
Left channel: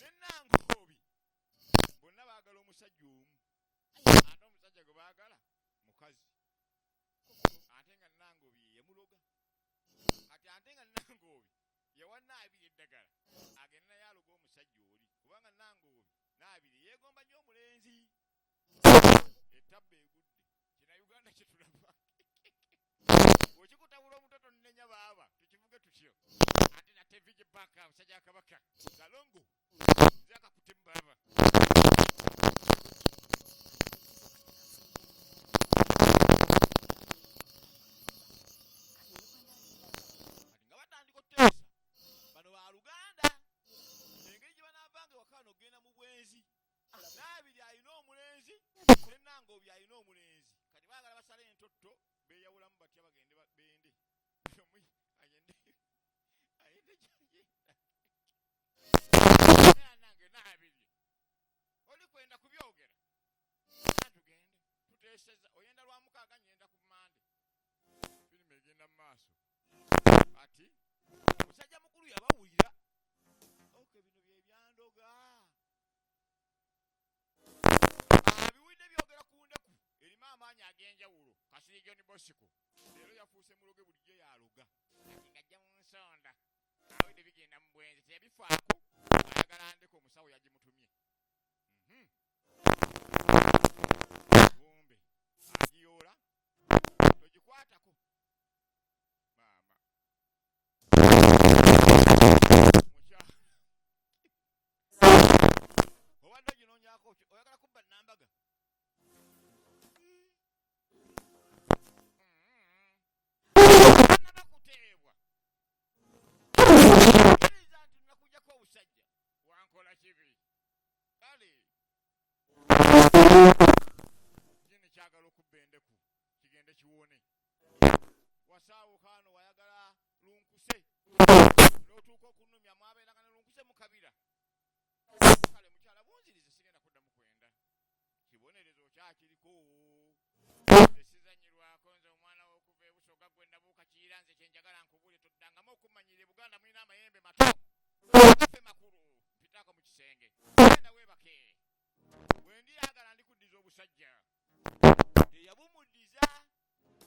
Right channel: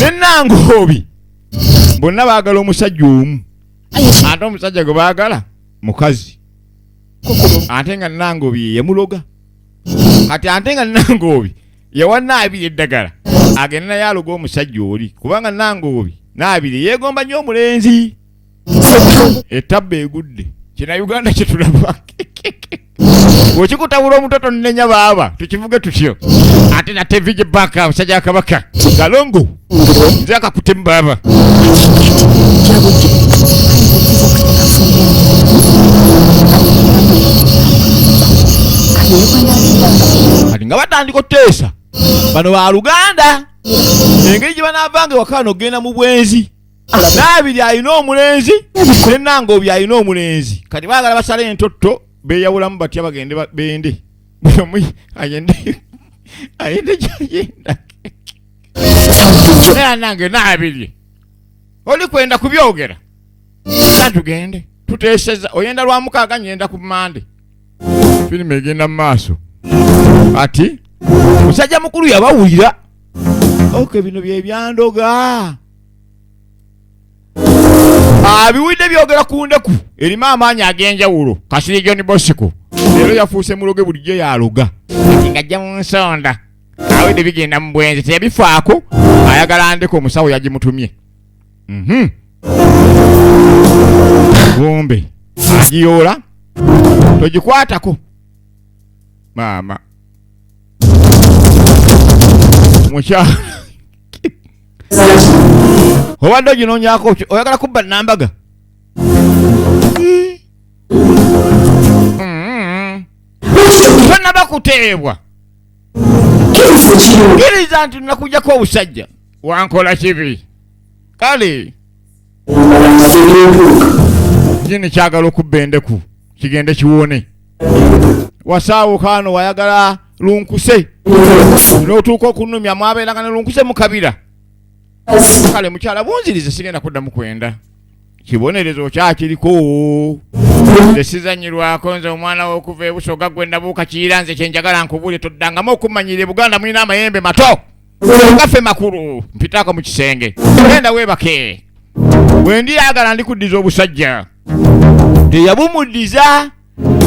nenangobi bonna baagala omusajja omu ate omusajja gwe baagala mukazi ate nga nangobi yamuloga kati ate nga nangobi yawa naabiri eddagala agenda naye aloga omusajja oli kubanga nangobi naabiri yeegomba nnyo omulenzi ettabba egudde kina Uganda kyetulaba bwekikutabula omutoto nnenya baaba tukivuge tutyo ate nate vije banka omusajja akabaka galongo nze akakutemu baaba kati nga batandika oteesa bano ba Luganda engeri gye banaavanga ewakano ogenda mu bwenzi naabiri alina omulenzi nenangobi alina omulenzi kati baagala basala entotto beeyawulamu batya bagende bende buli omu ayende gyayenda naye nange naabiri oli kwenda kubyogera sa tugende tuteeseza oyenda lwa mukaaga nyenda ku Mande firimu egenda mu maaso ati musajja mukulu yabawulira oke bino bye byandoga biwulidde byogera ku ndeku erimu amaanyi ag'enjawulo Kasiri John Bosco leero yafuuse muloge bulijjo yaloga ati ngajja mu nsonda awedde bigenda mu bwenzi teyabifaako ayagala ndeko omusawo yagimutumye gombe agiyoola togikwatako maama mukyala obadde oginoonyako oyagala kubba nambaga tonnaba kuteebwa kkiriza nti nakujjako obusajja wankola kibi kale nyini kyagala okubba endeku kigende kiwone wasaawukaano wayagala lunkuse n'otuuka okunumya mwabeeranga ne lunkuse mu kabira kale mukyala bunzirize sigenda kuddamu kwenda kibonerezo kyakiriko tesizanyirwako nze omwana w'okuva ebusoga gwenda buuka kiira nze kyenjagala nkubule toddangamu okumanyira Buganda mulina amayembe mato gaffe makulu mpitaako mu kisenge genda weebake bwendiyagala ndikuddiza obusajja teyabumuddiza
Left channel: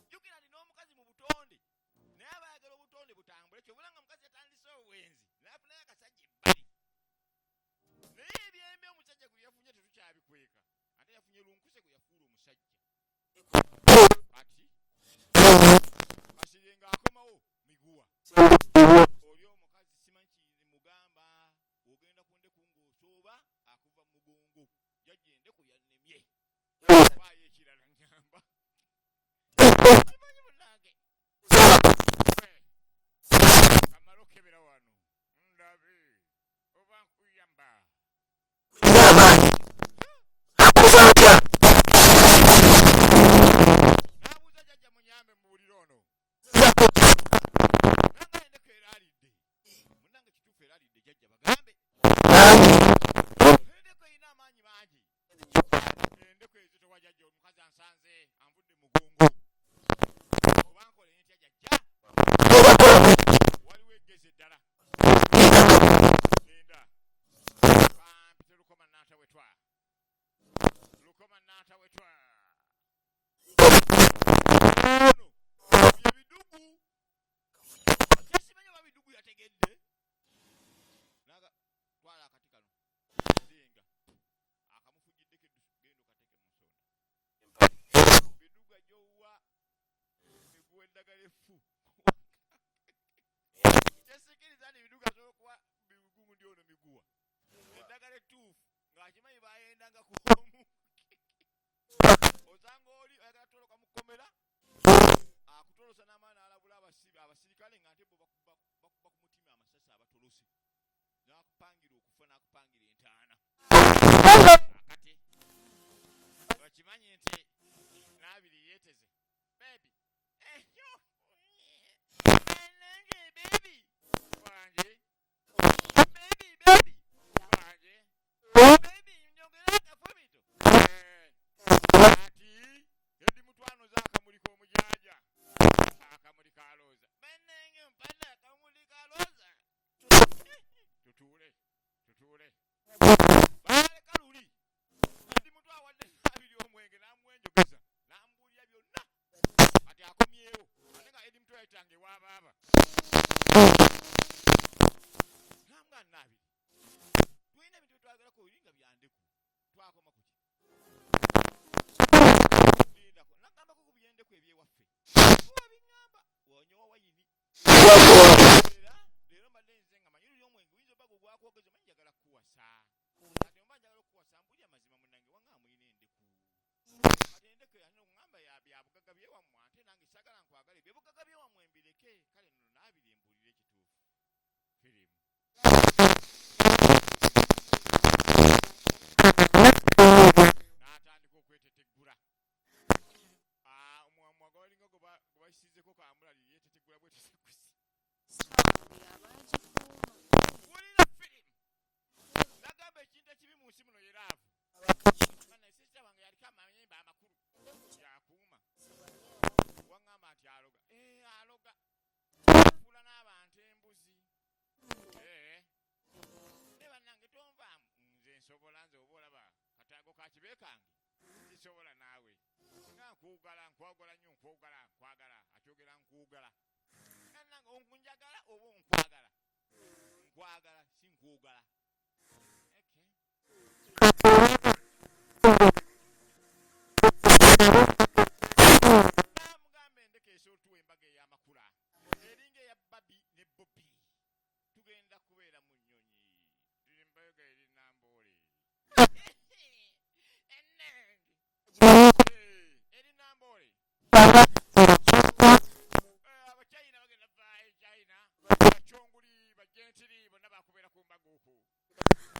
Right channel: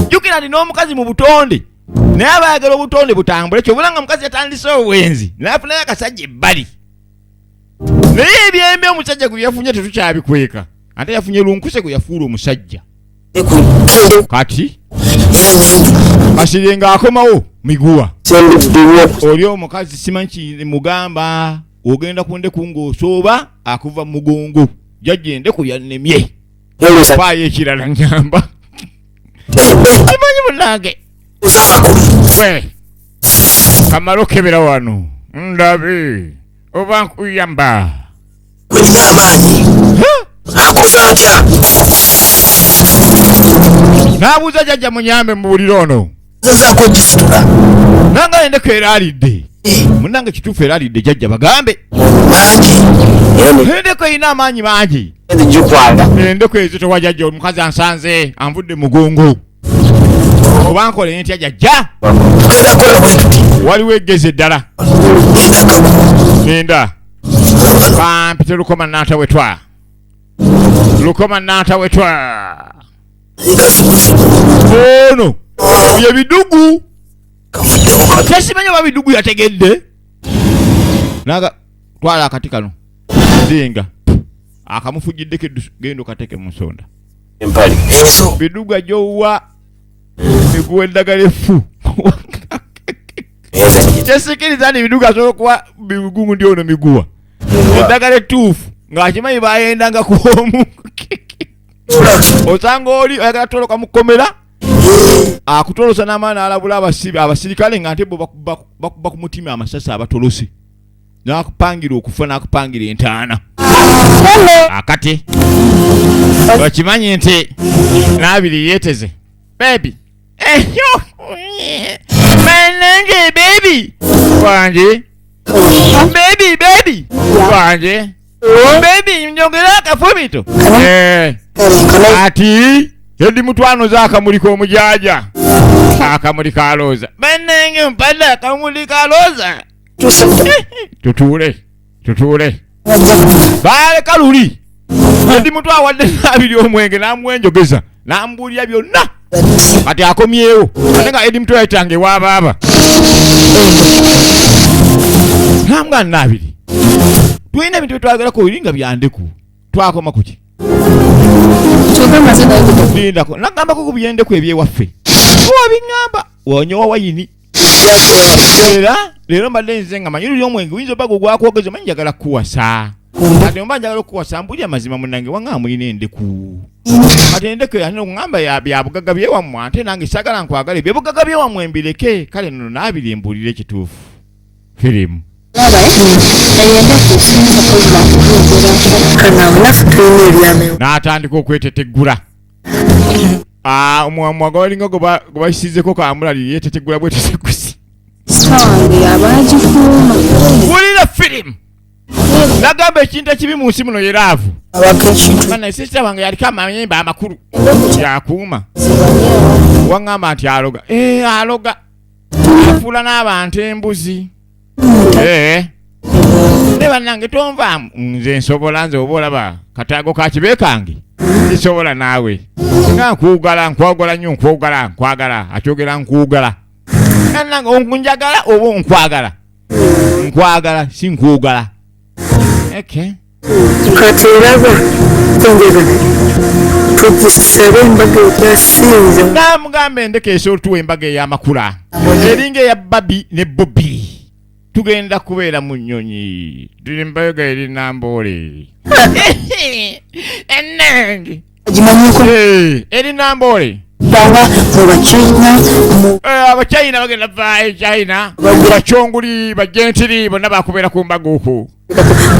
jjukira ndi n'omukazi mu butonde naye abayagala obutonde butambule kyobulanga mukazi yatandise obwenzi nafunayo akasajja ebbali naye ebyembe omusajja gwe yafunye tetukyabikweka ate yafunye lunkuse gwe yafuula omusajja kati Kasiri ng'akomawo miguwa oli omukazi simanyi mugamba ogenda ku ndeku ng'osooba akuva mu mugongo jjajja endeku yannemye faayo ekirala nyamba kimanyi munnange gwe kamala okebera wano ndabe oba nkuyamba Welina amaanyi akuva atya n'abuuza jjajja munyambe mu buliro ono zazaako gisitula nanga endeko eralidde munange kituufu eralidde jajja bagambe endeko erina amaanyi mangi endeko ezo tewajajja omukazi ansanze anvudde mugongo oba nkole ntya jajja waliwo eggezi eddala genda kampite lukoma n'atawetwa lukoma n'atawetwa ono bye bidugu tesimanyi oba bidugu yategedde naga twala akati kano dinga akamufujjiddeko genda okateke mu nsonda bidugu ajowa miguwa eddagala effu kyesikiriza ni bidugu asobola okuba bigugu ndi ono miguwa eddagala ettuufu ng'akimanyi bayendanga kuomu osanga oli oyagala toloka mukomera akutolosa n'amaani alabula abasirikale nga nte bo bakuba ku mutima amasasi abatolose n'akupangira okufa n'akupangira entaana akati okimanyi nti n'abiri yeeteze bebi manange bebi wanje bebi wanje bebi njogera akafumito ati yedi mutwano z'akamuli k'omujaja akamuli ka looza manange mpadde akamuli ka looza tutuule baale kaluli yedi mutwa awadde n'abiri omwenge n'amwenjogeza n'ambuulira byonna kati akomyewo ate nga edi mutwa yayitange waabaaba nambwa n'abiri tulina ebintu byetwagerako biri nga byandeku twakoma kuki lindako nagambako ku byendeku ebyewaffe owabiŋŋamba wonyowa wayini era leero mbadde nze nga manyi luli omwenge oyinza obaga ogwakwogeza manyi njagala kukuwasa kati omba njagala okukuwasa mbulya mazima munange wanga mulina endeku kati endeku yaŋŋamba byabugaga byewammwe ate nange sagala nkwagala ebyobugaga byewammwe mbireke kale nno naabiri mbuulire ekituufu firimu n'atandika okweteteggula omwamwaga walinga gwe bayisizeko kamulali yeteteggula bwetetegusi wulira firimu nagamba ekintu ekibi mu nsi muno yeraavu mana sisita wange yaliko amayembe amakulu yakuuma waŋŋamba nti aloga aloga afuula n'abantu embuzi ne bannange tonvaamu nze nsobola nze oba olaba kataago ka kibe kange nsobola naawe nga nkwagala nnyo nkwagala akyogera nkwagala bannange onkunjagala oba onkwagala nkwagala si nkwagala kati eraba enjagala tugisabe embaga ekyasinze namugambe endeka esobola tuwa embaga ey'amakula eringa eya babi ne bobi tugenda kubeera mu nnyonyi tuli mbayoga eri namboole ennange agimanyiko eri namboole banga mu bachina abachina bagenda vaayo china bachonguli bajentiri bonna bakubeera ku mbaga okwo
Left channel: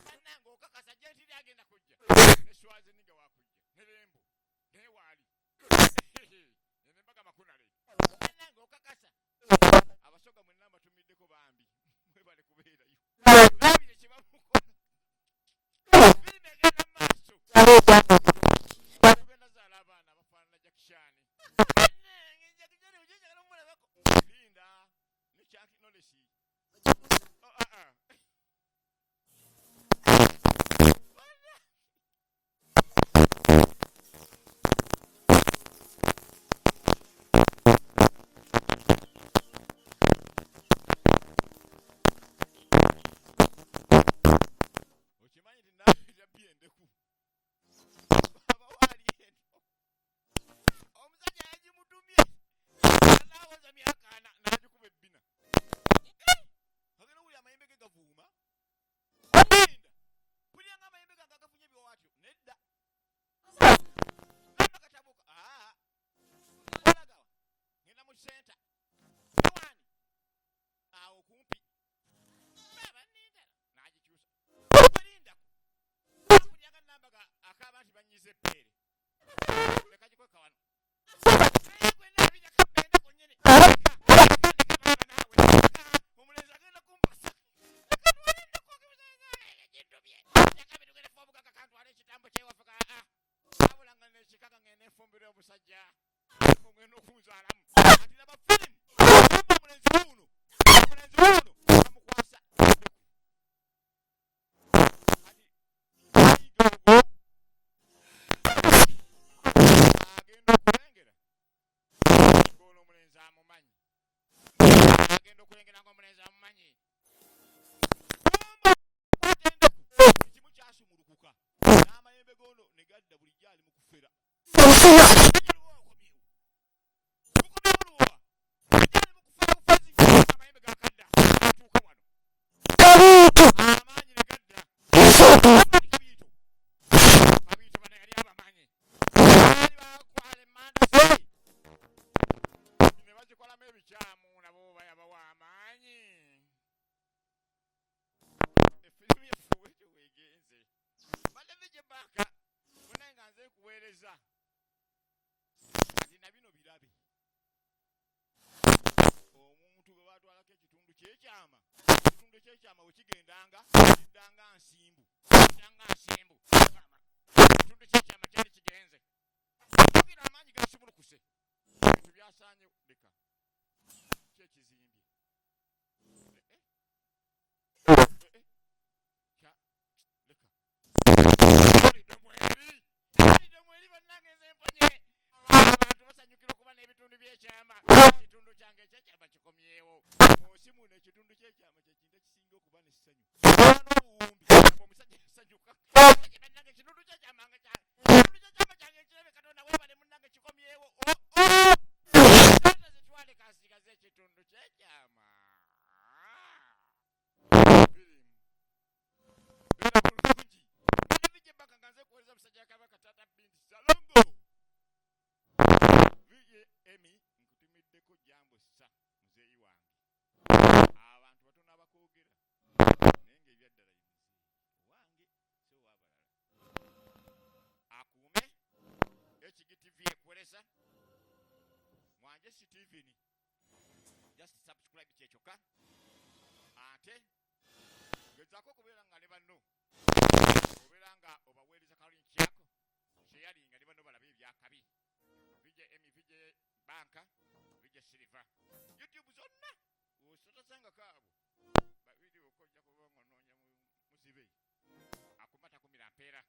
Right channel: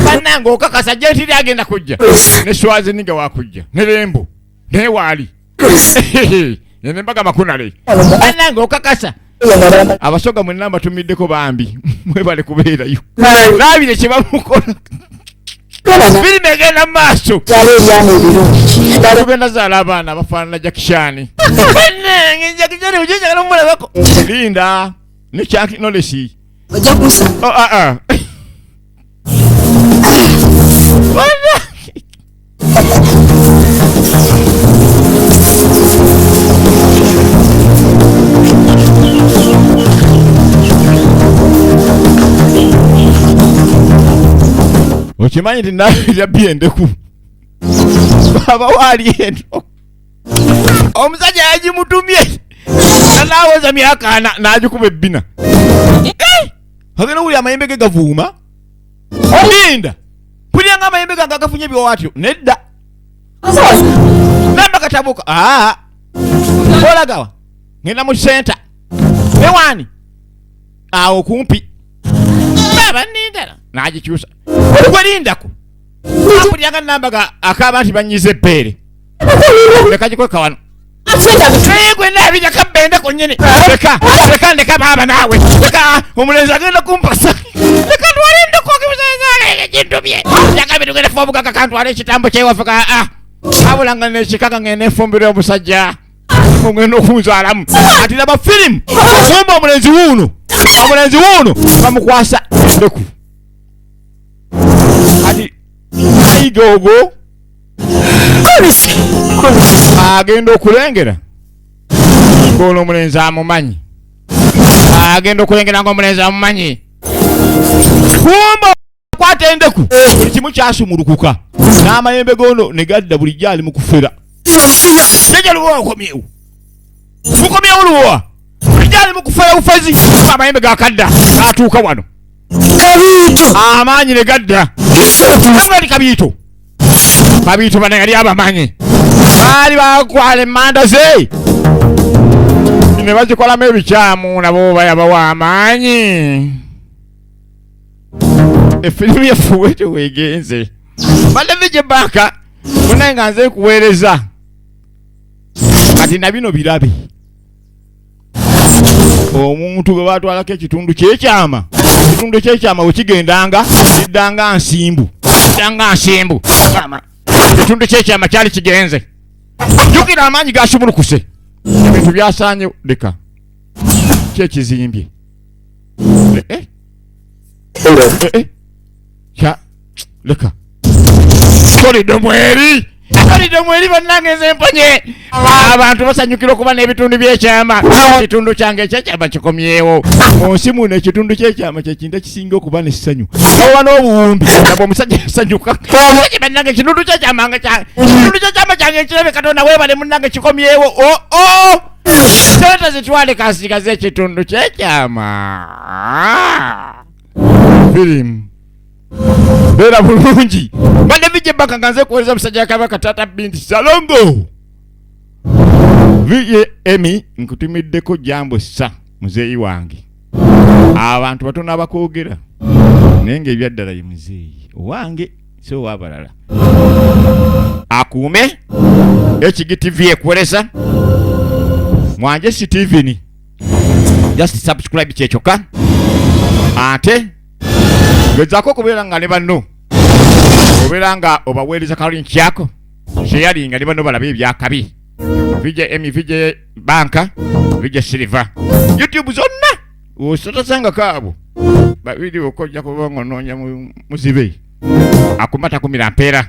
bannange okakasa jentiri agenda kujja ne swazi niga wakujja ne lembo ne waali nembaga makunale bannange okakasa abasoga mwenna mbatumiddeko bambi mwebale kubeerayo laabire kye bamukola firimu egenda mu maaso tugenda zaala abaana bafaanana jakishani bannange jakishani ujejagala omulabako linda ne kyakinolesi ojja kusa okimanyi nti naabirya byendeku baba waali eno omusajja yagimutumye nanaawoza myaka ana n'agikuba ebbina agenda wuli amayembe ge gavuuma linda pulyanga amayembe gange agafunye byowatyo nedda namba katabuka olagawa ngenda mu senta ewaani awo kumpi baba nindala n'agikyusa gwelindako apulyanga namba akaba nti banyiza ebbeere leka gikweka wano gwe naabirya kabbendeko konyene leka baba nawe leka omulenzi agenda kumpasa leka twalinde kokibuzazale ekintu bye yakabiri ngene fobuka kakantwala ekitambo kyewafika abulanga nekikaka ngene fumbire omusajja ngene okunzalamu ati laba film somba omulenzi wuno bamukwasa endeku ati aigogo Kolisi agenda okulengera ng'ono omulenzi amumanyi agenda okulengera ng'omulenzi amumanyi kumba kwata endeku buli kimu kyasumulukuka n'amayembe gono ne gadda bulijjo ali mu kufera jeje luwa okomyewo mukomyewo luwa bulijjo ali mu kufera bufezi amayembe gakadda n'atuuka wano Kabiito amaanyi ne gadda emwali kabiito bano yali abamanyi baali bakwala emmanda ze ne bazikolamu ebikyamu nabo bayabawa amaanyi efirimu yafuwete weegenze badde gye banka munaye nga nze kuweereza kati na bino birabe omuntu gwe batwalako ekitundu kyekyama wekigendanga kiddanga nsimbu ekitundu kyekyama kyali kigenze jjukira amaanyi gasumulukuse ebintu byasaanye leka kyekizimbye leka tolidde mweri bannange nze mponye abantu basanyukira okuba n'ebitundu byekyama ekitundu kyange ekyekyama kikomyewo mu nsi muno ekitundu kyekyama kyekintu ekisinga okuba n'essanyu oba n'obuwumbi nabwe omusajja yasanyuka bannange ekitundu kyekyama kyange ekirabe katonda weebale munnange kikomyewo sente zitwale kasigaze ekitundu kyekyama firimu beera bulungi badde vije baka nga nze kuweereza musajja kabaka tata binti salongo vije emi nkutumiddeko jambo sa muzeeyi wange abantu batono abakoogera naye ng'ebyaddala ye muzeeyi owange so wabalala akuume HGTV ekuweereza mwanje Steven just subscribe kyekyoka ate gezaako okubeera nga ne banno obeera nga obaweereza kalungi kyako sheyalinga ne banno balabe ebyakabi vije emi vije banka vije silver YouTube zonna osotasanga kaabo bavidiyo okojja kuba nga onoonya muzibe akumata kumira mpeera